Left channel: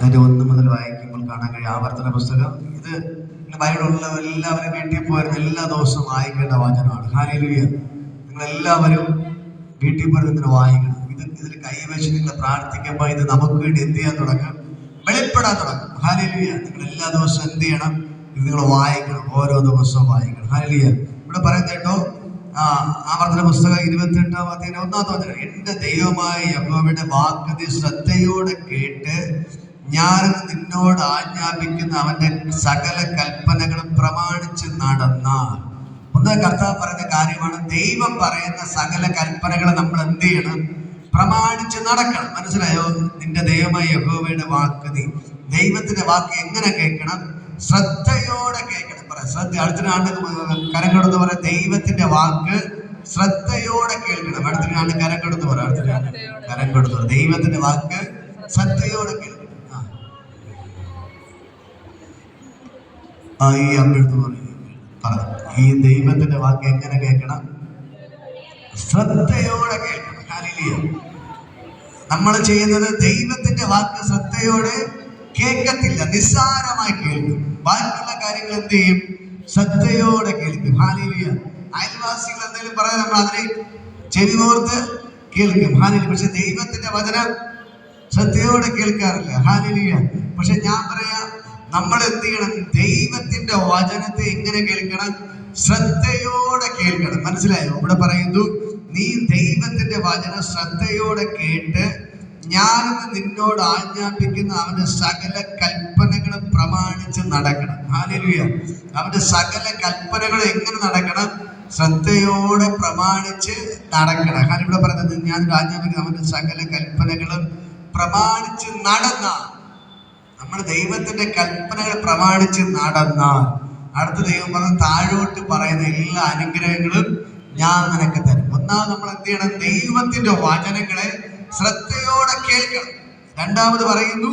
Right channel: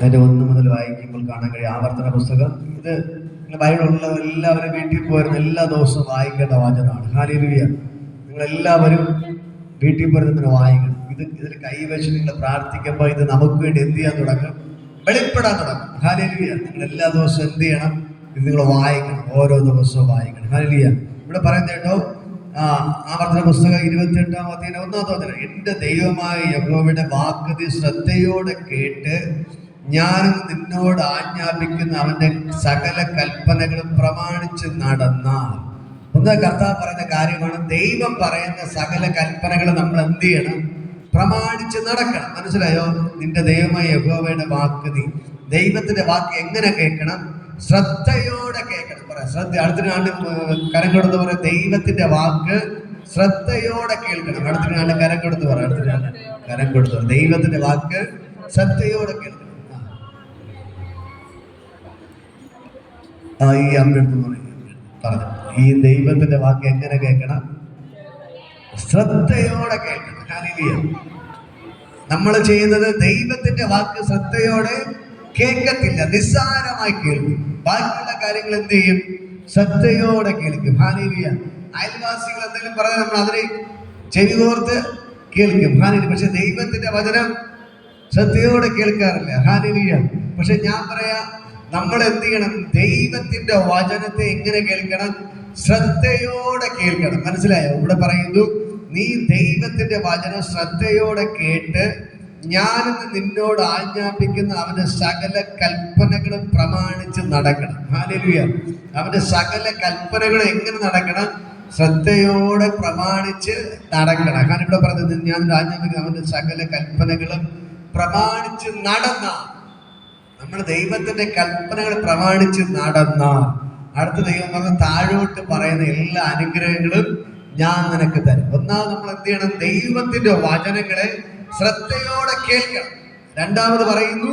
അതിന്റെ 1 മുതൽ വായിക്കുമ്പോൾ കാണാൻ കഴിയും. ആവർത്തന പുസ്തകം. ഇത് ബൈബിളുള്ള എല്ലാവരും വീട്ടിൽ പോയിരുന്ന എല്ലാ ദിവസവും വായിക്കേണ്ട വചനമാണ്. ഹല്ലേലൂയ. നിങ്ങളെല്ലാവരും വീട്ടിൽ പോയിരുന്നതിന് വായിക്കണം. ഇതിൽ കൈവച്ച് നിങ്ങൾ പ്രാർത്ഥിക്കുമ്പോൾ ഇത് നമുക്ക് വേണ്ടി എന്ത് ചെയ്യാൻ തുടങ്ങും? വെളിപ്പെടാൻ തുടങ്ങും. ഹല്ലേലൂയ. നിങ്ങൾ എല്ലാ ദിവസവും എന്ത് ചെയ്യണം? ഇത് നിങ്ങൾ വായിക്കണം. ഓരോ ദിവസവും വായിക്കണം. ഹല്ലേലൂയ. ഇവിടെ പറയുന്നത് കേട്ടോ, ആവർത്തന പുസ്തകം 28-ാം അധ്യായം 1-ാമത്തെ വചനം. എന്റെ ദൈവമായ യഹോവയുടെ വാക്ക് നീ ശ്രദ്ധയോടെ കേട്ട് ഞാൻ നിന്നോട് ആജ്ഞാപിക്കുന്ന അവന്റെ സകല കൽപ്പനകളും പ്രമാണിച്ച് നടന്നാൽ. ഒന്ന് കർത്താവ് പറയുന്ന കാര്യമാണ്, ദൈവം പറയുന്ന സകല കൽപ്പനകൾ നമ്മൾ എന്ത് ചെയ്യണം? പ്രമാണിച്ച് നടക്കണം. മനസ്സിലായോ? നിന്റെ ദൈവമായ യഹോവയുടെ വാക്ക് നീ, ദൈവത്തിന്റെ വാക്ക് എങ്ങനെ കേൾക്കണം? ശ്രദ്ധയോടെ കേൾക്കണം. ശ്രദ്ധ. അടുത്തിനാണ്ട് കരം കൊടുത്ത് പറയാം, ദൈവത്തിന്റെ വാക്ക് ശ്രദ്ധയോടെ കേൾക്കണം. അടുത്തിനാണ്ട് കരം കൊടുത്ത് പറയാം, അടുത്തിനാണ്ട് കരം കൊടുത്ത് പറയാം, ദൈവത്തിന്റെ വാക്ക് ശ്രദ്ധയോടെ കേൾക്കണം. ഈ അമ്പെടുത്ത് പറഞ്ഞു, ഈ ദൈവത്തിന്റെ വാക്ക് എങ്ങനെ കേൾക്കണം? ശ്രദ്ധയോടെ കേൾക്കണം. ഹല്ലേലൂയ. നമ്മൾ ചെയ്യുന്നത് ദൈവത്തിന്റെ വാക്ക് ശ്രദ്ധയോടെ കേൾക്കത്തില്ല, നിസ്സാരമായി കേൾക്കും. ബാക്കിയുള്ള കാര്യങ്ങൾ എന്ത് ചെയ്യും? ശ്രദ്ധയോടെ കേൾക്കും. ഹല്ലേലൂയ. അയൽവാസികൾ എന്തെങ്കിലും പറഞ്ഞാൽ നമ്മൾ അതിനെ ചെവി കോർത്ത് കേൾക്കും. ഹല്ലേലൂയ. പക്ഷെ ദൈവത്തിന്റെ വചനം ശ്രദ്ധയോടെ കേൾക്കാറില്ല. ഹല്ലേലൂയ. പക്ഷെ ഞാൻ പറയാ, നമ്മൾ എന്ത് ചെയ്യണം? ദൈവത്തിന്റെ വചനത്തെ എങ്ങനെ കേൾക്കണം? ശ്രദ്ധയോടെ കേൾക്കണം. മനസ്സിലായോ? ഇവിടെ പറയുന്നു, നീ ദൈവത്തിന്റെ വചനം ശ്രദ്ധയോടെ കേട്ട് ഞാനിന്ന് നിന്നോട് ആജ്ഞാപിക്കുന്ന അവന്റെ സകല കൽപ്പനകളും പ്രമാണിച്ച് നടക്കണം. ഹല്ലേലൂയ. അവന്റെ സകല കൽപ്പനകളും എങ്ങനെ നടക്കണം? ശ്രദ്ധയോടെ പ്രമാണിച്ച് നടക്കണം. ഞാൻ ഇവിടെ പറഞ്ഞത്, ഞാൻ ആജ്ഞാപിക്കുന്ന അവന്റെ സകല കൽപ്പനകളും പ്രമാണിച്ച് നടന്ന, നമ്മൾ ദൈവത്തിന്റെ കൽപ്പനകൾ പ്രമാണിച്ച് നടന്ന, അടുത്ത ദൈവം പറഞ്ഞ താഴോട്ട് പറയുന്ന എല്ലാ അനുഗ്രഹങ്ങളും ഞാൻ നിനക്ക് തരും. ഒന്നാമത് നമ്മൾ എന്ത് ചെയ്യണം? ദൈവത്തിന്റെ വചനങ്ങളെ ശ്രദ്ധയോടെ കേൾക്കണം. രണ്ടാമത് പറയുന്നു,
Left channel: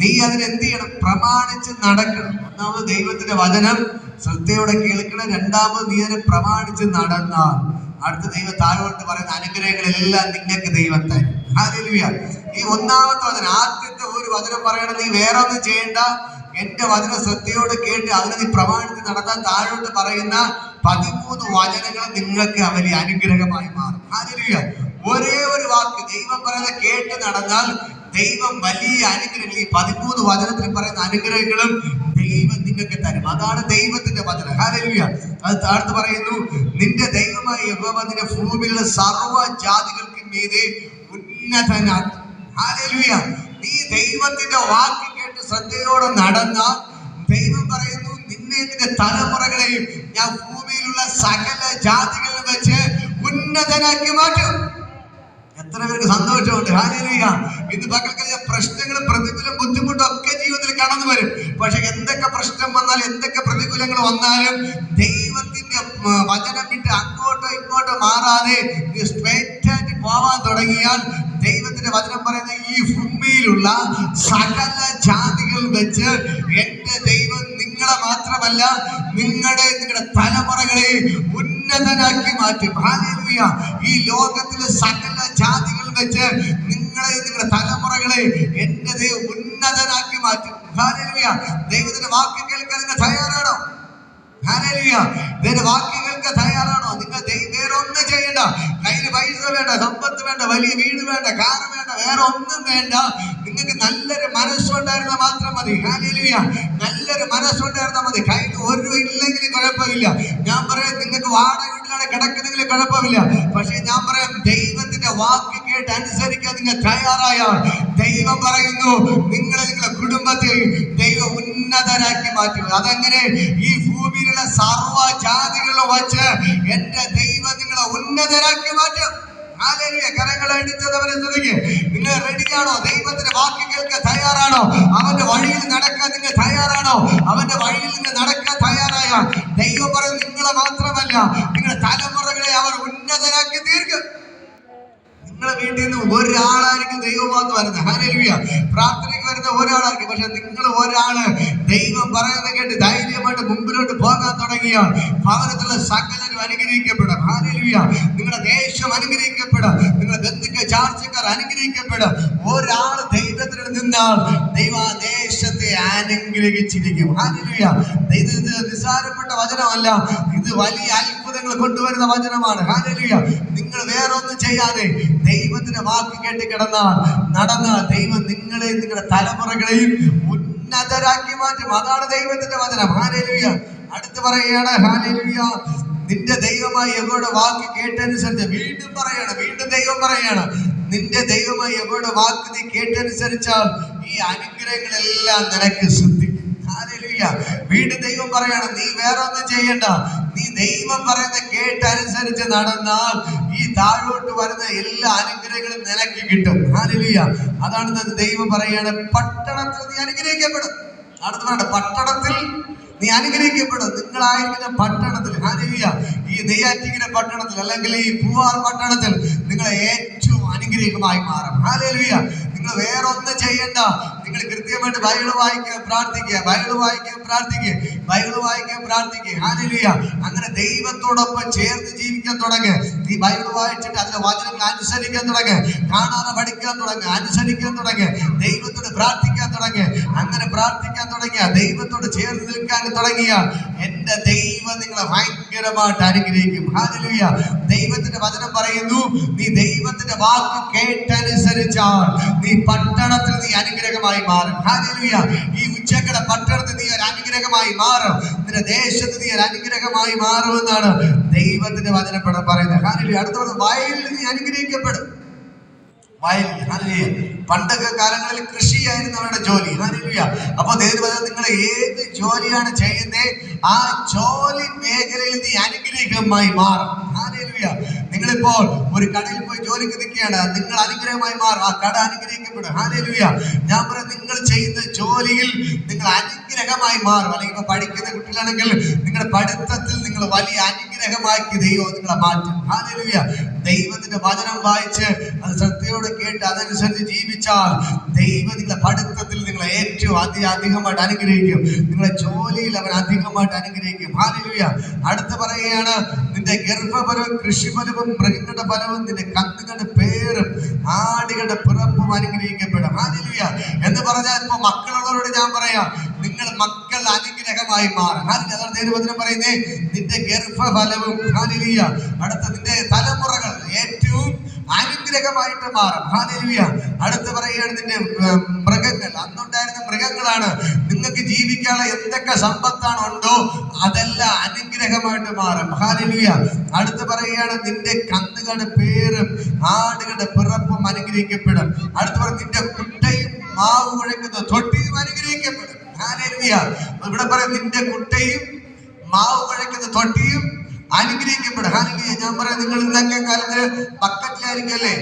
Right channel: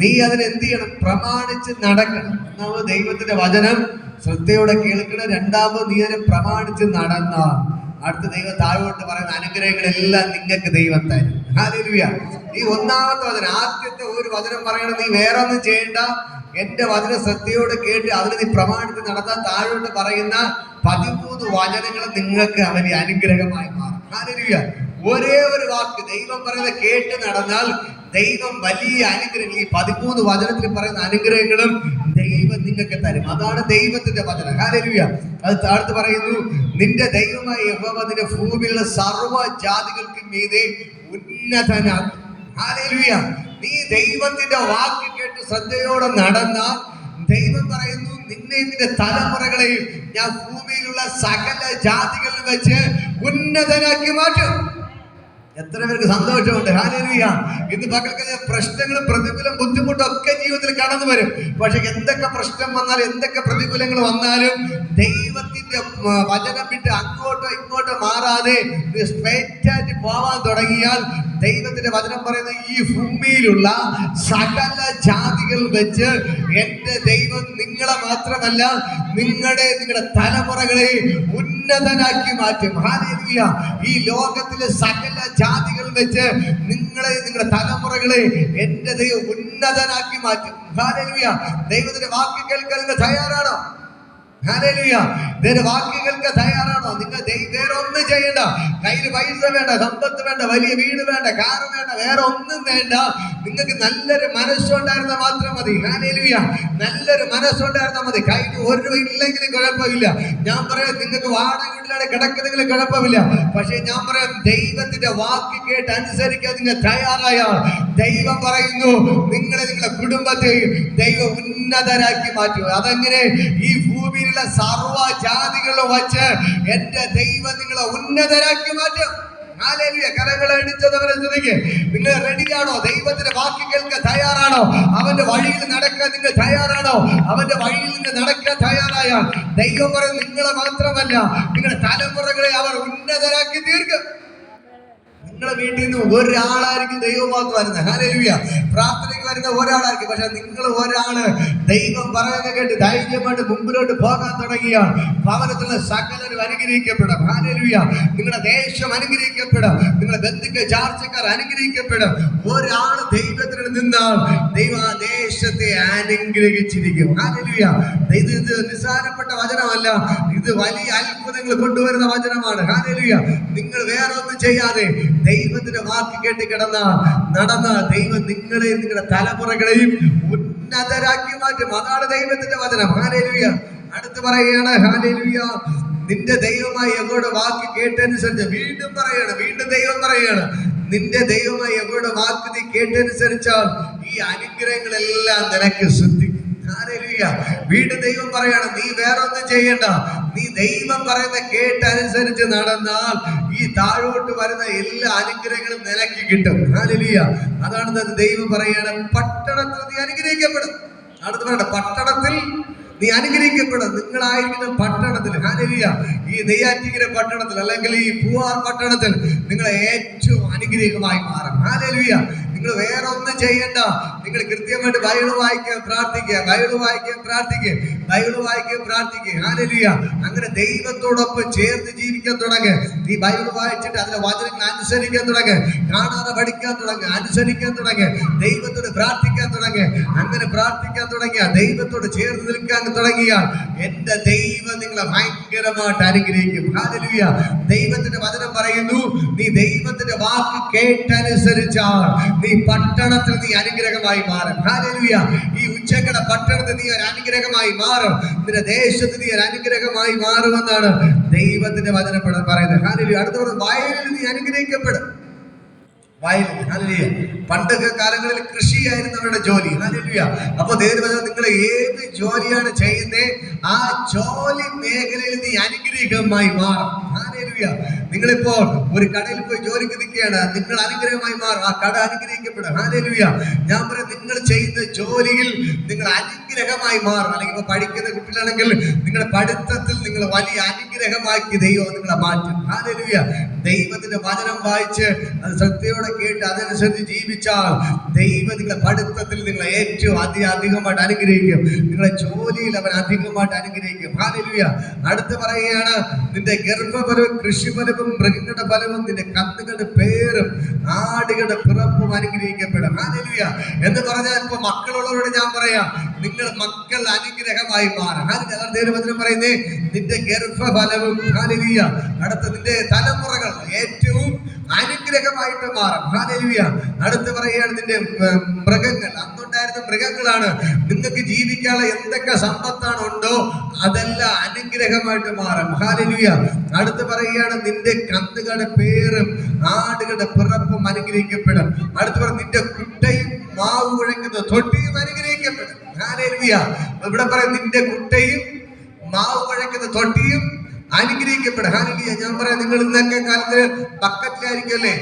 നീ അതിനെന്ത് ചെയ്യണം? പ്രമാണിച്ച് നടക്കണം. ഒന്നാമത് ദൈവത്തിന്റെ വചനം ശ്രദ്ധയോടെ കേൾക്കണം. രണ്ടാമത് നീ അതിനെ പ്രമാണിച്ച് നടന്നാൽ അടുത്ത ദൈവം താഴോട്ട് പറയുന്ന അനുഗ്രഹങ്ങളെല്ലാം നിങ്ങൾക്ക് ദൈവം തരും. ഹല്ലേലൂയ. ഈ ഒന്നാമത്തെ വചനം, ആദ്യത്തെ ഒരു വചനം പറയണം, നീ വേറെ ഒന്നും ചെയ്യണ്ട, എന്റെ വചനം ശ്രദ്ധയോട് കേട്ട് അതിനെ നീ പ്രമാണിച്ച് നടന്നാൽ താഴോട്ട് പറയുന്ന 13 വചനങ്ങൾ നിങ്ങൾക്ക് വലിയ അനുഗ്രഹമായി മാറും. ഹല്ലേലൂയ. ഒരേ ഒരു വാക്ക് ദൈവം പറയുന്നത് കേട്ട് നടന്നാൽ ദൈവം വലിയ അനുഗ്രഹങ്ങൾ, ഈ 13 വചനത്തിൽ പറയുന്ന അനുഗ്രഹങ്ങളും ദൈവം നിങ്ങൾക്ക് തരും. അതാണ് ദൈവത്തിന്റെ വചനം. ഹല്ലേലൂയ. അത് താഴ്ത്ത് പറയുന്നു, നിന്റെ ദൈവമായ യഹോവ നിന്റെ ഭൂമിയിലെ സർവ്വ ജാതികൾക്കും മീതെ ഉന്നതനാണ്. ഹല്ലേലൂയ. നീ ദൈവത്തിന്റെ വാക്ക് കേട്ട് ശ്രദ്ധയോടെ നടന്നാൽ ദൈവം പറയുന്നു, നിന്നെ നിന്റെ തലമുറകളെയും ഞാൻ ഭൂമിയിലുള്ള സകല ജാതികളിൽ വെച്ച് ഉന്നതനാക്കി മാറ്റും. എത്ര പേർക്ക് സന്തോഷമുണ്ട്? ഹല്ലേലൂയ. ഇന്ന് പകൽക്കഴിഞ്ഞ പ്രശ്നങ്ങളും പ്രതികൂലം ബുദ്ധിമുട്ടും ഒക്കെ ജീവിതത്തിൽ കടന്നു വരും. പക്ഷെ എന്തൊക്കെ പ്രശ്നം വന്നാലും എന്തൊക്കെ പ്രതികൂലങ്ങൾ വന്നാലും ദൈവത്തിന്റെ വചനം വിട്ട് അങ്ങോട്ടോ ഇങ്ങോട്ടോ മാറാതെ സ്ട്രൈറ്റ് ആയിട്ട് പോവാൻ തുടങ്ങിയാൽ ദൈവത്തിന്റെ വചനം പറയുന്ന ഈ ഭൂമിയിലുള്ള സകല ജാതികൾ വെച്ച് എന്റെ ദൈവം നിങ്ങളെ മാത്രമല്ല നിങ്ങളുടെ തലമുറകളെ ഉന്നതനാക്കി മാറ്റും. ഹല്ലേലൂയ. ഈ ലോകത്തിലെ സകല ജാതികൾ വെച്ച് നിങ്ങളുടെ തലമുറകളെ എന്റെ ദൈവം ഉന്നതനാക്കി മാറ്റും. ഹല്ലേലൂയ. ദൈവത്തിന്റെ വാക്ക് കേൾക്കാൻ നിങ്ങൾ തയ്യാറാണോ? ഹല്ലേലൂയ. ദൈവത്തിന്റെ വാക്ക് കേൾക്കാൻ തയ്യാറാണോ? നിങ്ങൾ വേറെ ഒന്നും ചെയ്യണ്ട. കയ്യിൽ പൈസ വേണ്ട, സമ്പത്ത് വേണ്ട, വലിയ വീട് വേണ്ട, കാർ വേണ്ട, വേറെ ഒന്നും വേണ്ട. നിങ്ങൾക്ക് നല്ലൊരു മനസ്സുണ്ടായിരുന്നാൽ മാത്രം മതി. ഹല്ലേലൂയ. നല്ലൊരു മനസ്സുണ്ടായിരുന്നാൽ മതി. കയ്യിൽ ഒരു രൂപ ഇല്ലെങ്കിലും കുഴപ്പമില്ല. ഞാൻ പറയാം, നിങ്ങൾക്ക് വാടക വീട്ടിലാണ് കിടക്കുന്നെങ്കിലും കുഴപ്പമില്ല. പക്ഷെ ഞാൻ പറയാം, ദൈവത്തിന്റെ വാക്ക് കേട്ട് അനുസരിക്കാൻ നിങ്ങൾ തയ്യാറായാൽ ദൈവം പറയുന്നു, നിങ്ങളുടെ കുടുംബത്തെയും ദൈവം ഉന്നതരാക്കി മാറ്റും. അതെങ്ങനെ? ഈ ഭൂമിയിലുള്ള സർവ്വ ജാതികളും വച്ച് എന്റെ ദൈവം നിങ്ങളെ ഉന്നതരാക്കി മാറ്റും. ഹല്ലേലൂയ. കരങ്ങൾ അടിച്ചവരെ സ്തുതിക്ക്. നിങ്ങൾ റെഡിയാണോ? ദൈവത്തിന്റെ വാക്ക് കേൾക്കാൻ തയ്യാറാണോ? അവന്റെ വഴിയിൽ നടക്കാൻ നിങ്ങൾ തയ്യാറാണോ? അവന്റെ വഴിയിൽ നിന്ന് നടക്കാൻ തയ്യാറായാൽ ദൈവം പറയും, നിങ്ങളെ മാത്രമല്ല നിങ്ങളുടെ തലമുറകളെ അവർ ഉന്നതരാക്കി തീർക്കും. നിങ്ങളുടെ വീട്ടിൽ നിന്ന് ഒരാളായിരിക്കും ദൈവവാക്ക് വരുന്നത്. ഹല്ലേലൂയ. പ്രാർത്ഥനയ്ക്ക് വരുന്ന ഒരാളായിരിക്കും. പക്ഷെ നിങ്ങൾ ഒരാള് ദൈവം പറയുന്ന കേട്ട് ധൈര്യമായിട്ട് മുമ്പിലോട്ട് പോകാൻ തുടങ്ങിയ ഭവനത്തിലുള്ള സകലരും അനുഗ്രഹിക്കപ്പെടും. ഹല്ലേലൂയ. നിങ്ങളുടെ ദേശം അനുഗ്രഹിക്കപ്പെടും. നിങ്ങളുടെ ബന്ധുക്കൾ ചാർച്ചക്കാർ അനുഗ്രഹിക്കപ്പെടും. ഒരാൾ ദൈവത്തിന് നിന്നാൽ ദൈവം ആ ദേശത്തെ അനുഗ്രഹിച്ചിരിക്കും. ഹല്ലേലൂയ. ഇത് നിസ്സാരപ്പെട്ട വചനമല്ല, ഇത് വലിയ അത്ഭുതങ്ങൾ കൊണ്ടുവരുന്ന വചനമാണ്. ഹല്ലേലൂയ. നിങ്ങൾ വേറെ ഒന്നും ചെയ്യാതെ ദൈവത്തിന്റെ വാക്ക് കേട്ട് നടന്നാൽ ദൈവം നിങ്ങളെയും നിങ്ങളുടെ തലമുറകളെയും ഉന്നതരാക്കി മാറ്റും. അതാണ് ദൈവത്തിന്റെ വചനം. ഹല്ലേലൂയ. അടുത്ത് പറയുകയാണ്, ഹല്ലേലൂയ, നിന്റെ ദൈവമായി യഹോവയുടെ വാക്ക് കേട്ടനുസരിച്ച്, വീണ്ടും ദൈവം പറയാണ്, നിന്റെ ദൈവമായി യഹോവയുടെ വാക്ക് നീ കേട്ടനുസരിച്ചാൽ ഈ അനുഗ്രഹങ്ങളെല്ലാം നിനക്ക് സിദ്ധിക്കും. ഹല്ലേലൂയ. വീണ്ടും ദൈവം പറയാണ്, നീ വേറെ ഒന്നും ചെയ്യണ്ട, നീ ദൈവം പറയുന്ന കേട്ടനുസരിച്ച് നടന്നാൽ ഈ താഴോട്ട് വരുന്ന എല്ലാ അനുഗ്രഹങ്ങളും നിനക്ക് കിട്ടും. ഹല്ലേലൂയ. അതാണ് ദൈവം പറയാണ്, പട്ടണത്തിൽ നീ അനുഗ്രഹിക്കപ്പെടും. അടുത്ത് പറയണ്ട, പട്ടണത്തിൽ നീ അനുഗ്രഹിക്കപ്പെടും. നിങ്ങളായിരിക്കുന്ന പട്ടണത്തിൽ, ഹല്ലേലൂയ, ഈ നെയ്യാറ്റിൻകര പട്ടണത്തിൽ അല്ലെങ്കിൽ ഈ പൂവാർ പട്ടണത്തിൽ നിങ്ങൾ ഏറ്റവും അനുഗ്രഹമായി മാറും. ഹല്ലേലൂയ. നിങ്ങൾ വേറെ ഒന്നും ചെയ്യണ്ട, നിങ്ങൾ കൃത്യമായിട്ട് ബൈബിൾ വായിക്കാൻ പ്രാർത്ഥിക്കുക. ഹല്ലേലൂയ. അങ്ങനെ ദൈവത്തോടൊപ്പം ചേർന്ന് ജീവിക്കാൻ തുടങ്ങുക. നീ ബൈബിൾ വായിച്ചിട്ട് അതിലെ വചനങ്ങൾ അനുസരിക്കാൻ തുടങ്ങുക, കാണാതെ പഠിക്കാൻ തുടങ്ങുക, അനുസരിക്കാൻ തുടങ്ങുക, ദൈവത്തോട് പ്രാർത്ഥിക്കാൻ തുടങ്ങുക. അങ്ങനെ പ്രാർത്ഥിക്കാൻ തുടങ്ങിയ, ദൈവത്തോട് ചേർന്ന് നിൽക്കാൻ തുടങ്ങിയാൽ എന്റെ ദൈവം നിങ്ങളെ ഭയങ്കരമായിട്ട് അനുഗ്രഹിക്കും. ഹല്ലേലൂയ. ദൈവത്തിന്റെ വചനം പറയുന്നു, നീ ദൈവത്തിന്റെ വാക്ക് കേട്ടനുസരിച്ചാൽ നീ പട്ടണത്തിൽ നീ അനുഗ്രഹമായി മാറും. ഹല്ലേലൂയ. ഈ ഉച്ചക്കട പട്ടണത്തിൽ നീ ഒരു അനുഗ്രഹമായി മാറും. നിന്റെ ദേശത്ത് നീ ഒരു അനുഗ്രഹമായി മാറുമെന്നാണ് ദൈവത്തിന്റെ വചനം പറയുന്നത്. ഹല്ലേലൂയ. അടുത്ത വയലിൽ നീ അനുഗ്രഹിക്കപ്പെടും. പണ്ടൊക്കെ കാലങ്ങളിൽ കൃഷിയായിരുന്നു അവരുടെ ജോലി. ഹല്ലേലൂയ. അപ്പൊ നിങ്ങൾ ഏത് ജോലിയാണ് ചെയ്യുന്നത്, ആ ജോലി മേഖലയിൽ നീ അനുഗ്രഹമായി മാറും. ഹല്ലേലൂയ. നിങ്ങളിപ്പോൾ ഒരു കടയിൽ പോയി ജോലിക്ക് നിൽക്കുകയാണ്, നിങ്ങൾ അനുഗ്രഹമായി മാറും, ആ കട അനുഗ്രഹിക്കപ്പെടും. ഹല്ലേലൂയ. ഞാൻ പറയാം, നിങ്ങൾ ചെയ്യുന്ന ജോലിയിൽ നിങ്ങൾ അനുഗ്രഹമായി മാറും. അല്ലെങ്കിൽ ഇപ്പൊ പഠിക്കുന്ന കുട്ടികളാണെങ്കിൽ നിങ്ങളുടെ പഠിത്തത്തിൽ നിങ്ങൾ വലിയ അനുഗ്രഹമാക്കി ദൈവം നിങ്ങളെ മാറ്റും. ഹല്ലേലൂയ. ദൈവത്തിന്റെ വചനം വായിച്ച് അത് ശ്രദ്ധയോടെ കേട്ട് അതനുസരിച്ച് ജീവിച്ചാൽ ദൈവം നിങ്ങളുടെ പഠിത്തത്തിൽ നിങ്ങളെ ഏറ്റവും അധികമായിട്ട് അനുഗ്രഹിക്കും. നിങ്ങളുടെ ജോലിയിൽ അവൻ അധികമായിട്ട് അനുഗ്രഹിക്കും. ഹല്ലേലൂയ. അടുത്ത് പറയുകയാണ്, നിന്റെ ഗർഭഫലവും കൃഷിഫലവും മൃഗങ്ങളുടെ ഫലവും നിന്റെ കന്നുകളുടെ പേരും ആടുകളുടെ പിറപ്പും അനുഗ്രഹിക്കപ്പെടും. ഹല്ലേലൂയ. എന്ന് പറഞ്ഞാൽ ഇപ്പൊ മക്കളുള്ളവരോട് ഞാൻ പറയാം, നിങ്ങൾ മക്കൾ അനുഗ്രഹമായി മാറും. ദൈവവചനം പറയുന്നേ, നിന്റെ ഗർഭഫലവും, ഹല്ലേലൂയ, അടുത്ത നിന്റെ തലമുറകൾ ഏറ്റവും അനുഗ്രഹമായിട്ട് മാറും. ഹല്ലേലൂയ. അടുത്ത് പറയുകയാണ്, നിന്റെ മൃഗങ്ങൾ, അന്നുണ്ടായിരുന്ന മൃഗങ്ങളാണ്, നിങ്ങൾക്ക് ജീവിക്കാനുള്ള എന്തൊക്കെ സമ്പത്താണ് ഉണ്ടോ അതെല്ലാം അനുഗ്രഹമായിട്ട് മാറും. ഹല്ലേലൂയ. അടുത്ത് പറയുകയാണ്, നിന്റെ കന്നുകളുടെ പേരും ആടുകളുടെ പിറപ്പും അനുഗ്രഹിക്കപ്പെടും. അടുത്ത് പറയും, നിന്റെ കുട്ടയും മാവ് കുഴക്കുന്ന തൊട്ടിയും അനുഗ്രഹിക്കപ്പെടും. ഹല്ലേലൂയ. ഇവിടെ പറയും, നിന്റെ കുട്ടയും മാവ് കുഴക്കുന്ന തൊട്ടിയും അനുഗ്രഹിക്കപ്പെടും. ഹല്ലേലൂയ. ഞാൻ പറയാം, നിങ്ങൾ ഇന്നൊക്കെ കാലത്ത് ബക്കറ്റിലായിരിക്കല്ലേ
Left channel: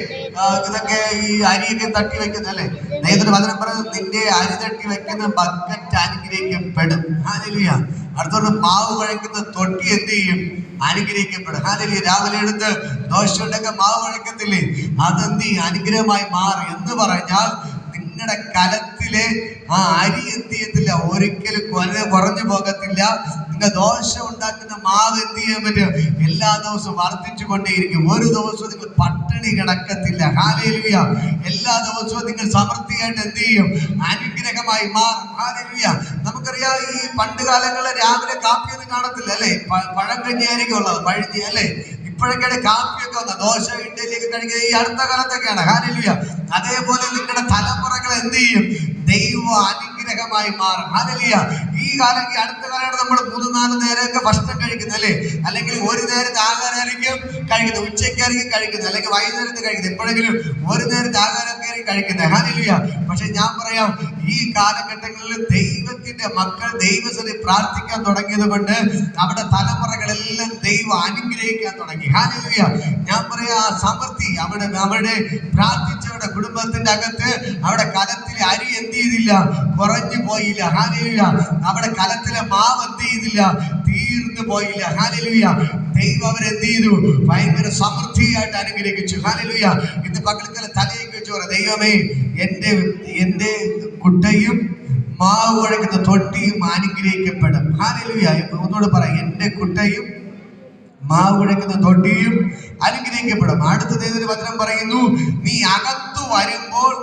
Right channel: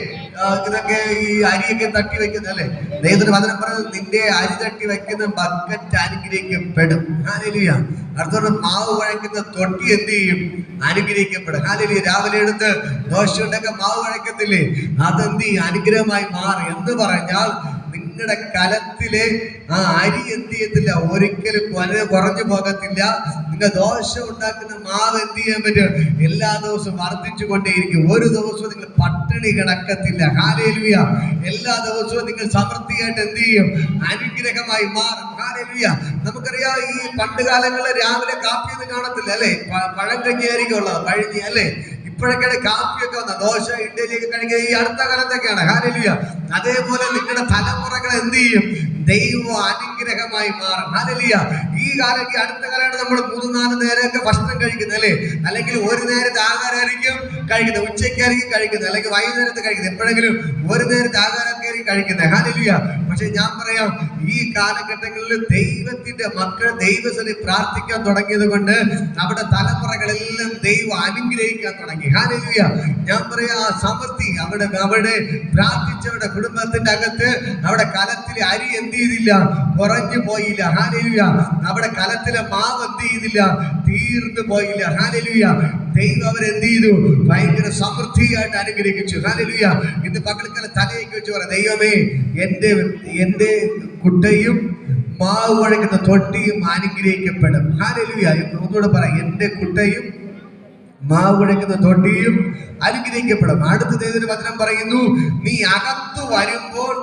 ഇതൊക്കെ ഈ അരിയൊക്കെ തട്ടി വെക്കുന്നത് അല്ലേ? ദൈവത്തിന് വചനം പറയുന്നത്, നിന്റെ അരി തട്ടി വെക്കുന്ന ബക്കറ്റ് അനുഗ്രഹിക്കപ്പെടും. ഹല്ലേലൂയ. അടുത്തോട് മാവ് കുഴക്കുന്ന തൊട്ടി എന്ത് ചെയ്യും? അനുഗ്രഹിക്കപ്പെടും. ഹല്ലേലൂയ. രാവിലെ എടുത്ത് ദോശ ഉണ്ടെങ്കിൽ മാവ് കുഴക്കത്തില്ലേ, അതെന്ത് ചെയ്യും? അനുഗ്രഹമായി മാറും. എന്ന് പറഞ്ഞാൽ നിങ്ങളുടെ കലത്തിലെ ആ അരി എന്ത് ചെയ്യത്തില്ല, ഒരിക്കലും കുറഞ്ഞു പോകത്തില്ല. നിങ്ങൾ ദോശ ഉണ്ടാക്കുന്ന മാവ് എന്ത് ചെയ്യാൻ പറ്റും? എല്ലാ ദിവസവും വർദ്ധിച്ചു കൊണ്ടേയിരിക്കും. ഒരു ദിവസവും നിങ്ങൾ പട്ടിണി കിടക്കത്തില്ല. ഹല്ലേലൂയ. എല്ലാ ദിവസവും നിങ്ങൾ സമൃദ്ധിയായിട്ട് എന്ത് ചെയ്യും? അനുഗ്രഹമായി മാറും. ഹല്ലേലൂയ. നമുക്കറിയാം, ഈ പണ്ട് കാലങ്ങളിൽ രാവിലെ കാപ്പിയൊന്നും കാണത്തില്ല അല്ലേ? പഴം കഞ്ഞിയായിരിക്കും ഉള്ളത്, പഴഞ്ഞി അല്ലേ? ഇപ്പോഴൊക്കെയാണ് കാപ്പിയൊക്കെ വന്നത്, ദോശ ഇഡ്ഡലിയൊക്കെ കഴിക്കുക ഈ അടുത്ത കാലത്തൊക്കെയാണ്. ഹല്ലേലൂയ. അതേപോലെ നിങ്ങളുടെ തലമുറകൾ എന്ത് ചെയ്യും? ദൈവ അനുഗ്രഹമായി മാറും. ഹല്ലേലൂയ. ഈ അടുത്ത കാലമാണ് നമ്മൾ 3-4 നേരമൊക്കെ ഭക്ഷണം കഴിക്കുന്നത് അല്ലേ? അല്ലെങ്കിൽ ഒരു നേരത്തെ ആഹാരമായിരിക്കും കഴിക്കുന്നത്, ഉച്ചയ്ക്കായിരിക്കും കഴിക്കുന്നത്, അല്ലെങ്കിൽ വൈകുന്നേരത്ത് കഴിക്കുന്നത്, എപ്പോഴെങ്കിലും ഒരു നേരത്തെ ആഹാരമൊക്കെ ആയിരിക്കും കഴിക്കുന്നത്. ഹല്ലേലൂയ. പക്ഷെ ഞാൻ പറയാം, ഈ കാലഘട്ടങ്ങളിൽ ദൈവത്തിന്റെ മക്കൾ ദൈവസന്നിധി പ്രാർത്ഥിക്കാൻ തുടങ്ങിയത് കൊണ്ട് അവിടെ തലമുറകളെല്ലാം ദൈവം അനുഗ്രഹിക്കാൻ തുടങ്ങി. ഹല്ലേലൂയ. ഞാൻ പറയാ, സമൃദ്ധി അവിടെ പ്രാർത്ഥിച്ചവരുടെ കുടുംബത്തിന്റെ അകത്ത് അവിടെ കലത്തിലെ അരി എന്ത് ചെയ്തില്ല? കുറഞ്ഞു പോയില്ല. ഹല്ലേലൂയ. അവിടെ കലത്തിലെ മാവ് എന്ത് ചെയ്തില്ല? തീർന്നു പോയില്ല. ഹല്ലേലൂയ. ദൈവം അവരെന്ത് ചെയ്തു? ഭയങ്കര സമൃദ്ധിയായിട്ട് അനുഗ്രഹിച്ചു. ഹല്ലേലൂയ. ഇന്ന് പകൽക്കാലം തലയൊക്കെ വെച്ച് പറയാം, ദൈവമേ, എന്റെ കുട്ടയും മാവ് കുഴക്കുന്ന തൊട്ടിയും അനുഗ്രഹിക്കപ്പെടും. ഹല്ലേലൂയ. ഒന്നുകൂടെ പറയാം, എന്റെ കുട്ടയും മാവ് കുഴക്കുന്ന തൊട്ടിയും അനുഗ്രഹിക്കപ്പെടും. അടുത്ത ദൈവത്തിന്റെ വചനം പറയുന്നു, നീ അകത്തു വരുമ്പോൾ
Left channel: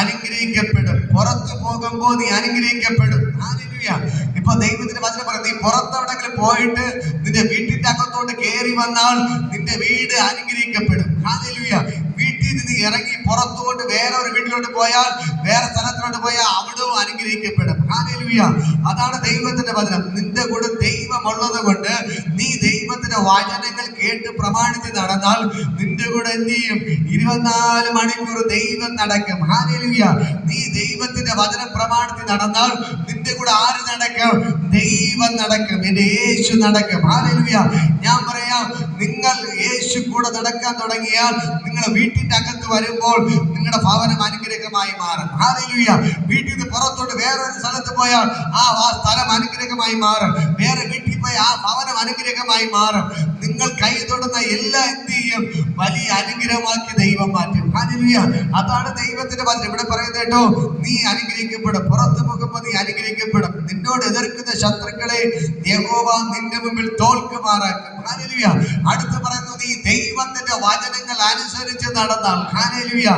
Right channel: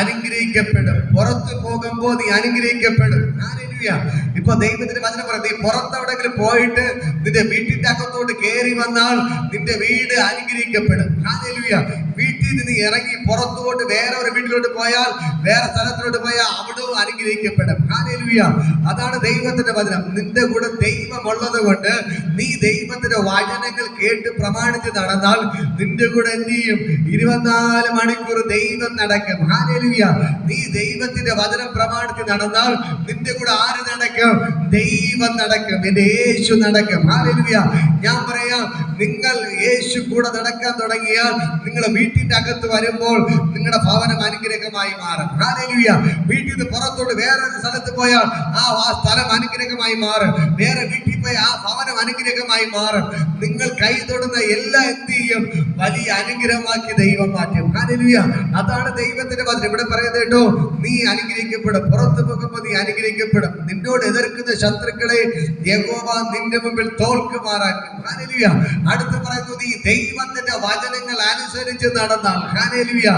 അനുഗ്രഹിക്കപ്പെടും, പുറത്തു പോകുമ്പോൾ നീ അനുഗ്രഹിക്കപ്പെടും. ഹല്ലേലൂയ. ഇപ്പൊ ദൈവത്തിന്റെ വചനം പറയും, നീ പുറത്തെവിടെങ്കിലും പോയിട്ട് നിന്റെ വീട്ടിന്റെ അകത്തോട്ട് കയറി വന്നാൽ നിന്റെ വീട് അനുഗ്രഹിക്കപ്പെടും. ഹല്ലേലൂയ. വീട്ടിൽ നിന്ന് ഇറങ്ങി പുറത്തോട്ട് വേറെ ഒരു വീട്ടിലോട്ട് പോയാൽ, വേറെ സ്ഥലത്തിലോട്ട് പോയാൽ അവിടവും അനുഗ്രഹിക്കപ്പെടും. ഹല്ലേലൂയ. അതാണ് ദൈവത്തിന്റെ വചനം. നിന്റെ കൂടെ ദൈവമുള്ളത് കൊണ്ട് നീ ദൈവത്തിന്റെ വചനങ്ങൾ കേട്ട് പ്രമാണിച്ച് നടന്നാൽ നിന്റെ കൂടെ എന്ത് ചെയ്യും? 24 മണിക്കൂർ ദൈവം നടക്കും. ഹല്ലേലൂയ. നീ ദൈവത്തിന്റെ വചനം പ്രമാണിച്ച് നടന്നാൽ നിന്റെ കൂടെ ആര് നടക്കും? ദൈവം നടക്കും. എന്റെ യേശു നടക്കും. ഹല്ലേലൂയ. ഞാൻ പറയാം, നിങ്ങൾ യേശു കൂടെ നടക്കാൻ തുടങ്ങിയാൽ നിങ്ങൾ വീട്ടിന്റെ അകത്ത് വരുമ്പോൾ നിങ്ങളുടെ ഭവനം അനുഗ്രഹമായി മാറും. ഹല്ലേലൂയ. വീട്ടിൽ നിന്ന് പുറത്തോട്ട് വേറെ സ്ഥലത്ത് പോയാൽ ആ സ്ഥലം അനുഗ്രഹമായി മാറും. വേറെ വീട്ടിൽ പോയി ആ ഭവനം അനുഗ്രഹമായി മാറും. നിങ്ങൾ കൈ തൊടുന്ന എല്ലാം എന്ത് ചെയ്യും? വലിയ അനുഗ്രഹമാക്കി ദൈവം മാറ്റും. ഹല്ലേലൂയ. അതാണ് ദൈവത്തിന്റെ വചനം. ഇവിടെ പറയുന്നത് കേട്ടോ, നീ അനുഗ്രഹിക്കപ്പെടും, പുറത്തു പോകുമ്പോൾ നീ അനുഗ്രഹിക്കപ്പെടും. നിന്നോട് എതിർക്കുന്ന ശത്രുക്കളെ യഹോവ നിന്റെ മുമ്പിൽ തോൽക്കുമാറാക്കും. ഹല്ലേലൂയ. അടുത്ത് പറയുന്നു, നീ ദൈവത്തിന്റെ വചനങ്ങൾ അനുസരിച്ച് നടന്നാൽ, ഹല്ലേലൂയ,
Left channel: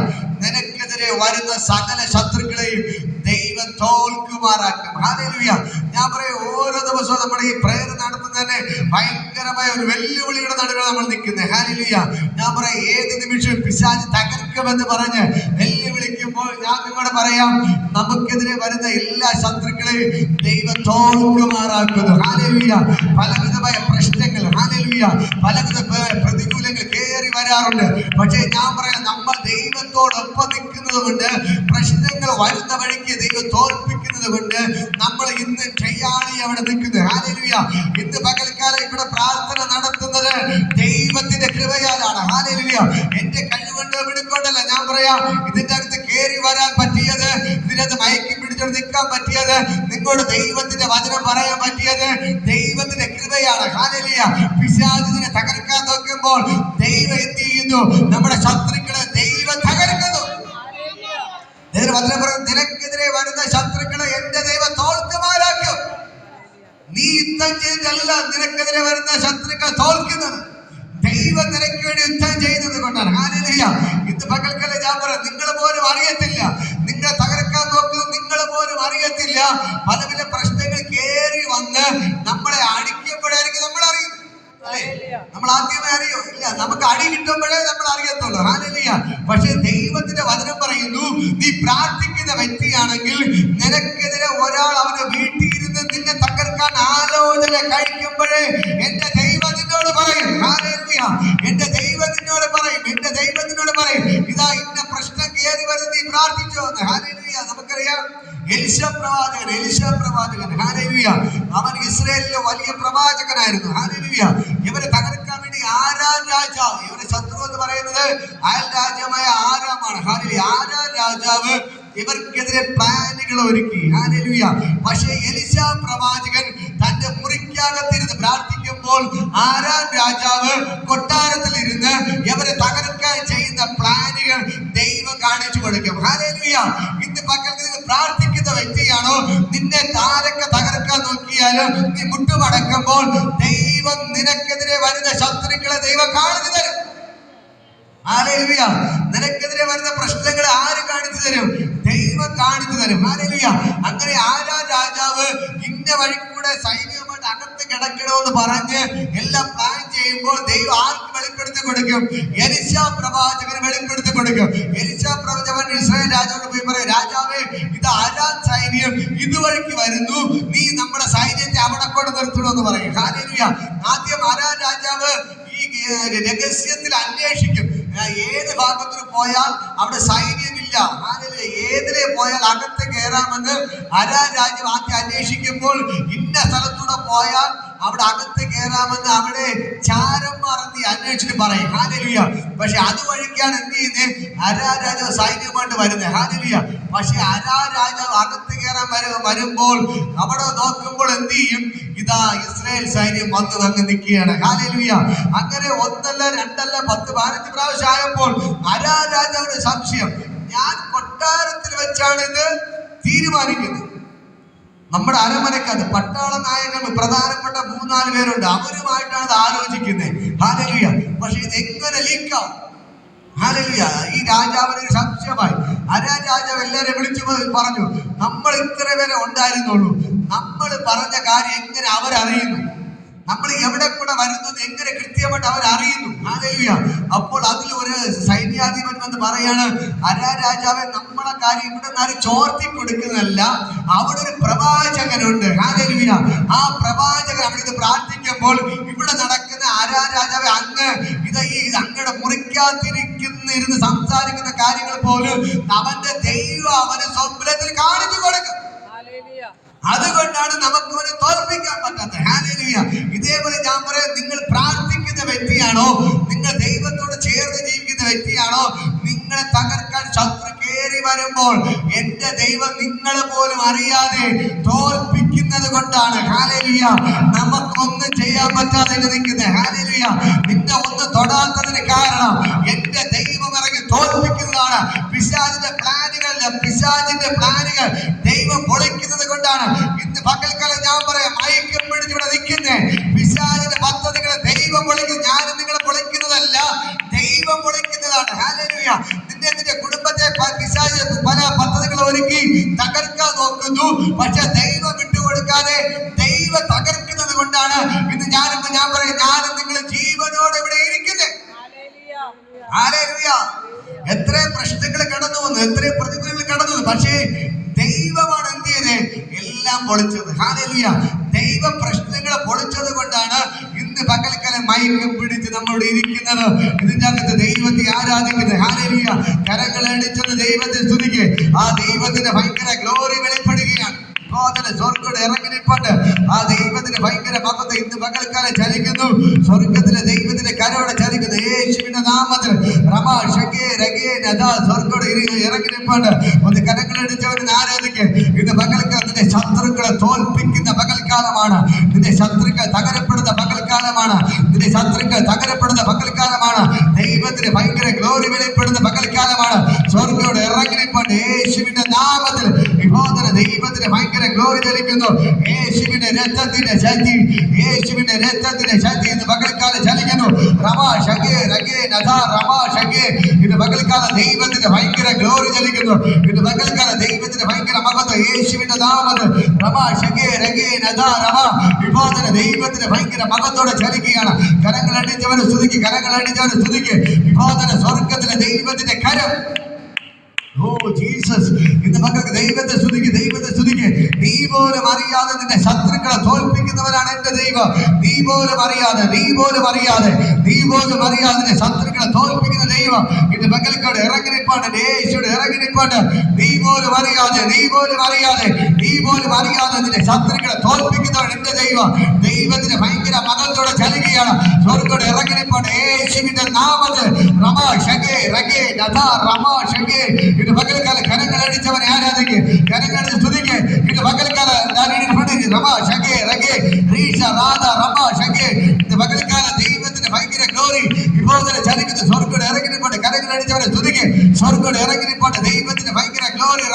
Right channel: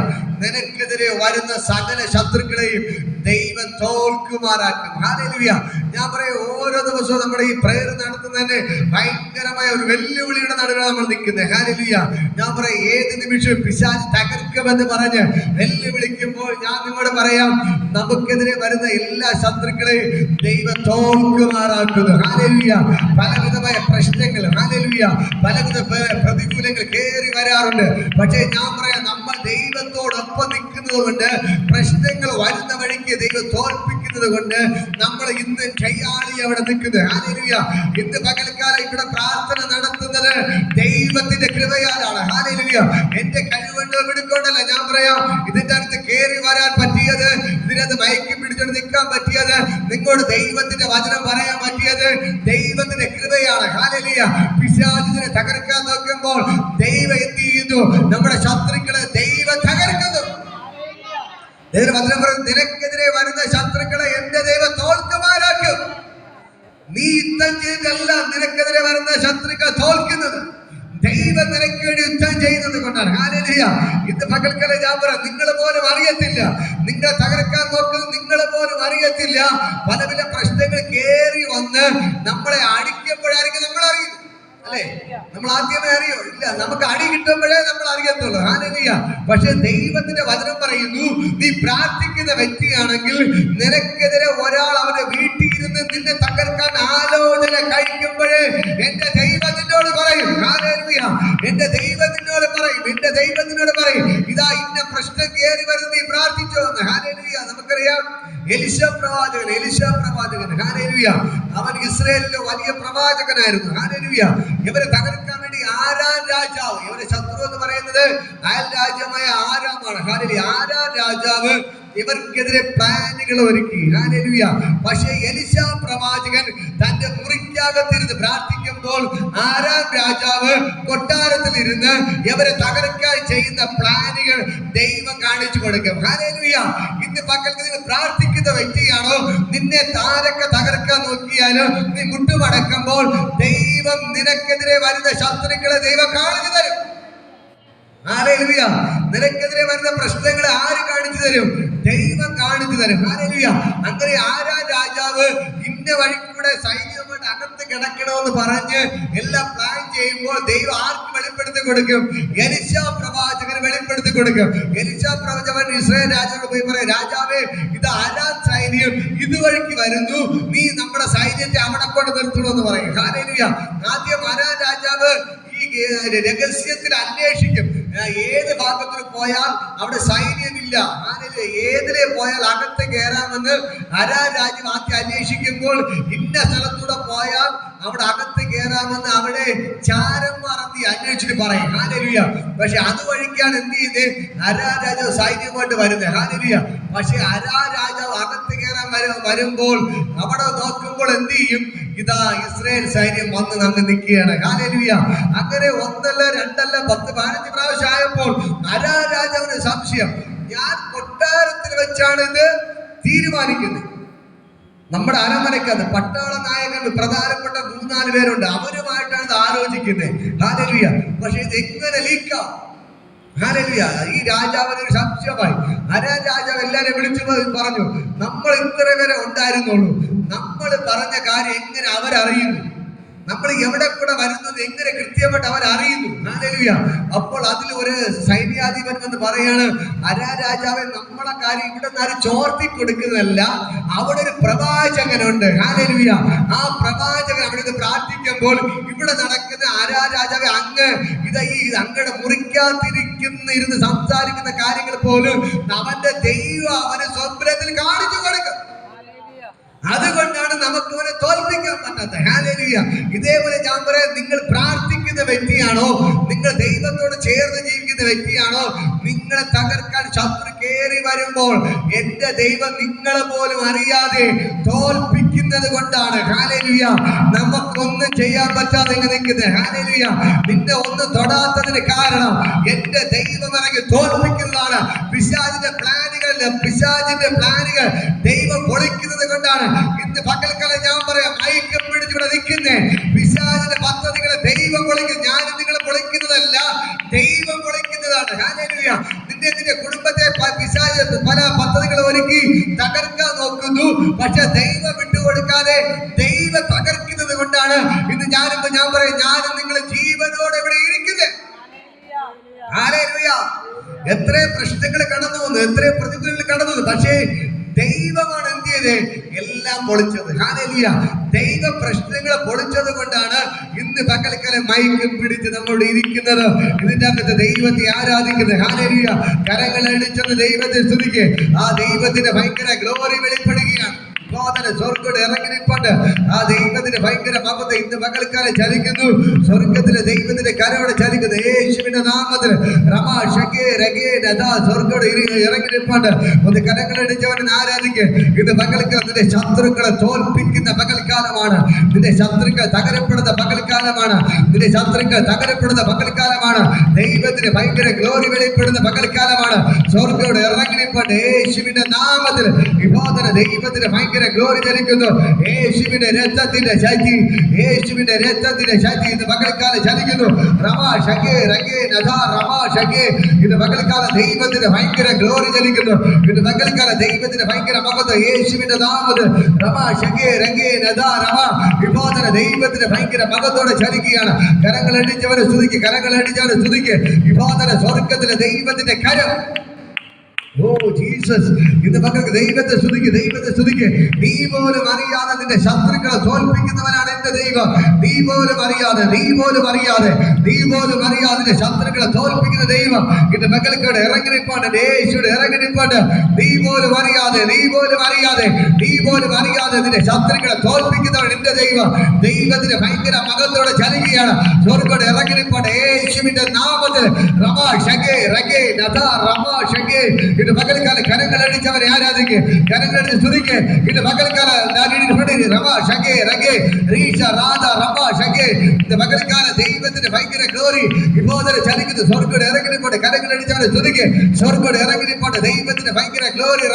നിനക്കെതിരെ വരുന്ന സകല ശത്രുക്കളെയും ദൈവം തോൽക്കുമാറാക്കും. ഹല്ലേലൂയ. ഞാൻ പറയാം, ഓരോ ദിവസവും നമ്മുടെ ഈ പ്രയർ നടത്തുന്നതന്നെ ഭയങ്കരമായ ഒരു വെല്ലുവിളിയുടെ നടുവിലാണ് നമ്മൾ നിൽക്കുന്നത്. ഹല്ലേലൂയ. ഞാൻ പറയാം, ഏത് നിമിഷവും പിശാച് തകർക്കുമെന്ന് പറഞ്ഞ് വെല്ലുവിളിക്കുമ്പോൾ ഞാൻ നിങ്ങളോട് പറയാം, നമുക്കെതിരെ വരുന്ന എല്ലാ ശത്രുക്കളെയും ദൈവം തോൽക്കുമാറാക്കുന്നു. ഹല്ലേലൂയ. പലവിധമായ പ്രശ്നങ്ങൾ, ഹല്ലേലൂയ, പലവിധ പ്രതികൂലങ്ങൾ കയറി വരാറുണ്ട്. പക്ഷേ ഞാൻ പറയാം, നമ്മൾ ദൈവത്തോടൊപ്പം നിൽക്കുന്നത് കൊണ്ട്, പ്രശ്നങ്ങൾ വരുന്ന വഴിക്ക് ദൈവം തോൽപ്പിക്കുന്നത് കൊണ്ട് നമ്മൾ ഇന്ന് കയ്യാളി അവിടെ നിൽക്കുന്നത്. ഹല്ലേലൂയ. ഇന്ന് പകൽക്കാലം ഇവിടെ പ്രാർത്ഥന നടത്തുന്നത് ദൈവത്തിന്റെ കൃപയാലാണ്. ഹല്ലേലൂയ. എന്റെ കഴിവുണ്ടോ പിടിക്കൊണ്ടല്ല. ഞാൻ പറയാം, ഇതിന്റെ അകത്ത് കയറി വരാൻ പറ്റിയത്, ഇതിനകത്ത് മയക്കി പിടിച്ചോണ്ട് നിൽക്കാൻ പറ്റിയത്, നിങ്ങളോട് ദൈവത്തിന്റെ വചനം പറയാൻ പറ്റിയത് ദൈവത്തിന്റെ കൃപയാണ്. ഹല്ലേലൂയ. പിശാചിനെ തകർക്കാൻ നോക്കുമ്പോൾ ദൈവം എന്ത് ചെയ്യുന്നു? നമ്മുടെ ശത്രുക്കളെ ദൈവം തകർക്കുന്നു. വചനം പറയുന്നത്, നിനക്കെതിരെ വരുന്ന ശത്രുക്കളെ എന്റെ ദൈവം തോൽക്കുമാറാക്കും. നീ യുദ്ധം ചെയ്തിട്ടല്ല നിനക്കെതിരെ വരുന്ന ശത്രുക്കൾ തോൽക്കുന്നത്, ദൈവം നിനക്ക് വേണ്ടി യുദ്ധം ചെയ്യുന്നത് കൊണ്ടാണ്. ഹല്ലേലൂയ. ഇന്ന് പകൽക്കാലം ഞാൻ പറയാം, നിങ്ങൾ പോലും അറിയത്തില്ല, നിങ്ങളെ തകർക്കാൻ നോക്കുന്നത് നിങ്ങൾ പോലും അറിയത്തില്ല. പല പല പ്രശ്നങ്ങൾ കയറി വന്ന് നമ്മളെ അടിക്കുമ്പോഴായിരിക്കും നമ്മൾ അറിയുന്നത്. അല്ലേ? നമ്മൾ ആദ്യമേ അറിയോ? ഇല്ല. നമുക്ക് അടി കിട്ടുമ്പോഴേ നമ്മൾ അറിയത്തുള്ളൂ. ഹല്ലേലൂയ. പക്ഷെ ദൈവത്തിന്റെ വചനം പറയുന്നു, നീ പ്രാർത്ഥിക്കുന്ന വ്യക്തിയാണെങ്കിൽ നിനക്കെതിരെ ഒരാൾ അവന്റെ വീട്ടിൽ ഇരുന്ന് നിന്നെ തകർക്കാൻ ആലോചന കഴിക്കുമ്പോഴേ എന്റെ ദൈവം നിന്നോട് പറയും. ഹല്ലേലൂയ. എന്റെ ദൈവം നിന്നോട് പറയും, എന്റെ ദൈവം നിന്നോട് പറയും, ഇതാ ഇന്ന പ്രശ്നം കയറി വരുന്നത് നീ പ്രാർത്ഥിച്ചോ എന്ന്. ഹല്ലേലൂയ. നമുക്കറിയാം, എലീശാ പ്രവാചകൻ, ഹല്ലേലൂയ, അവൻ ഇസ്രായേലിലെ വലിയ പ്രവാചകനായിരുന്നു. ഹല്ലേലൂയ. ഇവരെ തകർക്കാൻ വേണ്ടി ആരാം രാജാവ്, ഇവരെ ശത്രു എന്ന് പറയുന്നത് അയൽ രാജ്യമായ ആരാമാണ്. ഹല്ലേലൂയ. ആരാം രാജാവ് ഇവർക്കെതിരെ പ്ലാനുകൾ ഒരുക്കി. ഹല്ലേലൂയ. പക്ഷേ എലീശാ പ്രവാചകൻ തന്റെ മുറിക്കകത്തിരുന്ന് പ്രാർത്ഥിക്കുമ്പോൾ ആരാം രാജാവ് കൊട്ടാരത്തിൽ ഇരുന്ന് ഇവരെ തകർക്കാൻ ചെയ്യുന്ന പ്ലാനുകൾ ദൈവം കാണിച്ചു കൊടുക്കും. ഹല്ലേലൂയ. ഇന്ന് പകൽ നിന്ന് പ്രാർത്ഥിക്കുന്ന വ്യക്തിയാണോ, നിന്നെ താരൊക്കെ തകർക്കാൻ നോക്കിയാലും നീ മുട്ടുമടക്കുമ്പോൾ ദൈവം നിനക്കെതിരെ വരുന്ന ശത്രുക്കളെ ദൈവം കാണിച്ചു തരും. ഹല്ലേലൂയ. നിനക്കെതിരെ വരുന്ന പ്രശ്നങ്ങൾ ആര് കാണിച്ചു തരും? ദൈവം കാണിച്ചു തരും. ഹല്ലേലൂയ. അങ്ങനെ ആരാ രാജാവ് ഇന്ന വഴിക്കൂടെ സൈന്യവുമായിട്ട് അകത്ത് കിടക്കണമെന്ന് പറഞ്ഞ് എല്ലാം പ്ലാൻ ചെയ്യുമ്പോൾ ദൈവം ആർക്ക് വെളിപ്പെടുത്തി കൊടുക്കും? എലീശാ പ്രവാചകന് വെളിപ്പെടുത്തി കൊടുക്കും. എലീശാ പ്രവാചകൻ ഇസ്രായേൽ രാജാവ് പോയി പറയും, രാജാവേ, ഇത് ആരാ സൈന്യം ഇതുവഴിക്ക് വരുന്നു, നീ നമ്മുടെ സൈന്യത്തെ അവിടെ കൊണ്ട് നിർത്തണമെന്ന് പറയും. ഹല്ലേലൂയ. ആദ്യം ആരാ രാജാവ് ഈ രഹസ്യത്തിൽ അന്വേഷിക്കും. ഏത് ഭാഗത്തിന് പോയാൽ അവിടെ സൈന്യമില്ല, ഏതിലെ പോയാൽ അകത്ത് കയറാമെന്ന് അരാം രാജ്യം ആദ്യം അന്വേഷിക്കുമ്പോൾ ഇന്ന സ്ഥലത്തൂടെ പോയാൽ അവിടെ അകത്ത് കയറാമെന്ന് അവിടെ ചാരന്മാർ അന്വേഷിച്ചിട്ട് പറയും. ഹല്ലേലൂയ. പക്ഷെ അതുവഴിക്കാണ് എന്ത് ചെയ്ത് അരാം രാജാവ് സൈന്യമായിട്ട് വരുന്നത്. ഹല്ലേലൂയ. പക്ഷെ അരാം രാജാവ് അകത്ത് കയറാൻ വരുമ്പോൾ അവിടെ നോക്കുമ്പോൾ എന്ത് ചെയ്യും? ഇതാ ഇസ്രായേൽ സൈന്യം വന്ന് അങ്ങ് നിൽക്കുകയാണ്. ഹല്ലേലൂയ. അങ്ങനെ ഒന്നല്ല രണ്ടല്ല 10 15 പ്രാവശ്യം ആയപ്പോൾ അരാം രാജാവിന് സംശയം, ഞാൻ കൊട്ടാരത്തിൽ വെച്ചാണ് ഇത് തീരുമാനിക്കുന്നത്, നമ്മുടെ അരമനക്കകത്ത് പട്ടാള നായകൻ പ്രധാനപ്പെട്ട 3-4 പേരുണ്ട്. അവരുമായിട്ടാണ് ഇത് ആലോചിക്കുന്നത്. ഹല്ലേലൂയ. പക്ഷെ ഇത് എങ്ങനെ ലീക്കാം? ഹല്ലേലൂയ. ഈ രാജാവിന് ഒരു സംശയമായി. അരാം രാജാവ് എല്ലാവരും വിളിച്ചു പറഞ്ഞു, നമ്മൾ ഇത്ര പേരെ ഉണ്ടായിരുന്നുള്ളൂ, നമ്മൾ പറഞ്ഞ കാര്യം എങ്ങനെ അവരറിയുന്നു? നമ്മൾ എവിടെ കൂടെ വരുന്നത് എങ്ങനെ കൃത്യമായിട്ട് അവരറിയുന്നു? ഹല്ലേലൂയ. അപ്പോൾ അതിൽ ഒരു സൈന്യാധിപൻ വന്ന് പറയാണ്, അരാം രാജാവെ, നമ്മളെ കാര്യം ഇവിടെ നിന്ന് ആരും ചോർത്തി കൊടുക്കുന്നതല്ല, അവിടെ ഒരു പ്രവാചകനുണ്ട്. ഹല്ലേലൂയ. ആ പ്രവാചകൻ അവിടെ നിന്ന് പ്രാർത്ഥിക്കുമ്പോൾ ഇവിടെ നടക്കുന്ന അരാം രാജാവെ, അങ്ങ് അങ്ങയുടെ മുറിക്കാതിരുന്ന് സംസാരിക്കുന്ന കാര്യങ്ങൾ പോലും അവന്റെ ദൈവം അവന് സ്വപ്നത്തിൽ കാണിച്ചു കൊടുക്കും. അതുകൊണ്ടാണ് നമുക്ക് അവനെ തോൽപ്പിക്കാൻ പറ്റാത്തത്. ഹല്ലേലൂയ. ഇതേപോലെ ഞാൻ പറയാം, നിങ്ങൾ പ്രാർത്ഥിക്കുന്ന വ്യക്തിയാണോ, നിങ്ങൾ ദൈവത്തോട് ചേർന്ന് ജീവിക്കുന്ന വ്യക്തിയാണോ, നിങ്ങളെ തകർക്കാൻ ശത്രു കയറി വരുമ്പോൾ എന്റെ ദൈവം നിങ്ങളെ പോലും അറിയാതെ തോൽപ്പിക്കുന്നത് കൊണ്ടാണ്. ഹല്ലേലൂയ. നമുക്കൊന്നും ചെയ്യാൻ പറ്റാതെ നിൽക്കുന്നത്. ഹല്ലേലൂയ. നിന്നെ ഒന്നും തൊടാത്തതിന് കാരണം എന്റെ ദൈവം ഇറങ്ങി തോൽപ്പിക്കുന്നതാണ്. പിശാചിന്റെ പ്ലാനുകൾ ദൈവം പൊളിക്കുന്നത് കൊണ്ടാണ്. ഇന്ന് പകൽക്കാലം ഞാൻ പറയാം, മയക്കം പിടിച്ചിവിടെ നിൽക്കുന്നേ, പിശാചിന്റെ പദ്ധതികളെ ദൈവം പൊളിക്കും. ഞാനും നിങ്ങളെ പൊളിക്കുന്നതല്ല, ദൈവം പൊളിക്കുന്നതാണ്. ഹല്ലേലൂയ. നിന്റെ കുടുംബത്തെ പിശാച് പല പദ്ധതികൾ ഒരുക്കി തകർക്കാൻ നോക്കുന്നു. പക്ഷെ ദൈവം വിട്ടുകൊടുക്കാതെ ദൈവം തകർക്കുന്നത് കൊണ്ടാണ് ഇന്ന് ഞാൻ പറയും, ഞാനും നിങ്ങൾ ജീവനോടെ ഇവിടെ ഇരിക്കുന്നത്. ഹല്ലേലൂയ. എത്ര പ്രശ്നങ്ങൾ കടന്നു വന്നു, എത്ര പ്രതികൂലങ്ങൾ കടന്നു വന്നു, പക്ഷേ ദൈവമാണ് എന്ത് ചെയ്തത്? എല്ലാം പൊളിച്ചത്. ഹല്ലേലൂയ. ദൈവ പ്രശ്നങ്ങളെ പൊളിച്ചത് കൊണ്ടാണ് ഇന്ന് പകൽക്കാലം മയക്കം പിടിച്ച് നമ്മളിവിടെ ഇരിക്കുന്നത്. ഇതിന്റെ അകത്ത് ദൈവത്തെ ആരാധിക്കുന്നത്. ഹല്ലേലൂയ. കരങ്ങൾ അടിച്ചത് ദൈവത്തെ സ്തുതിക്ക്. ആ ദൈവത്തിന്റെ ഭയങ്കര ഗ്ലോറി വെളിപ്പെടുകയാണ്. സ്വർഗ്ഗം ഇറങ്ങി നിൽപ്പുണ്ട്. ആ ദൈവത്തിന്റെ ഭയങ്കര മഹത്വം ഇന്ന് പകൽക്കാലം ചലിക്കുന്നു. സ്വർഗത്തിലെ ദൈവത്തിന്റെ കരവിടെ ചലിക്കുന്നു. യേശുവിന്റെ നാമത്തിൽ സ്വർഗ്ഗം ഇറങ്ങി നിൽപ്പുണ്ട്. ഒന്ന് കരങ്ങളടിച്ചവനെ ആരാധിക്കുക. ഇത് പകൽക്കാലം നിന്റെ ശത്രുക്കളെ തോൽപ്പിക്കുന്ന പകൽക്കാലമാണ്. നിന്റെ ശത്രുക്കൾ തകരപ്പെടുന്ന പകൽക്കാലമാണ്. നിന്റെ ശത്രുക്കൾ തകരപ്പെടുന്ന പകൽക്കാലമാണ്. ദൈവത്തിന് ഭയങ്കര ഗ്ലോറി വെളിപ്പെടുന്ന പകൽക്കാലമാണ്. സ്വർഗ്ഗം ഇറങ്ങി നിൽപ്പുണ്ട്. യേശുവിന്റെ നാമത്തിൽ വിഭോധന ദൈവത്തിന് ഭയങ്കര ഗ്ലോറി ചലിക്കുന്നു. യേശുവിന്റെ രക്തത്തിന്റെ ശക്തി, യേശുവിന്റെ രക്തത്തിന്റെ ശക്തി ഇന്ന് പകൽക്കാലം ചലിക്കുന്നു. ഇന്ന് പകൽക്കാലം ദൈവത്തിന്റെ ഭയങ്കര ഗ്ലോറി ചലിക്കുന്നു. ഇന്ന് പകൽക്കാലം ദൈവത്തിന്റെ ഭയങ്കര മഹത്വം യേശുവിന്റെ നാമത്തിൽ വിഭോധന ദൈവത്തിന്റെ ഭയങ്കര മഹത്വത്തോടെ ചലിക്കുകയാണ്. കരങ്ങൾ അടിച്ചവന് സ്തുതിക്ക്, കരങ്ങൾ അടിച്ചവന് സ്തുതിക്ക്. വിഭോധന സ്വർഗത്തിലെ ദൈവത്തിന്റെ കരം. Oh Jesus. ഇന്ന് മക്കൾക്ക് ദൈവത്തെ സ്തുതിക്ക്, ദൈവത്തെ സ്തുതിക്ക്. നീ പോലും അറിയാതെ നിന്റെ ശത്രുക്കളെ തോൽപ്പിക്കുന്നവനാണ് എന്റെ ദൈവം. നീ പോലും അറിയാതെ നിന്റെ ശത്രുക്കളെ തോൽപ്പിക്കുന്ന ദൈവം ഇന്ന് മക്കൾക്കോട് ഇറങ്ങിനിപ്പാണ്ട്. യേശുവിടെ ഇറങ്ങിനിപ്പാണ്ട്. നീ പോലും അറിയാതെ നിന്റെ ശത്രുക്കളെ തോൽപ്പിക്കുന്നവൻ എന്റെ ദൈവം. ദൈവത്തിന്റെ ഭയങ്കര മകത്തോടെ ചലിക്കുകയാണ്. സ്വർഗ്ഗത്തോടെ ഇറങ്ങിനിപ്പാണ്ട്. യേശുവിന്റെ നാമത്തിൽ ഇത് പകൽക്കാലം കരങ്ങൾ അടിച്ചവരെ ആരാധിക്കുക, കരങ്ങൾ അടിച്ച് സ്തുതിക്കുക. ഇത് പകൽക്കാലം ഇത് പകൽക്കാലം ദൈവത്തിന്റെ ഭയങ്കര ഗ്ലോറി വിഭോധന ചലിക്കുന്ന. സ്വർഗ്ഗം ഇറങ്ങിനിപ്പോട്ട് കരങ്ങൾ അടിച്ചവരെ സ്തുതിക്കുക. സ്വർഗ്ഗം ഇറങ്ങിനിപ്പോട്ട് ദൈവത്തിന്റെ ഭയങ്കര ഗ്ലോറി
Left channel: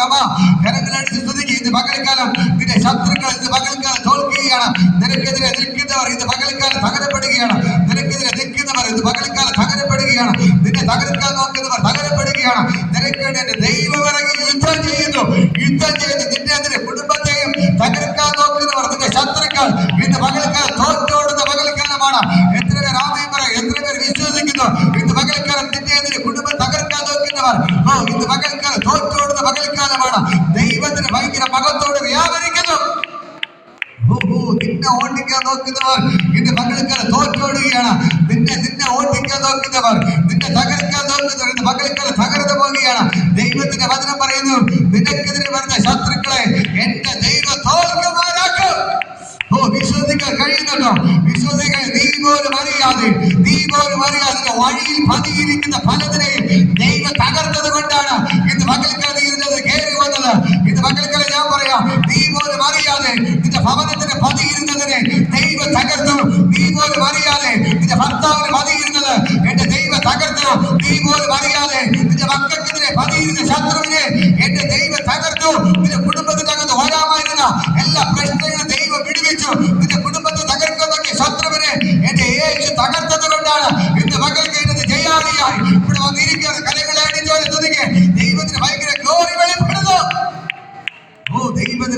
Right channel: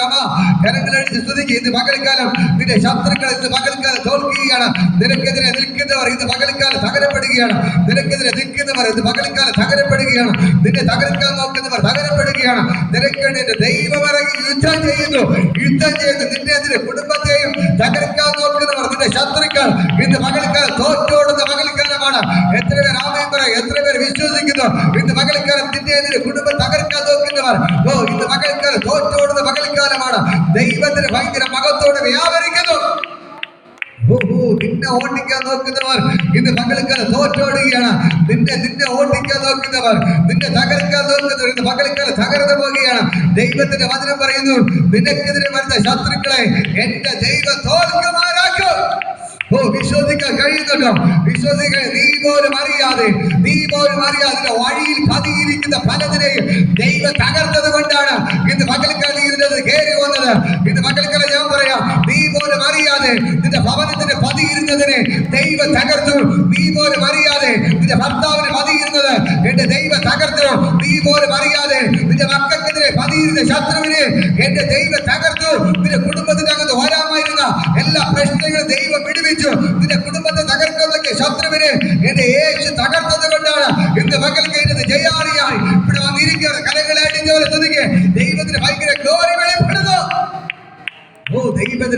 കരങ്ങൾ അടിച്ച് സ്തുതിക്കുക. ഇത് പകൽക്കാലം നിന്റെ ശത്രുക്കൾ ഇന്ന് പകൽക്കാലം തോൽക്കുകയാണ്. നിനക്കെതിരെ നിൽക്കുന്നവർ ഇന്ന് പകൽക്കാലം തകരപ്പെടുകയാണ്. നിനക്കെതിരെ നിൽക്കുന്നവർ ഇന്ന് പകൽക്കാലം തകരപ്പെടുകയാണ്. നിന്നെ തകർക്കാൻ നോക്കുന്നവർ തകരപ്പെടുകയാണ്. നിനക്കെതിരെ ദൈവം ഇറങ്ങി യുദ്ധം ചെയ്യുന്നു. നിന്റെ കുടുംബത്തെയും തകർക്കാൻ നോക്കുന്നവർ, നിന്റെ ശത്രുക്കൾ ഇന്ന് പകൽക്കാലം തോറ്റോടുന്ന പകൽക്കാലമാണ്. എത്ര പേർ ആമേൻ പറയും? എത്ര പേർ വിശ്വസിക്കുന്നു? ഇന്ന് പകൽക്കാലം നിന്റെ കുടുംബം തകർക്കാൻ നോക്കുന്നവർ ഇന്ന് പകൽക്കാലം തോറ്റോടുന്ന പകൽക്കാലമാണ്. ദൈവത്തിന് ഭയങ്കര മഹത്വത്തോടെ വ്യാപരിക്കുന്നു. നിന്നെ ഓടിക്കാൻ നോക്കുന്നവർ ഇന്ന് പകൽക്കാലം തോറ്റോടുകയാണ്. നിന്നെ ഓടിക്കാൻ നോക്കുന്നവർ, നിന്നെ തകർക്കാൻ നോക്കുന്നവർ ഇന്ന് പകൽക്കാലം തകർന്നു പോവുകയാണ്. ദൈവത്തിന്റെ വചനം പറയുന്നു, നിനക്കെതിരെ വരുന്ന ശത്രുക്കളെ എന്റെ ദൈവം തോൽക്കുമാറാക്കും. വിശ്വസിക്കാൻ കഴിയുന്നുണ്ടോ? വിശ്വസിക്കാൻ നീ പോലും അറിയാതെ വഴിയിൽ പതിയിരിക്കുന്ന പലതിനെയും ദൈവം തകർത്തത് കൊണ്ടാണ് ഇന്ന് പകൽക്കാലം ഇരുന്നത് കയറി വന്നത്. ഇന്ന് പകൽക്കാലം ഞാൻ പറയാം, നീ പോലും അറിയാതെ നിന്റെ ഭവനത്തിന് പതിയിരുന്നതിനെ ദൈവം തകർത്തു. നീ പോലും അറിയാതെ നിന്റെ ഭർത്താവിന് പതിയിരുന്നത് എന്റെ ദൈവം തകർത്തു. നീ പോലും അറിയാതെ നിന്റെ മക്കൾക്കെതിരെ പതിയിരുന്ന ശത്രുവിനെ എന്റെ ദൈവം തകർത്തു. നിന്റെ കുടുംബത്തിനകത്ത് വരാമായിരുന്ന എല്ലാ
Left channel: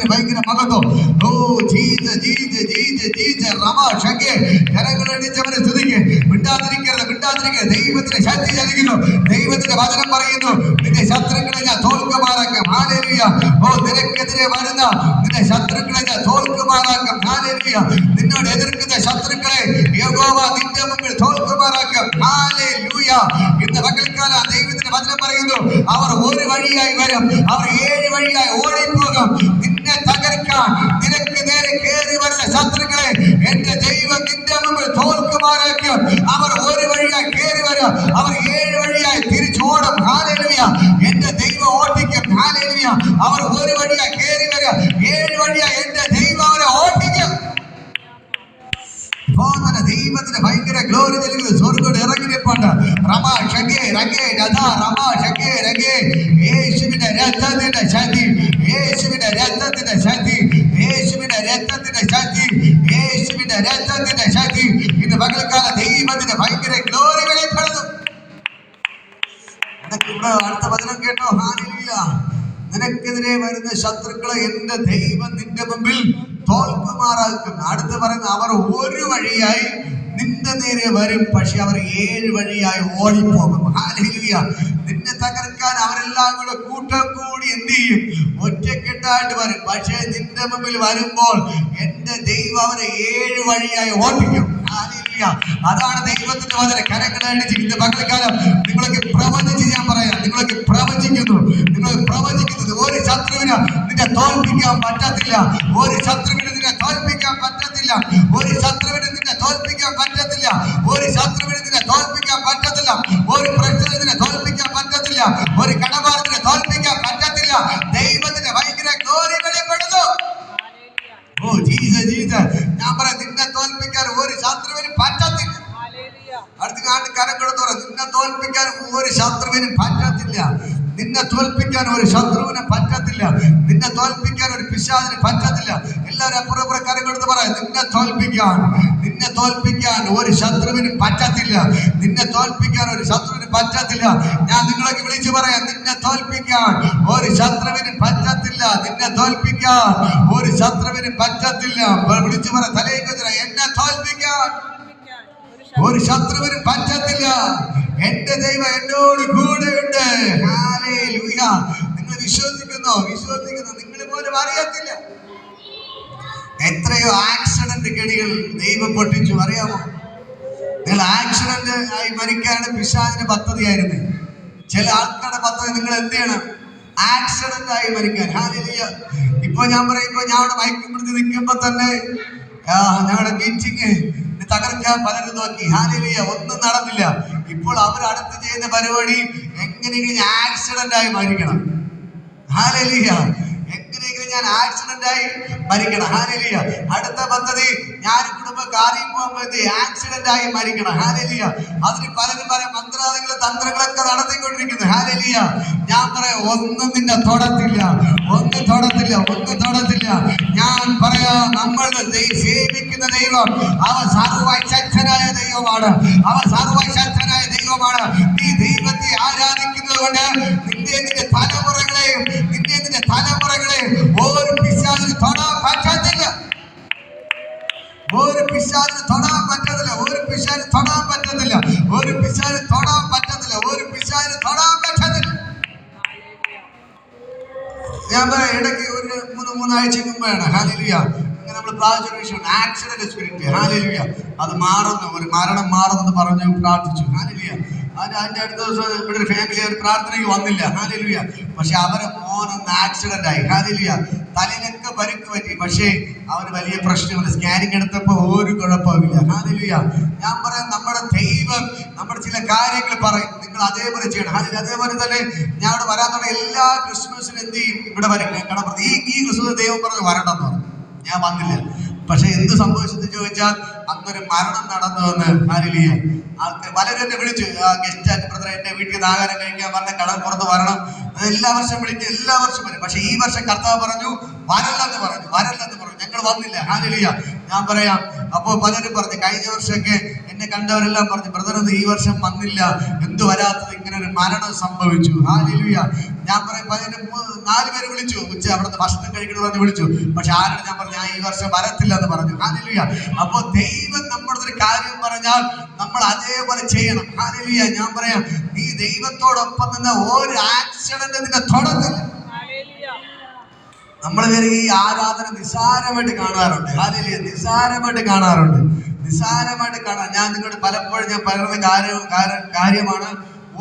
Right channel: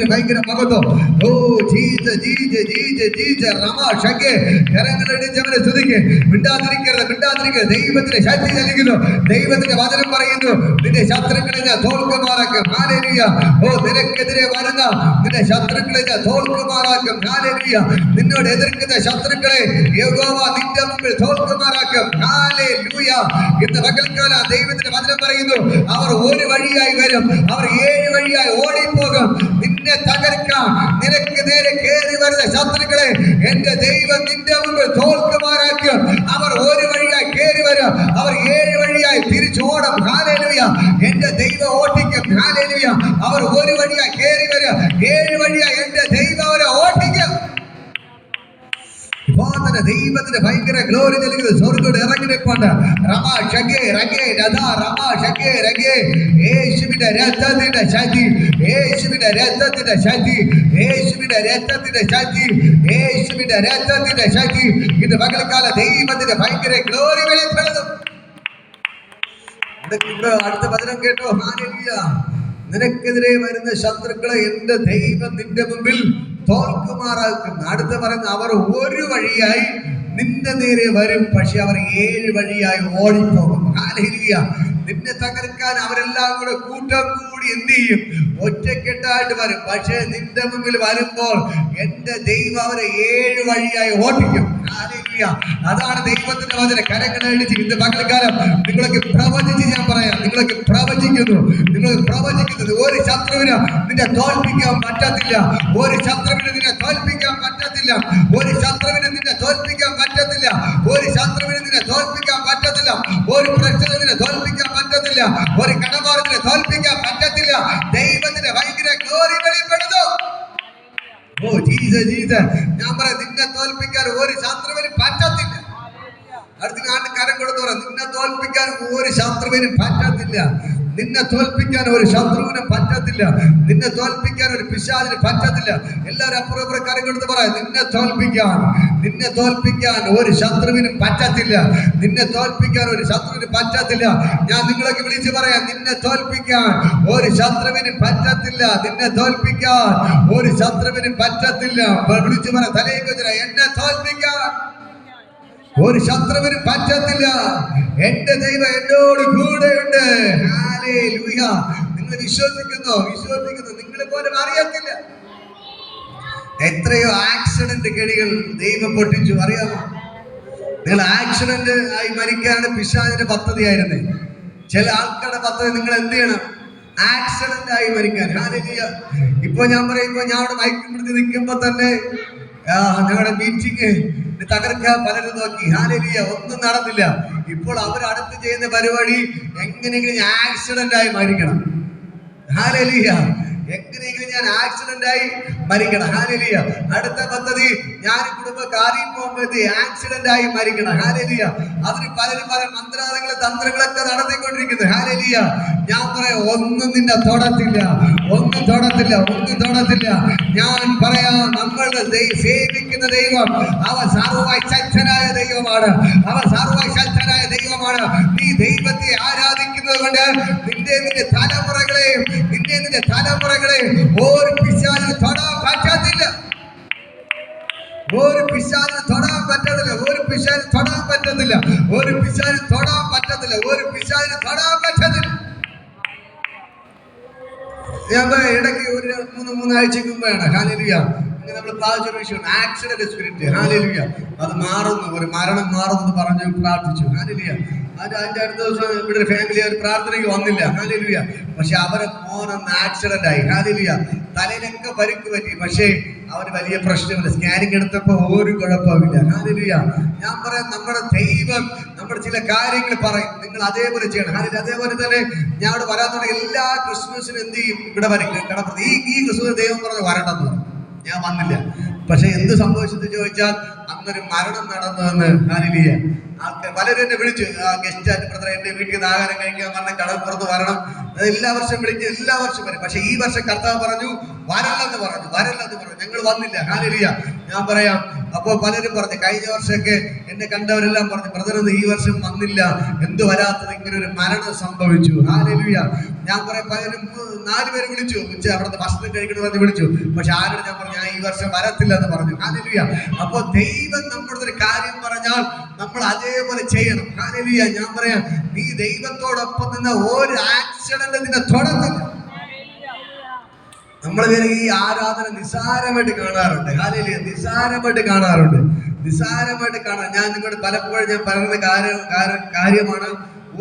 ദൈവത്തിന് ഭയങ്കര മഹത്വം. ഓ ജീജ ജീജ ജീജ ജീജ റമ ഷക്കെ കരങ്ങളടിച്ച് അവനെ സ്തുതിക്ക്. മിണ്ടാതിരിക്കരുത്, മിണ്ടാതിരിക്കരുത്. ദൈവത്തിന്റെ ശക്തി ചലിക്കുന്നു. ദൈവത്തിന്റെ വചനം പറയുന്നു, നിന്റെ ശത്രുക്കളെ ഞാൻ തോൽക്കുമാറാക്കും. ഹല്ലേലൂയ. ഓ നിനക്കെതിരെ വരുന്ന നിന്റെ ശത്രുക്കളെ ഞാൻ തോൽക്കുമാറാക്കും. ഹല്ലേലൂയ. നിന്നോട് എതിർക്കുന്ന ശത്രുക്കളെ യഹോവ നിന്റെ മുമ്പിൽ തോൽക്കുമാറാക്കും. ഹല്ലേലൂയ. ഇന്ന് പകൽക്കാലം ദൈവത്തിന്റെ വചനം പറയുന്നു, അവർ ഒരു വഴിയായി വരും, അവർ 7 വഴിയായി ഓടിപ്പോകും. നിന്നെ തകർക്കാൻ നിനക്ക് നേരെ കയറി വരുന്ന ശത്രുക്കളെ എന്റെ ദൈവം നിന്റെ മുമ്പിൽ തോൽക്കുമാറാക്കും. അവർ ഒരു വഴിയായി കയറി വരും, അവർ 7 വഴിയായി തിരിച്ചോടും. ഹല്ലേലൂയ. എന്റെ ദൈവം ഓടിക്കും. ഹല്ലേലൂയ. അവർ ഒരു വഴിയായി കയറി വരും, 7 വഴിയായി എന്റെ ദൈവം അവരെ ഓടിക്കും. ദൈവത്തിന് ഭയങ്കര ഗ്ലോറി നൽകുന്നത് സ്വർഗ്ഗം ഇറങ്ങിപ്പോണ്ട്. റമാ ഷകേ രകേ ദാ റമാ ഷകേ രകേ. യേശുവിന്റെ രക്തത്തിന്റെ ശക്തി, യേശുവിന്റെ രക്തത്തിന്റെ ശക്തി, യേശുവിന്റെ രക്തത്തിന്റെ ശക്തി, യേശുവിന്റെ രക്തത്തിന്റെ ശക്തി. ഇന്ന് പകൽക്കാല ദൈവത്തിന്റെ ഭയങ്കര ഗ്ലോറി വെളിപ്പെടുന്നു. അടുത്ത വചനം കേട്ടോ. ഹല്ലേലൂയ. നിനക്കെതിരെ വരുന്ന ശത്രുക്കളെ എന്റെ ദൈവം നിന്റെ മുമ്പിൽ തോൽക്കുമാറാക്കും. അടുത്ത് പറയുന്ന, അവർ ഒരു വഴിയായി നിന്റെ നേരെ വരും, പക്ഷെ അവർ 7 വഴിയായി ഓടിപ്പോകും. ഹല്ലേലൂയ. നിന്നെ തകർക്കാൻ അവരെല്ലാം കൂടെ കൂട്ടം കൂടി എന്ത് ചെയ്യും? ഒറ്റക്കെട്ടായിട്ട് വരും. പക്ഷെ നിന്റെ മുമ്പിൽ വരുമ്പോൾ എന്റെ ദൈവം അവരെ 7 വഴിയായി ഓടിക്കും. ഹല്ലേലൂയ. അതാണ് ദൈവത്തിന്റെ വചനം. കരങ്ങളടിച്ച് ഇന്ന് പകൽക്കാലം നിങ്ങളൊക്കെ പ്രവചിച്ച് ഞാൻ പറയാം, നിങ്ങളൊക്കെ പ്രവചിക്കുന്നു, നിങ്ങൾ പ്രവചിക്കുന്നത് ഒരു ശത്രുവിന് നിന്നെ തോൽപ്പിക്കാൻ പറ്റത്തില്ല. ഒരു ശത്രുവിന് നിന്നെ തോൽപ്പിക്കാൻ പറ്റത്തില്ല. ഒരു ശത്രുവിന് നിന്നെ തോൽപ്പിക്കാൻ പറ്റത്തില്ല. ഒരു ശത്രുവിന് നിന്നെ തോൽപ്പിക്കാൻ പറ്റത്തില്ല. ഒരു പ്രശ്നം നിന്നെ തോൽപ്പിക്കാൻ പറ്റത്തില്ല. ഒരു കടമാർഗത്തിനെ തോൽപ്പിക്കാൻ പറ്റത്തില്ല. ദൈവത്തിന്റെ ഭയങ്കര ഗ്ലോറി വെളിപ്പെടുന്നു. ഓ ജീസ ജീസ. ഞാൻ പറയാം, നിന്നെ തോൽപ്പിക്കാൻ ഒരു ശത്രുവിന് പറ്റത്തില്ല. അടുത്ത നാട്ടിൽ കരം കൊടുത്തു പറയാം, നിന്നെ തോൽപ്പിക്കാൻ ഒരു ശത്രുവിന് പറ്റത്തില്ല. നിന്നെ തോൽപ്പിക്കാൻ ഒരു ശത്രുവിന് പറ്റത്തില്ല. നിന്നെ തോൽപ്പിക്കാൻ ഒരു പിശാചിന് പറ്റത്തില്ല. എല്ലാവരും അപ്പുറം കരം കൊടുത്ത് പറയാം, നിന്നെ തോൽപ്പിക്കാൻ ഒരു ശത്രുവിന് പറ്റത്തില്ല. നിന്നെ തോൽപ്പിക്കാൻ ഒരു ശത്രുവിന് പറ്റത്തില്ല. ഞാൻ നിങ്ങളൊക്കെ വിളിച്ചു പറയാം, നിന്നെ തോൽപ്പിക്കാൻ ഒരു ശത്രുവിന് പറ്റത്തില്ല. നിന്നെ തോൽപ്പിക്കാൻ ഒരു ശത്രുവിന് പറ്റത്തില്ല. വിളിച്ചു പറയാം, തലയേക്ക് എന്നെ തോൽപ്പിക്കാൻ ഒരു ശത്രുവിന് പറ്റത്തില്ല. എന്റെ ദൈവം എന്നോട് കൂടെയുണ്ട്. ഹല്ലേലൂയ. നിങ്ങൾ വിശ്വസിക്കുന്നു? നിങ്ങൾ പോലും അറിയത്തില്ല. എത്രയോ ആക്സിഡന്റ് കെണികൾ ദൈവം പൊട്ടിച്ചു, അറിയാമോ? നിങ്ങൾ ആക്സിഡന്റ് ആയി മരിക്കാനാണ് പിശാചിന്റെ പദ്ധതിയായിരുന്നു. ചില ആൾക്കാരുടെ പദ്ധതി നിങ്ങൾ എന്ത് ചെയ്യണം? ആക്സിഡന്റ് ആയി മരിക്കാൻ. ഹല്ലേലൂയ. ഇപ്പൊ ഞാൻ പറയുമ്പോ, ഞാൻ അവിടെ മയക്കുപിടുത്തി നിൽക്കുമ്പോ തന്നെ ഞങ്ങളുടെ മീറ്റിംഗ് തകർക്കാൻ പലരും നോക്കി. ഹല്ലേലൂയ. ഒന്നും നടന്നില്ല. ഇപ്പോൾ അവർ അടുത്ത് ചെയ്യുന്ന പരിപാടി എങ്ങനെയെങ്കിലും ഞാൻ ആക്സിഡന്റ് ആയി മരിക്കണം. ഹല്ലേലൂയ. എങ്ങനെയെങ്കിലും ഞാൻ ആക്സിഡന്റ് ആയി മരിക്കണം. ഹല്ലേലൂയ. അടുത്ത പദ്ധതി, ഞാൻ കുടുംബം കാര്യം പോകുമ്പോഴത്തെ ആക്സിഡന്റ് ആയി മരിക്കണം. ഹല്ലേലൂയ. അതിന് പലരും പല മന്ത്രാലയങ്ങളും തന്ത്രങ്ങളൊക്കെ നടത്തിക്കൊണ്ടിരിക്കുന്നത്. ഹല്ലേലൂയ. ഞാൻ പറയാം, ഒന്നും നിന്നെ തൊടത്തില്ല. ഞാൻ പറയാ, നമ്മൾ സേവിക്കുന്ന ദൈവം അവൻ സർവശക്തനായ ദൈവമാണ്. നീ ദൈവത്തെ ആരാധിക്കുന്നത് കൊണ്ട് നിന്റെ തലമുറകളെയും ഒരു പിശാചിന് തൊടാൻ പറ്റത്തില്ല. ഞാൻ ഇടയ്ക്ക് ഒരു 3 ആഴ്ചക്ക് മുമ്പാണ്. ഹല്ലേലൂയ. നമ്മൾ പ്രാർത്ഥിച്ച വിഷയം ആക്സിഡന്റ് സ്പിരിറ്റ്. ഹല്ലേലൂയ. അത് മാറുന്നു, ഒരു മരണം മാറുന്നു പറഞ്ഞു പ്രാർത്ഥിച്ചു. ഹല്ലേലൂയ. അതിന്റെ അടുത്ത ദിവസം ഇവിടെ ഒരു ഫാമിലി അവർ പ്രാർത്ഥനയ്ക്ക് വന്നില്ല. ഹല്ലേലൂയ. പക്ഷെ അവരെ മോനൊന്ന് ആക്സിഡന്റ് ആയി. ഹല്ലേലൂയ. തലയിലൊക്കെ പരിക്ക് പറ്റി. പക്ഷേ അവന് വലിയ പ്രശ്നമില്ല. സ്കാനിങ് എടുത്തപ്പോ ഒരു കുഴപ്പമില്ല. ഹല്ലേലൂയ. ഞാൻ പറയാം, നമ്മുടെ ദൈവം നമ്മുടെ ചില കാര്യങ്ങൾ പറയും, നിങ്ങൾ അതേപോലെ ചെയ്യണം. ഹല്ലേലൂയ. അതേപോലെ തന്നെ ഞാൻ ഇവിടെ വരാത്തോടെ എല്ലാ ക്രിസ്മസിനും എന്ത് ചെയ്യും? ഇവിടെ വരും. കാരണം ഈ ക്രിസ്മസ് ദൈവം പറഞ്ഞു വരണം എന്ന്. ഞാൻ വന്നില്ല. പക്ഷെ എന്ത് സംഭവിച്ചെന്ന് ചോദിച്ചാൽ, അന്നൊരു മരണം നടന്നുവെന്ന്. ഹല്ലേലൂയ. ആൾക്കാർ പലരും എന്നെ വിളിച്ചു, ഗസ്റ്റ് ബ്രദർ എന്റെ വീട്ടിൽ നിന്ന് ആഹാരം കഴിക്കാൻ വന്ന കടൽപ്പുറത്ത് വരണം. എല്ലാ വർഷം വിളിക്കും, എല്ലാ വർഷം വരും. പക്ഷെ ഈ വർഷം കർത്താവ് പറഞ്ഞു വരല്ലെന്ന് പറഞ്ഞു. ഞങ്ങൾ വന്നില്ല. ഹല്ലേലൂയ. ഞാൻ പറയാം. അപ്പോ പലരും പറഞ്ഞു, കഴിഞ്ഞ വർഷമൊക്കെ എന്നെ കണ്ടവരെല്ലാം പറഞ്ഞു, ബ്രദർ ഈ വർഷം വന്നില്ല, എന്തു വരാത്തത്, ഇങ്ങനെ ഒരു മരണം സംഭവിച്ചു. ഹല്ലേലൂയ. ഞാൻ പറയാം, പലരും 4 പേര് വിളിച്ചു, അവിടുത്തെ ഭക്ഷണം കഴിക്കണമെന്ന് വിളിച്ചു. പക്ഷെ ആരോട് ഞാൻ പറഞ്ഞു, ഞാൻ ഈ വർഷം വരത്തില്ല എന്ന് പറഞ്ഞു. ഹല്ലേലൂയ. അപ്പോ ദൈവം നമ്മുടെ ഒരു കാര്യം പറഞ്ഞാൽ നമ്മൾ അതേപോലെ ചെയ്യണം. ഹല്ലേലൂയ. ഞാൻ പറയാം, ഈ ദൈവത്തോടൊപ്പം നിന്ന് ഒരു ആക്സിഡന്റ് നിന്നെ തൊടത്തില്ല. നമ്മൾ ഈ ആരാധന നിസ്സാരമായിട്ട് കാണാറുണ്ട്. ഹല്ലേലൂയ. നിസ്സാരമായിട്ട് കാണാറുണ്ട്. ഞാൻ നിങ്ങളോട് പലപ്പോഴും ഞാൻ പറയുന്ന കാര്യമാണ്,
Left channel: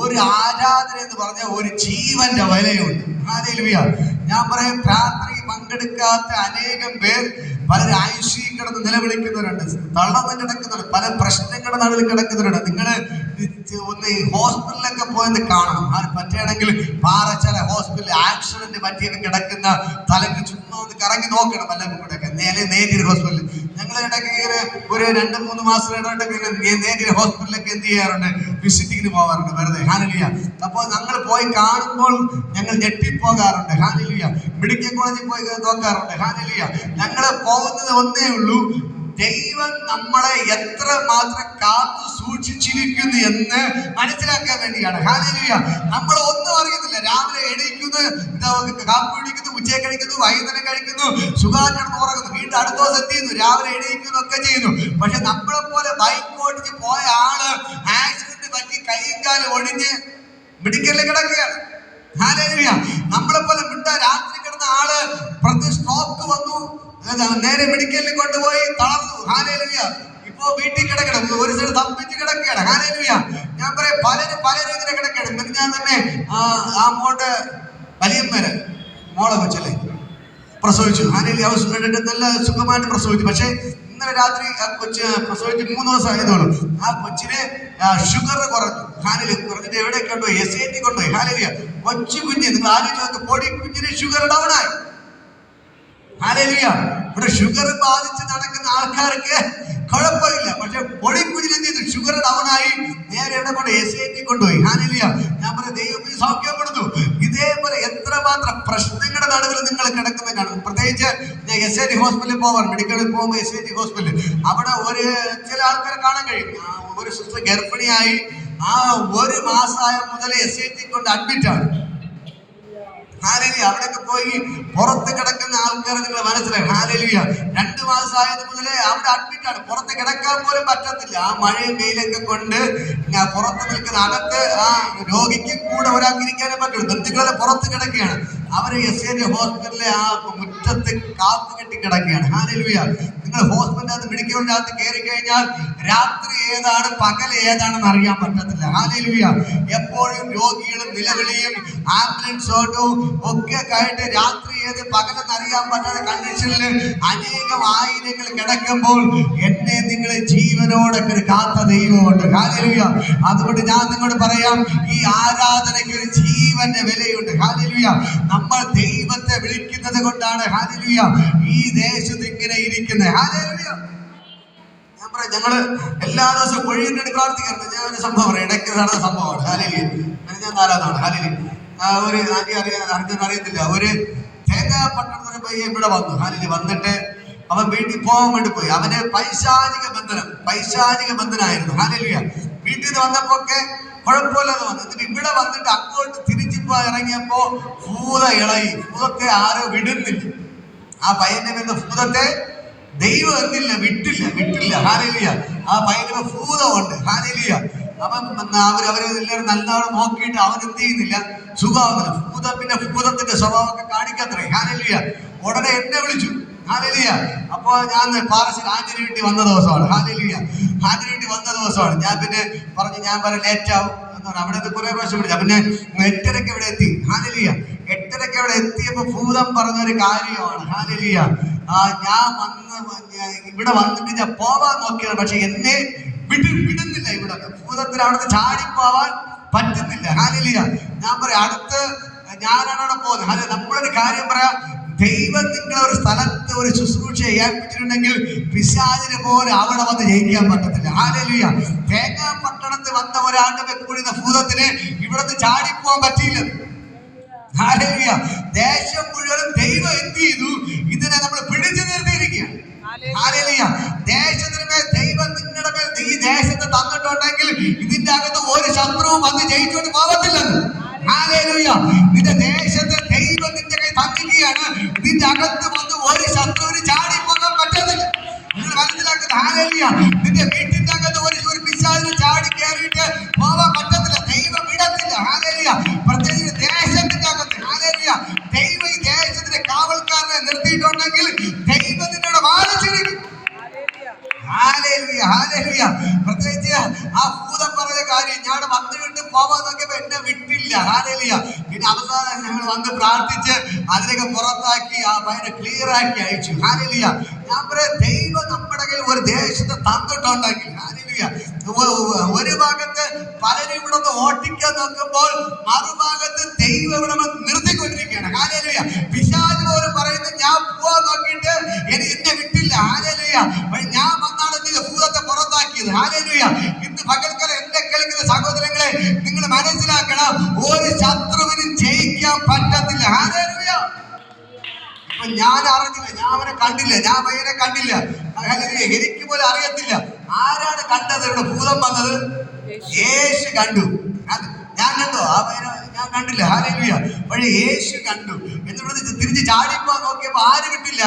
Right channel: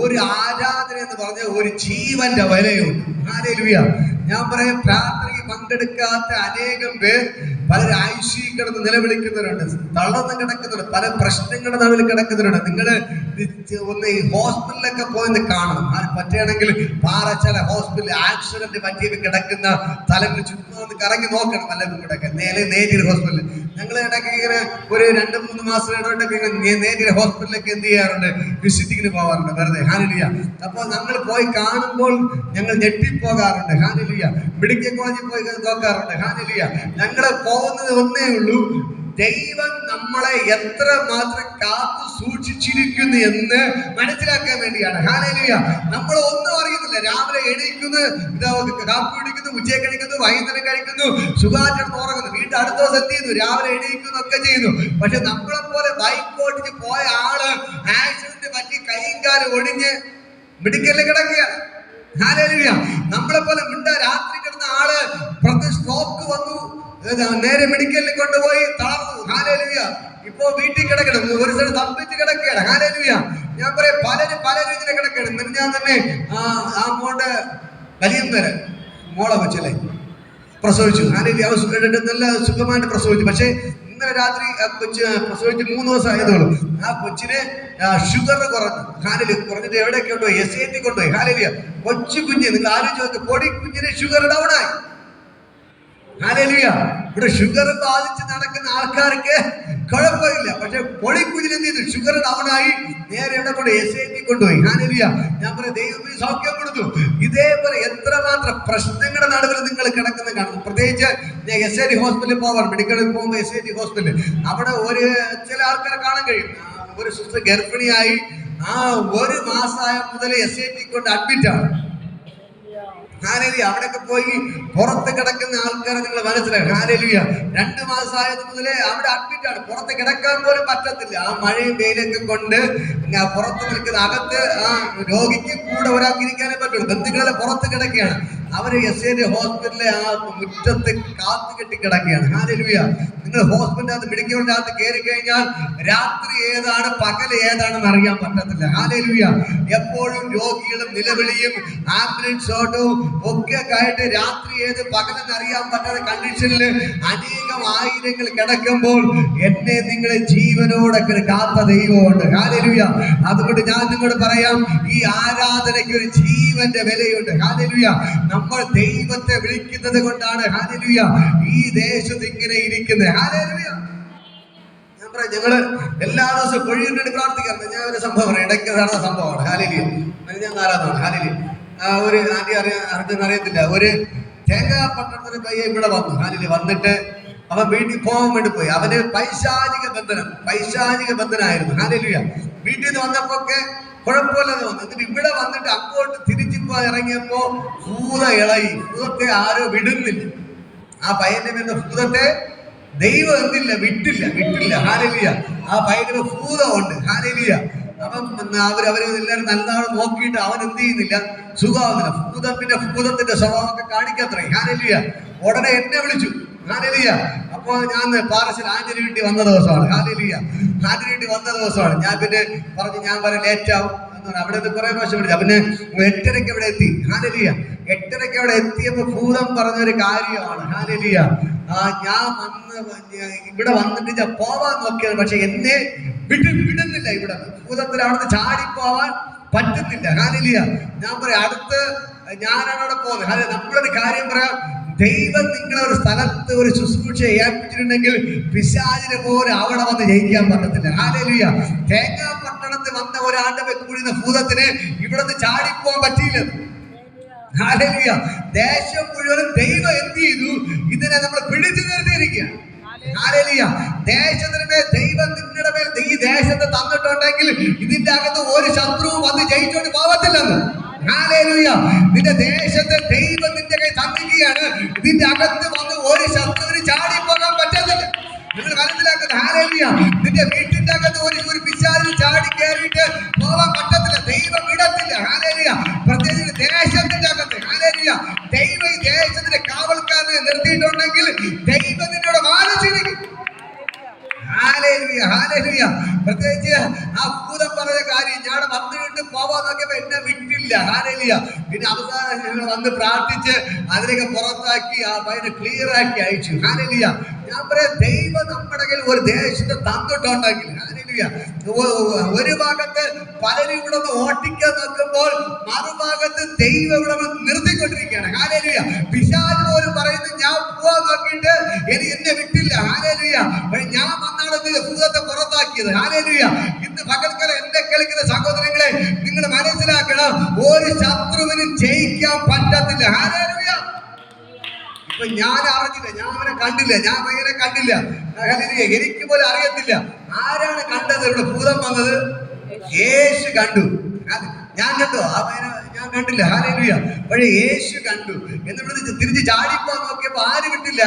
ഒരു ആരാധന എന്ന് പറഞ്ഞാൽ ഒരു ജീവന്റെ വിലയുണ്ട്. ഹല്ലേലൂയ. ഞാൻ പറയാം, പ്രാർത്ഥനയ്ക്ക് പങ്കെടുക്കാത്ത അനേകം പേർ പലരും ഐസിയിൽ കിടന്ന് നിലവിളിക്കുന്നവരുണ്ട്, തളർന്ന് കിടക്കുന്നവരുണ്ട്, പല പ്രശ്നങ്ങളുടെ നടുവിൽ കിടക്കുന്നവരുണ്ട്. നിങ്ങള് ഒന്ന് ഈ ഹോസ്പിറ്റലിലൊക്കെ പോയെന്ന് കാണണം. പറ്റുകയാണെങ്കിൽ പാറച്ചാല ഹോസ്പിറ്റലിൽ ആക്സിഡന്റ് പറ്റിയൊക്കെ കിടക്കുന്ന തലക്ക് ചുമ്മാ ഒന്ന് കറങ്ങി നോക്കണം. എല്ലാം കൂടെ നേരിയ ഹോസ്പിറ്റലിൽ ഞങ്ങൾ ഇടയ്ക്ക് ഇങ്ങനെ ഒരു 2-3 മാസം ഇടയ്ക്കൊക്കെ നേരിയ ഹോസ്പിറ്റലിലൊക്കെ എന്ത് ചെയ്യാറുണ്ട്, വിസിറ്റിങ്ങിന് പോകാറുണ്ട് വെറുതെ. ഹല്ലേലൂയ. അപ്പോൾ ഞങ്ങൾ പോയി കാണുമ്പോൾ ഞങ്ങൾ ഞെട്ടിപ്പോകാറുണ്ട്. ഹല്ലേലൂയ. മെഡിക്കൽ കോളേജിൽ പോയി നോക്കാറുണ്ട്. ഹല്ലേലൂയ. ഞങ്ങൾ പോകുന്നത് ഒന്നേ ഉള്ളൂ, ദൈവം നമ്മളെ എത്ര മാത്രം കാത്തു സൂക്ഷിച്ചിരിക്കുന്നു എന്ന് മനസ്സിലാക്കാൻ വേണ്ടിയാണ്. ഹല്ലേലൂയ. നമ്മൾ ഒന്നും അറിയുന്നില്ല. രാവിലെ എണീക്കുന്നു, കാപ്പി കുടിക്കുന്നു, ഉച്ചയ്ക്ക് കഴിക്കുന്നു, വൈകുന്നേരം കഴിക്കുന്നു, സുഖാചരണം ഉറങ്ങുന്നു, വീണ്ടും അടുത്ത ദിവസം എന്ത് ചെയ്യുന്നു, രാവിലെ എണീക്കുന്നു, ഒക്കെ ചെയ്യുന്നു. പക്ഷെ നമ്മളെ പോലെ ബൈക്ക് ഓടിച്ച് പോയ ആള് ആക്സിഡന്റ് പറ്റി കൈയും കാലും ഒടിഞ്ഞ് മെഡിക്കലിൽ കിടക്കുകയാണ്. ഹല്ലേലൂയ. നമ്മളെ പോലെ രാത്രി കിടന്ന ആള് സ്ട്രോക്ക് വന്നു, നേരെ മെഡിക്കലിൽ കൊണ്ടുപോയി തളർന്നു. ഹല്ലേലൂയ. ഇപ്പോ വീട്ടിൽ കിടക്കണം, ഒരു സ്ഥലത്ത് തമ്പിച്ച് കിടക്കുകയാണ്. ഹല്ലേലൂയ. ഞാൻ പറയാം, പലരും ഇങ്ങനെ കിടക്കണം. ഞാൻ തന്നെ ആ മോളുടെ വലിയമ്മേരെ മോളെ കൊച്ചല്ലേ പ്രസവിച്ചു. ഹല്ലേലൂയ. അവൻ നല്ല സുഖമായിട്ട് പ്രസവിച്ചു. പക്ഷെ ഇന്നലെ രാത്രി ആ കൊച്ച് പ്രസവിച്ച് 3 ദിവസം ആയതുള്ളൂ. ആ കൊച്ചിന് ഷുഗർ കുറഞ്ഞു. ഹല്ലേലൂയ. കുറഞ്ഞിട്ട് എവിടെയൊക്കെ കൊണ്ടുപോയി, SAT കൊണ്ടുപോയി. ഹല്ലേലൂയ. കൊച്ചു കുഞ്ഞ്, നിങ്ങൾ ആലോചിച്ച് നോക്ക്, പൊടി കുഞ്ഞിന് ഷുഗർ ഡൗൺ ആയി. ഹല്ലേലൂയ. ഇവിടെ ഷുഗർ ബാധിച്ച് നടക്കുന്ന ആൾക്കാർക്ക് കുഴപ്പമില്ല. പക്ഷെ പൊടിക്കുഞ്ഞിന് എന്ത് ചെയ്തു, ഷുഗർ ഡൗൺ ആയി, നേരെ ഇവിടെ കൊണ്ട് SAT കൊണ്ടുപോയി. ഹല്ലേലൂയ. ഞാൻ പറയാം, ദൈവം സൗഖ്യം കൊടുത്തു. ഇതേപോലെ എത്രമാത്രം പ്രശ്നങ്ങളുടെ നടുവിൽ നിങ്ങൾ കിടക്കുന്ന കാണും. പ്രത്യേകിച്ച് ഞാൻ SAT ഹോസ്പിറ്റലിൽ പോവാൻ, മെഡിക്കലിൽ പോകുമ്പോൾ SAT ഹോസ്പിറ്റലിൽ അവിടെ ചില ആൾക്കാരെ കാണാൻ കഴിയും. ഒരു സിസ്റ്റർ ഗർഭിണിയായി 1 മാസമായ മുതൽ SAT കൊണ്ട് അഡ്മിറ്റ് ആണ്. ഹല്ലേലൂയ. അവിടെയൊക്കെ പോയി പുറത്ത് കിടക്കുന്ന ആൾക്കാരെ നിങ്ങൾ മനസ്സിലായി. ഹല്ലേലൂയ. 2 മാസമായത് മുതലേ അവിടെ അഡ്മിറ്റ് ആണ്. പുറത്ത് കിടക്കാൻ പോലും പറ്റത്തില്ല. ആ മഴയും വെയിലൊക്കെ കൊണ്ട് പുറത്ത് നിൽക്കുന്ന, അകത്ത് ആ രോഗിക്ക് കൂടെ ഒരാൾക്ക് ഇരിക്കാനേ പറ്റുള്ളൂ. ബന്ധുക്കളെ പുറത്ത് കിടക്കുകയാണ്. അവര് SAT ഹോസ്പിറ്റലിലെ ആ മുറ്റത്ത് കാത്തു കെട്ടി കിടക്കുകയാണ്. ഹല്ലേലൂയ. നിങ്ങൾ ഹോസ്പിറ്റലിനകത്ത് മെഡിക്കലിനകത്ത് കയറി കഴിഞ്ഞാൽ രാത്രി ഏതാണ് പകൽ ഏതാണെന്ന് അറിയാൻ പറ്റത്തില്ല. ഹല്ലേലൂയ. എപ്പോഴും രോഗികളും നിലവിളിയും ആംബുലൻസ് ഓട്ടവും ഒക്കെ ആയിട്ട് രാത്രി ഏത് പകലെന്ന് അറിയാൻ പറ്റാത്ത കണ്ടീഷനിൽ അനേകം ആയിരങ്ങൾ കിടക്കുമ്പോൾ എന്നെ നിങ്ങളെ ജീവനോടൊക്കെ കാത്ത ദൈവമുണ്ട്. ഹല്ലേലൂയ. അതുകൊണ്ട് ഞാൻ നിങ്ങളോട് പറയാം, ഈ ആരാധനയ്ക്ക് ഒരു ജീവന്റെ വിലയുണ്ട്. ഹല്ലേലൂയ. നമ്മൾ ദൈവത്തെ വിളിക്കുന്നത് കൊണ്ടാണ് ഹല്ലേലൂയ ഈ ദേശത്ത് ഇങ്ങനെ ഇരിക്കുന്നത്. ഹല്ലേലൂയ. ഞാൻ പറയാം, ഞങ്ങള് എല്ലാ ദിവസവും പൊഴിയിന് വേണ്ടി പ്രാർത്ഥിക്കാറുണ്ട്. ഞാൻ ഒരു സംഭവം ഇടയ്ക്ക് നടന്ന സംഭവമാണ്. ഹല്ലേലൂയ. ഞാൻ 4 നാളാണ്. ഹല്ലേലൂയ. ഒരു അറിയത്തില്ല, ഒരു തേങ്ങാപ്പട്ടണത്തിന് പയ്യെ ഇവിടെ വന്നു. ഹല്ലേലൂയ. വന്നിട്ട് അവൻ വീട്ടിൽ പോകാൻ വേണ്ടി പോയി. അവന് പൈശാചിക ബന്ധനായിരുന്നു. ഹല്ലേലൂയ. വീട്ടിൽ നിന്ന് വന്നപ്പോ ഒക്കെ കുഴപ്പമില്ലെന്ന് വന്നു. എന്നിട്ട് ഇവിടെ വന്നിട്ട് അങ്ങോട്ട് തിരിച്ചിപ്പോ ഇറങ്ങിയപ്പോ ഭൂത ഇളകി. ഭൂതത്തെ ആരോ വിടുന്നില്ല. ആ പയ്യന്റെ നിന്ന് ഭൂതത്തെ ദൈവം എന്തില്ല, വിട്ടില്ല. ഹല്ലേലൂയ. ആ പയ്യന് ഭൂതമുണ്ട്. ഹല്ലേലൂയ. അവരെല്ലാവരും നല്ലവണ്ണം നോക്കിയിട്ട് അവൻ എന്ത് ചെയ്യുന്നില്ല, സുഖാവുന്നില്ല. ഭൂതത്തിന്റെ സ്വഭാവമൊക്കെ കാണിക്കത്രേ. ഹല്ലേലൂയ. ഉടനെ എന്നെ വിളിച്ചു. ഹല്ലേലൂയ. അപ്പൊ ഞാൻ പാറശ്ശേരി ആന്റണി വീട്ടിൽ വന്ന ദിവസമാണ്. ഹല്ലേലൂയ. ആന്റണി വീട്ടിൽ വന്ന ദിവസമാണ്. ഞാൻ പിന്നെ പറഞ്ഞു, ഞാൻ വരാൻ ലേറ്റ് ആവും. അവിടെ കുറെ പ്രാവശ്യം വിളിച്ചു. പിന്നെ 8:30 ഇവിടെ എത്തി. ഹല്ലേലൂയ. 8:30 അവിടെ എത്തിയപ്പോ ഭൂതം പറഞ്ഞൊരു കാര്യമാണ്. ഹല്ലേലൂയ. ഞാൻ ഇവിടെ വന്നിട്ട് ഞാൻ പോവാൻ നോക്കിയത്, പക്ഷെ എന്നെ വിടുന്നില്ല. ഇവിടെ ഭൂതത്തിന് അവിടുന്ന് ചാടിപ്പോവാൻ പറ്റുന്നില്ല. ഹല്ലേലൂയ. ഞാൻ പറയാം, ഞാനാണ് അവിടെ പോകുന്നത്. നമ്മളൊരു കാര്യം പറയാം, ദൈവം നിങ്ങളെ ഒരു സ്ഥലത്ത് ഒരു ശുശ്രൂഷ ഏൽപ്പിച്ചിട്ടുണ്ടെങ്കിൽ പിശാചിനെ പോലെ അവിടെ വന്ന് ജയിക്കാൻ പറ്റത്തില്ല. ഹല്ലേലൂയ. തേങ്ങാപ്പട്ടണത്തിൽ വന്ന ഒരാളുടെ വെക്കുഴിയുന്ന ഭൂതത്തിന് ഇവിടുന്ന് ചാടിപ്പോവാൻ പറ്റിയില്ല. ഹല്ലേലൂയ. ദേശം മുഴുവനും ദൈവം എന്ത് ചെയ്തു, ഇതിനെ നമ്മൾ പിടിച്ചു നിർത്തിയിരിക്കുകയാണ്. ഹല്ലേലൂയ. അകത്ത് വന്ന് ഒരു ശത്രുവിന് ചാടിപ്പോകാൻ പറ്റത്തില്ല. നിങ്ങൾ മനസ്സിലാക്കുന്നത് ഹല്ലേലൂയ. നിന്റെ വീട്ടിന്റെ അകത്ത് ഒരു പിശാചിന് ചാടി കയറിയിട്ട് പോകാൻ പറ്റത്തില്ല. ദൈവം വിടത്തില്ല. ഹല്ലേലൂയ. പ്രത്യേകിച്ച് ദേശത്തിന്റെ അകത്ത് ഹല്ലേലൂയ. ദൈവം ഈ ദേശത്തിന്റെ കാവൽക്കാരനെ നിർത്തിയിട്ടുണ്ടെങ്കിൽ ദൈവം നിന്നോട് വാദിച്ചിരിക്കും. Hallelujah, hallelujah. പ്രത്യേകിച്ച് ആ ഭൂതം പറഞ്ഞ കാര്യം ഞാൻ വന്നു വിട്ട് പോവാൻ നോക്കിയപ്പോ എന്നെ വിട്ടില്ല. ഹല്ലേലൂയ. പിന്നെ അവസാനം ഞങ്ങൾ വന്ന് പ്രാർത്ഥിച്ച് അതിനൊക്കെ പുറത്താക്കി ആ പയ്യനെ ക്ലിയർ ആക്കി അയച്ചു. ഹല്ലേലൂയ. ഞാൻ പറയാം, ദൈവം നമ്മുടെ കയ്യിൽ ഒരു ദേശത്ത് തന്നിട്ടുണ്ടെങ്കിൽ ഹല്ലേലൂയ, ഒരു ഭാഗത്ത് പലരും ഇവിടെ നിന്ന് ഓട്ടിക്കാൻ നോക്കുമ്പോൾ മറുഭാഗത്ത് ദൈവം ഇവിടെ നിർത്തിക്കൊണ്ടിരിക്കുകയാണ്. ഹല്ലേലൂയ. പിശാച് പോലും പറയുന്നത് ഞാൻ പോവാൻ നോക്കിയിട്ട് എന്നെ വിട്ടില്ല. ഹല്ലേലൂയ. ഞാൻ വന്നാണ് ഭൂതത്തെ പുറത്താക്കിയത്. ഹല്ലേലൂയ. ഇന്ന് പകൽക്കാലം എന്നെ കേൾക്കുന്ന സഹോദരങ്ങളെ, നിങ്ങൾ മനസ്സിലാക്കണം, ഒരു ശത്രുവിനും ജയിക്കാൻ പറ്റത്തില്ല. ഹല്ലേലൂയ. ഇപ്പൊ ഞാൻ അറിഞ്ഞില്ല, ഞാൻ അവനെ കണ്ടില്ല, ഞാൻ പയ്യനെ കണ്ടില്ല. ഹല്ലേലൂയ. എനിക്ക് പോലും അറിയത്തില്ല ആരാണ് കണ്ടത്. ഇവിടെ ഭൂതം വന്നത് യേശു കണ്ടു. ഞാൻ കണ്ടോ ആ പയ്യനെ? ഞാൻ കണ്ടില്ല. ഹല്ലേലൂയ. പക്ഷേ യേശു കണ്ടു. എന്നിട്ട് തിരിച്ച് ചാടിപ്പോ നോക്കിയപ്പോ ആര് വിട്ടില്ല?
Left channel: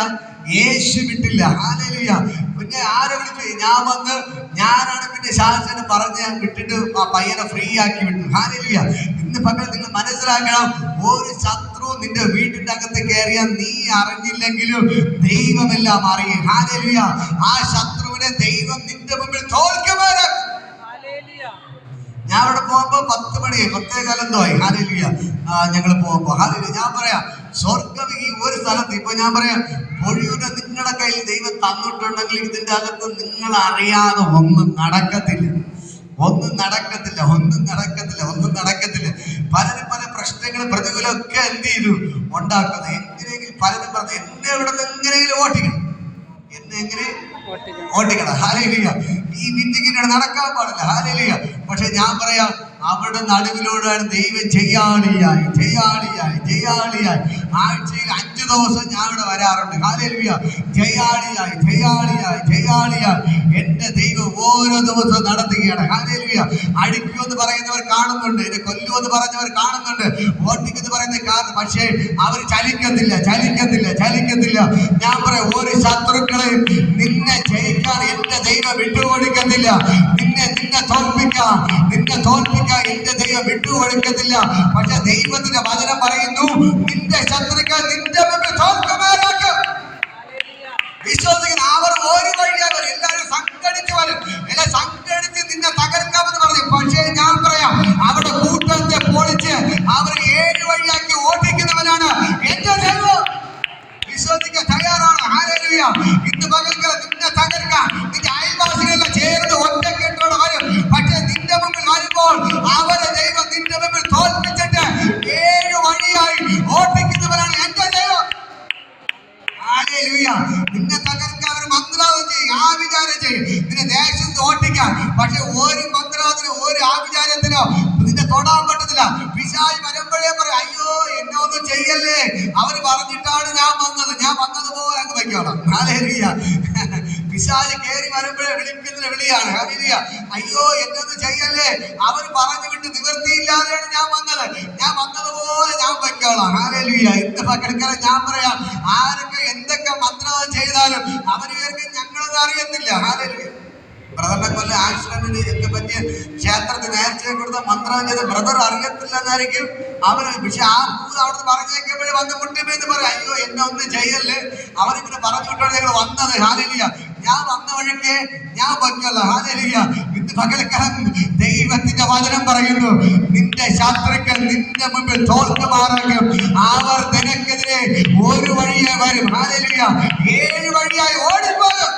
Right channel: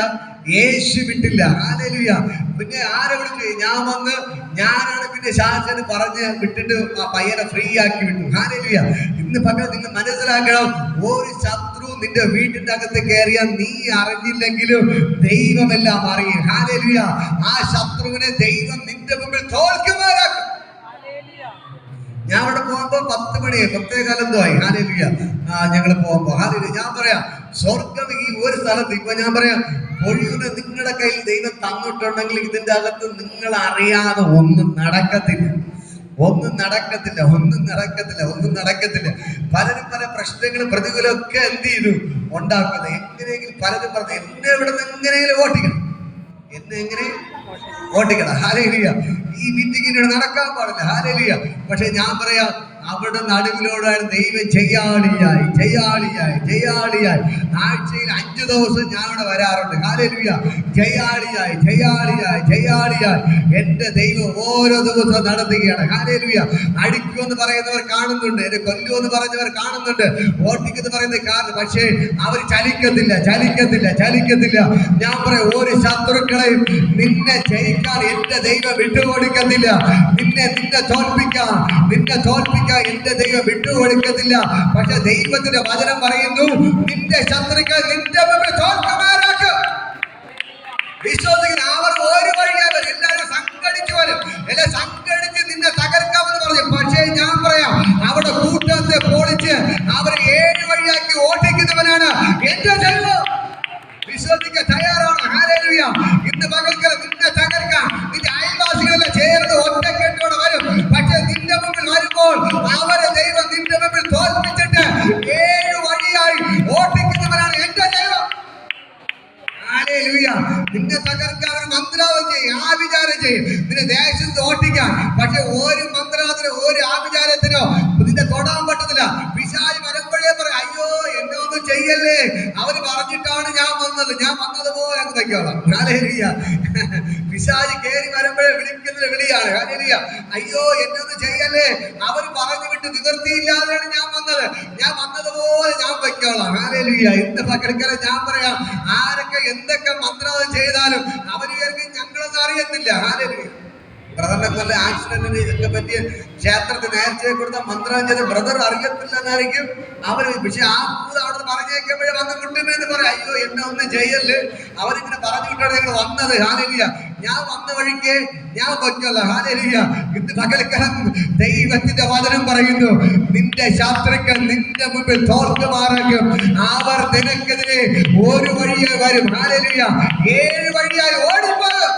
യേശു വിട്ടില്ല. ഹല്ലേലൂയ. പിന്നെ ആരെ വിളിച്ചു? ഞാൻ വന്ന് ഞാനാണ് പിന്നെ ശാസന പറഞ്ഞ് വിട്ടിട്ട് ആ പയ്യനെ ഫ്രീ ആക്കി വിട്ടു. ഹല്ലേലൂയ. ഇന്ന് പകൽ നിങ്ങൾ മനസ്സിലാക്കണം, ഒരു ശത്രു നിന്റെ വീട്ടിന്റെ അകത്ത് കയറിയ നീ അറിഞ്ഞില്ലെങ്കിലും ദൈവമെല്ലാം അറിയും. ഹല്ലേലൂയ. ആ ശത്രുവിനെ ദൈവം നിന്റെ മുമ്പിൽ തോൽക്കുമാറാക്കും. ഞാൻ അവിടെ പോകുമ്പോ 10 മണി 10:15 ആയി. ഹല്ലേലൂയ. ഞങ്ങൾ പോകുമ്പോ ഹല്ലേലൂയ. ഞാൻ പറയാം, സ്വർഗം ഈ ഒരു സ്ഥലത്ത് ഇപ്പൊ ഞാൻ പറയാം, ഒഴിയുടെ നിങ്ങളുടെ കയ്യിൽ ദൈവം തന്നിട്ടുണ്ടെങ്കിൽ ഇതിന്റെ അകത്ത് നിങ്ങൾ അറിയാതെ ഒന്നും നടക്കത്തില്ല. ഒന്നും നടക്കത്തില്ല. ഒന്നും നടക്കത്തില്ല. ഒന്നും നടക്കത്തില്ല. പലരും പല പ്രശ്നങ്ങളും പ്രതികൂലമൊക്കെ എന്ത് ചെയ്തു ഉണ്ടാക്കുന്നത്. എന്തിനെങ്കിലും പലരും പറഞ്ഞു എന്നെ ഇവിടെ നിന്ന് എങ്ങനെയെങ്കിലും ഓട്ടിക്കണം, എന്നെ എങ്ങനെ ഓട്ടിക്കണം. ഹല്ലേലൂയ. ഈ മീറ്റിങ്ങിനോട് നടക്കാൻ പാടില്ല. ഹല്ലേലൂയ. പക്ഷെ ഞാൻ പറയാം, അവിടെ നടുവിലോടാണ് ദൈവം ജയാളിയായി ജയാളിയായി ജയാളിയായി. ആഴ്ചയിൽ 5 ദിവസം ഞാൻ ഇവിടെ വരാറുണ്ട്. ഹല്ലേലൂയ. ജയാളിയായി ജയാളിയായി ജയാളിയായി എന്റെ ദൈവം ഓരോ ദിവസവും നടത്തുകയാണ്. ഹല്ലേലൂയ. അടിക്കുമെന്ന് പറയുന്നവർ കാണുന്നുണ്ട്, എന്നെ കൊല്ലുമെന്ന് പറഞ്ഞവർ കാണുന്നുണ്ട്, ഓട്ടിക്കെന്ന് പറയുന്നത് കാണുന്നു. പക്ഷേ അവർ ചലിക്കത്തില്ല, ചലിക്കത്തില്ല, ചലിക്കത്തില്ല. ഞാൻ പറയാം, ഒരു ശത്രുക്കളെയും നിന്നെ ജയിക്കാൻ എന്റെ ദൈവം വിട്ടുകൊടുക്കത്തില്ല. നിന്നെ തോൽപ്പിക്കാൻ എന്റെ ദൈവം വിട്ടുകൊടുക്കത്തില്ല. പക്ഷെ ദൈവത്തിന്റെ വചനം പറയുന്നു, നിന്റെ ശത്രുക്കൾ നിന്റെ മുമ്പിൽ തോൽക്കുമാറാക്കും. വിശ്വസിക്കുന്ന അവർ ഒരു വഴിയാവർ എല്ലാവരും സംഘടിച്ചു വരും, എല്ലാം സംഘടിച്ച് നിന്നെ തകർക്കാമെന്ന് പറഞ്ഞു. പക്ഷേ ഞാൻ പറയാം, അവിടെ കൂട്ടത്തെ പൊളിച്ച് അവർ 7 വഴിയാക്കി ഓടിക്കുന്നവനാണ് എന്റെ ദൈവം. വിശ്വസിക്കാൻ തയ്യാറാണ്. ഹല്ലേലൂയ. ഇന്ന് പകൽക്കാലം നിന്നെ തകർക്കാൻ നിന്റെ അയൽവാസികളെല്ലാം ചേർന്ന് ഒറ്റക്കെട്ടോടെ വരും. പക്ഷെ നിന്റെ മുമ്പിൽ വരുമ്പോൾ അവരെ ദൈവം നിന്റെ മുമ്പിൽ തോൽപ്പിച്ചിട്ട് 7 വഴിയായി ഓടിക്കുന്നവനാണ് എന്റെ ദൈവം. ഹല്ലേലൂയ. നിന്നെ തകർക്കാൻ ഒരു മന്ത്രവാദം ചെയ്യും, ആഭിചാരം ചെയ്യും, നിന്നെ ദേശത്ത് ഓട്ടിക്കാൻ. പക്ഷെ ഒരു മന്ത്രവാദത്തിനോ ഒരു ആഭിചാരത്തിനോ നിന്നെ തൊടാൻ പറ്റത്തില്ല. പിശാച് വരുമ്പോഴേ പറയും, അയ്യോ എന്നെ ഒന്നും ചെയ്യല്ലേ, അവര് പറഞ്ഞിട്ടാണ് ഞാൻ വന്നത്, ഞാൻ വന്നതുപോലെ അങ്ങ് വെക്കോളാം. ഹല്ലേലൂയ. പിശാച് കയറി വരുമ്പോഴേ വിളിക്കുന്ന വിളിയാണ്. ഹല്ലേലൂയ. അയ്യോ എന്നെ ഒന്നും ചെയ്യല്ലേ, അവര് പറഞ്ഞു വിട്ട് നിവൃത്തിയില്ലാതെയാണ് ഞാൻ വന്നത്, ഞാൻ വന്നതുപോലെ ഞാൻ വെക്കോളാം. ഹല്ലേലൂയ. ഇന്ന് പകൽക്കാലം ഞാൻ പറയാം, ആരൊക്കെ എന്തൊക്കെ മന്ത്രവാദം ചെയ്താലും അവര് ഞങ്ങളൊന്നും അറിയത്തില്ല. ഹല്ലേലൂയ. ബ്രദറിനെ കൊല്ല ആക്സിഡന്റിന് ഒക്കെ പറ്റിയ ക്ഷേത്രത്തിൽ നേർച്ചയെ കൊടുത്ത മന്ത്രം ചെയ്ത ബ്രദർ അറിയത്തില്ലെന്നായിരിക്കും അവര്. പക്ഷെ ആ ഭൂതം അവിടെ നിന്ന് പറഞ്ഞേക്കുമ്പോഴേ വന്ന് മുട്ടുമേന്ന് പറയും, അയ്യോ എന്നെ ഒന്നും ചെയ്യല്ലേ, അവരിങ്ങനെ പറഞ്ഞു വിട്ടാണ് ഞങ്ങൾ വന്നത്. ഹല്ലേലൂയ. ഞാൻ വന്ന വഴിക്ക് ഞാൻ വയ്ക്കല്ല. ഹല്ലേലൂയ. ഇന്ന് പകൽക്കാലം ദൈവത്തിന്റെ വചനം പറയുന്നു, നിന്റെ ശത്രുക്കൾ നിന്റെ മുമ്പിൽ തോൽക്കുമാറാക്കും. അവർ നിനക്കെതിരെ ഒരു വഴിയായി വരും. ഹല്ലേലൂയ. 7 വഴിയായി ഓടിപ്പോകും.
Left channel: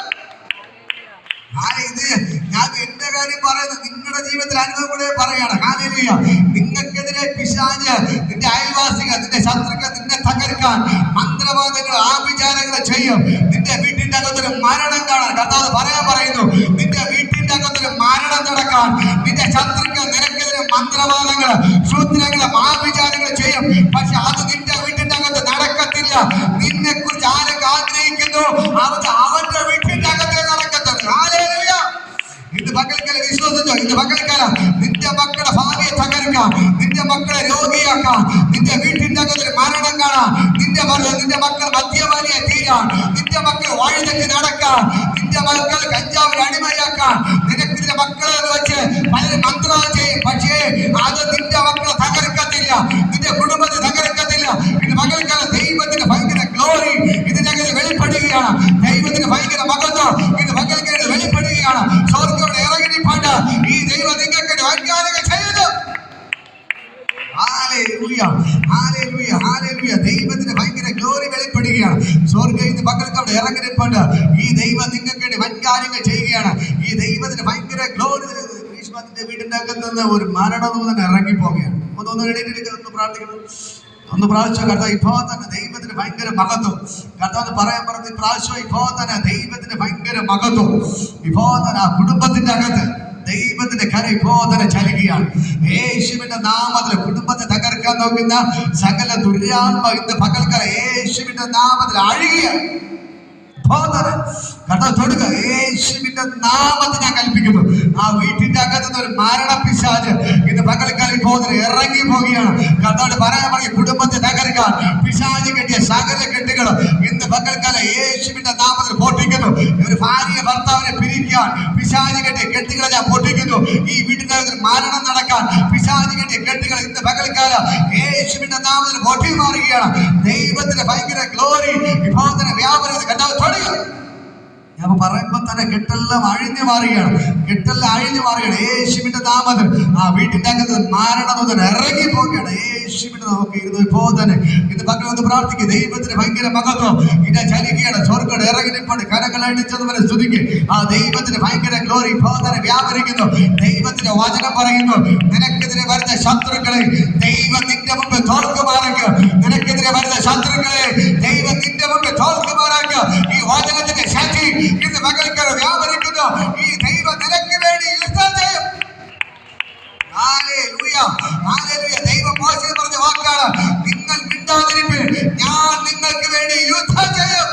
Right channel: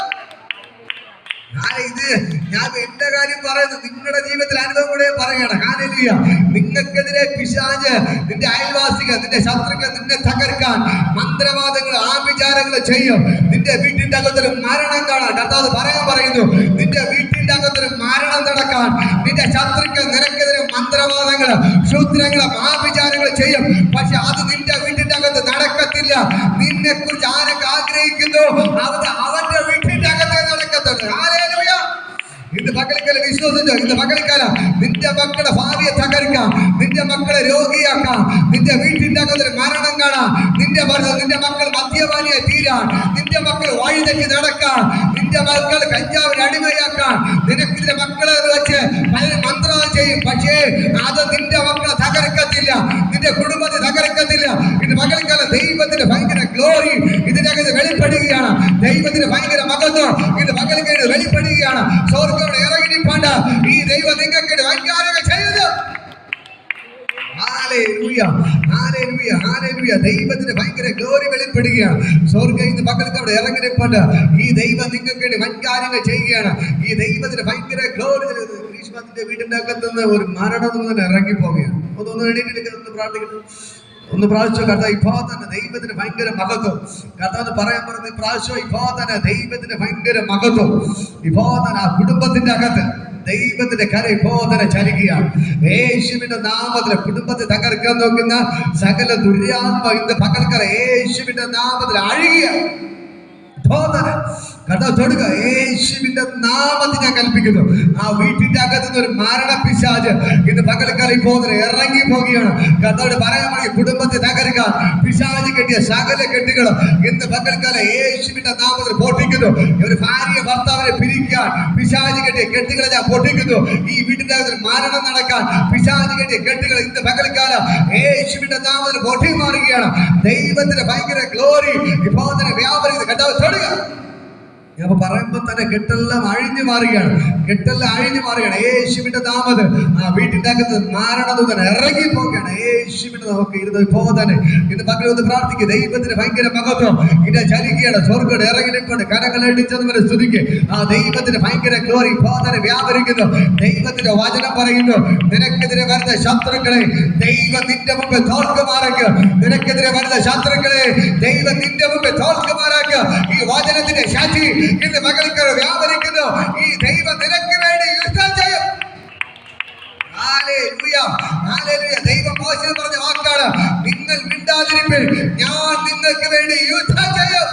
ഇത് ഞാൻ എന്റെ കാര്യം പറയുന്നത് നിങ്ങളുടെ ജീവിതത്തിൽ അനുഭവം കൂടെ പറയാണ്. ഹല്ലേലൂയ. നിങ്ങൾക്കെതിരെ പിശാച്, നിന്റെ അയൽവാസികൾ, നിന്റെ ശത്രുക്കൾ നിന്നെ തകർക്കാൻ മന്ത്രവാദങ്ങൾ ആഭിചാരങ്ങൾ ചെയ്യും. നിന്റെ വീട്ടിന്റെ അകത്തൊരു മരണം കാണാൻ കർത്താവ് പറയുന്നു, നിന്റെ വീട്ടിന്റെ അകത്തൊരു മരണം നടക്കാൻ നിന്റെ ശത്രുക്കൾ നിനക്കെതിരെ മന്ത്രവാദങ്ങൾ സൂത്രങ്ങളും ആഭിചാരങ്ങൾ ചെയ്യും. പക്ഷെ അത് നിന്റെ വീട്ടിന്റെ അകത്ത് നടക്കത്തില്ല. നിന്നെ കുറിച്ച് ആരൊക്കെ ആഗ്രഹിക്കുന്നു അവന്റെ വീട്ടിന്റെ അകത്തെ നടക്കത്തുള്ളൂ. ഹല്ലേലൂയ. ഇന്ന് പകൽക്കാലം വിശ്വസിച്ചോ, ഇന്ന് പകൽക്കാലം നിന്റെ മക്കളുടെ ഭാവിയെ തകർക്കാം, നിന്റെ മക്കളെ രോഗിയാക്കാം, നിന്റെ വീട്ടിന്റെ അകത്തൊരു മരണം കാണാം, നിന്റെ നിന്റെ മക്കൾ മദ്യപാനിയായി തീരാൻ, നിന്റെ മക്കൾ വഴിതെറ്റി നടക്കാൻ, നിന്റെ മക്കൾ കഞ്ചാവിന് അടിമയാക്കാൻ നിന്റെ മക്കളെ വെച്ച് പലരും മന്ത്രവാദം ചെയ്യും. പക്ഷേ അത് നിന്റെ മക്കളെ തകർക്കത്തില്ല, നിന്റെ കുടുംബത്തെ തകർക്കത്തില്ല. ഇത് മകൾക്കാല ദൈവത്തിന്റെ ഭയങ്കര ഗ്ലോറി ഇതിനകത്ത് വെളിപ്പെടുകയാണ്. ദൈവത്തിന്റെ ഭയങ്കര മകത്വം ഇത് മകൾക്ക് വെളിപ്പെടുകയാണ്. സ്വർഗ്ഗം ഇറങ്ങിപ്പാണ്ട് ഈ ദൈവം നിങ്ങൾക്ക് വൈകാരിക ചെയ്തു. ദൈവത്തിന് ഭയങ്കര ഗ്ലോറി വെളിപ്പെടുകയാണ്. സ്വർഗ്ഗത്തിന്റെ മകൾക്ക് അവിടെ ഇറങ്ങിപ്പാണ്ട് ഈ ദൈവം നിങ്ങൾക്ക് വേണ്ടി വൻകാര്യങ്ങൾ ചെയ്യുകയാണ്. ഈ ദൈവത്തിന് ഭയങ്കര ഗ്ലോറി. ഗ്രീഷ്മത്തിന്റെ വീടിന്റെ അകത്തുനിന്ന് ഒരു മരണദൂതൻ ഇറങ്ങിപ്പോവുകയാണ്. ഒന്ന് പ്രാർത്ഥിക്കുന്നു. ഒന്ന് പ്രാവശ്യം കർത്താവ് ഇപ്പോ തന്നെ ദൈവത്തിന് ഭയങ്കര മഹത്വം കർത്താവ് പറയാൻ പറഞ്ഞു. പ്രാവശ്യം ഇപ്പോ തന്നെ ദൈവത്തിന് ഭയങ്കര മഹത്വം. ഇപ്പോ തന്നെ ആ കുടുംബത്തിന്റെ അകത്ത് ദൈവത്തിന്റെ കര ഇപ്പോ തന്നെ ചലിക്കുകയാണ്. യേശുവിന്റെ നാമത്തിൽ കുടുംബത്തെ തകർക്കാൻ നോക്കുന്ന സകല ദുര്യാത്മ ഇന്ന് പകൽക്കര യേശുവിന്റെ നാമത്തിൽ അഴുകിയാണ്. കർത്താവ് തൊടുക. യേശുവിന്റെ നാമത്തിൽ ഞാൻ കൽപ്പിക്കുന്നു. ആ വീട്ടിന്റെ അകത്തുനിന്ന് ഒരു മരണപിശാച് ഇന്ന് പകൽക്കാലം ഇപ്പോൾ ഇറങ്ങി പോവുകയാണ്. കർത്താവ് പറയാൻ മതി കുടുംബത്തെ തകർക്കാൻ പിശാച് കെട്ടിയ സകല കെട്ടുകൾ ഇന്ന് പകൽക്കാലം യേശുവിന്റെ നാമത്തിൽ പൊട്ടിക്കുന്നു. ഒരു ഭാര്യ ഭർത്താവിനെ പിരിക്കാൻ പിശാച് കെട്ടിയ കെട്ടുകളെ ഞാൻ പൊട്ടിക്കുന്നു. ഈ വീട്ടിന്റെ അകത്ത് മരണം നടക്കാൻ പിശാച് കെട്ടിയ കെട്ടുകൾ ഇന്ന് പകൽക്കാലം യേശുവിന്റെ നാമത്തിൽ പൊട്ടി മാറുകയാണ്. ദൈവത്തിന്റെ ഭയങ്കര ഗ്ലോറി ഇപ്പോൾ തന്നെ വ്യാപരിക്കുന്നത് കർത്താവ് തൊടുക. ഞാൻ പറയുമ്പോ തന്നെ കെട്ടെല്ലാം അഴിഞ്ഞു മാറുകയാണ്. കെട്ടെല്ലാം അഴിഞ്ഞു മാറുകയാണ് യേശുവിന്റെ നാമത്തിൽ. ആ വീട്ടിന്റെ അകത്ത് മാരണദൂതൻ ഇറങ്ങി പോവുകയാണ്. യേശുവിന്റെ നമുക്ക് ഇരുന്ന് ഇപ്പോ തന്നെ ഇത് പകർന്ന് പ്രാർത്ഥിക്കുക. ദൈവത്തിന് ഭയങ്കര മഹത്വം ഇത് ചലിക്കുകയാണ്. സ്വർഗ്ഗം ഇറങ്ങിപ്പോണ്ട് കരകളടിച്ചതുപോലെ സ്തുതിക്ക്. ആ ദൈവത്തിന് ഭയങ്കര ഗ്ലോറി ഇപ്പോ തന്നെ വ്യാപരിക്കുന്നു. ദൈവത്തിന്റെ വചനം പറയുന്നു, നിനക്കെതിരെ വരുന്ന ശത്രുക്കളെ ദൈവം നിന്റെ മുമ്പ് തോൽക്കുമാറാക്കുക. നിനക്കെതിരെ വരുന്ന ശത്രുക്കളെ ദൈവം നിന്റെ മുമ്പ് തോൽക്കുമാറാക്കുക. ഈ വചനത്തിന്റെ ശക്തി ഇന്ന് മകൾക്ക് വ്യാപരിക്കുന്നു. ഈ ദൈവം നിനക്ക് വേണ്ടി യുദ്ധം ചെയ്യും. ദൈവം മോശയിൽ പറഞ്ഞ വാക്കാണ്, നിങ്ങൾ മിണ്ടാതിരിപ്പിൻ, ഞാൻ നിങ്ങൾക്ക് വേണ്ടി യുദ്ധം ചെയ്യും.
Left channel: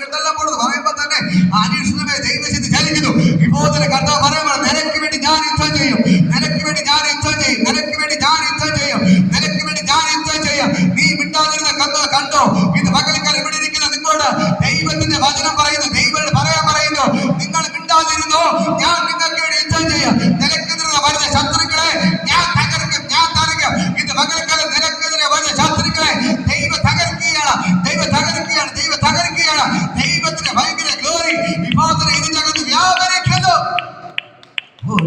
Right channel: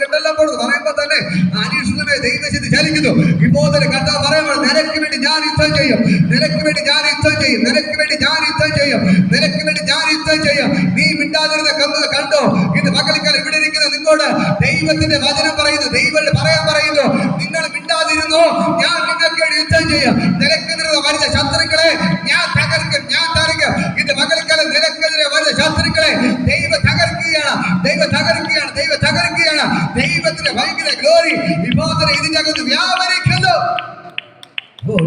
കെട്ടെല്ലാം പോടുന്നു പറയുമ്പോ തന്നെ അനീക്ഷിതമായ ദൈവശക്തി ചലിക്കുന്നു. ഇപ്പോൾ തന്നെ കർത്താവ് പറയുമ്പോൾ നിനക്ക് വേണ്ടി ഞാൻ യുദ്ധം ചെയ്യും, നിനക്ക് വേണ്ടി ഞാൻ യുദ്ധം ചെയ്യും, നിനക്ക് വേണ്ടി ഞാൻ യുദ്ധം ചെയ്യും, നിനക്ക് വേണ്ടി ഞാൻ യുദ്ധം ചെയ്യും. നീ മിണ്ടാതിരുന്ന കണ്ടോ ഇത് മകൾക്കാലം ഇവിടെ ഇരിക്കുന്ന നിങ്ങളോട് ദൈവത്തിന്റെ വചനം പറയുന്നു. ദൈവം പറയാൻ പറയുന്നു, നിങ്ങൾ മിണ്ടാതിരുന്നോ, ഞാൻ നിങ്ങൾക്ക് വേണ്ടി യുദ്ധം ചെയ്യും. നിനക്കെതിരെ വരുന്ന ശത്രുക്കളെ ഞാൻ തകർക്കും, ഞാൻ തകർക്കും. ഇത് മകൾക്കാലം നിനക്കെതിരെ വരുന്ന ശത്രുക്കളെ ദൈവം തകർക്കുകയാണ്, ദൈവം തകർക്കുകയാണ്, ദൈവം തകർക്കുകയാണ്. ദൈവത്തിന്റെ ഭയങ്കര ഗ്ലോറി വിഭാഗത്തിന് ഇതിന്റെ അകത്ത് വ്യാപരിക്കുന്നു.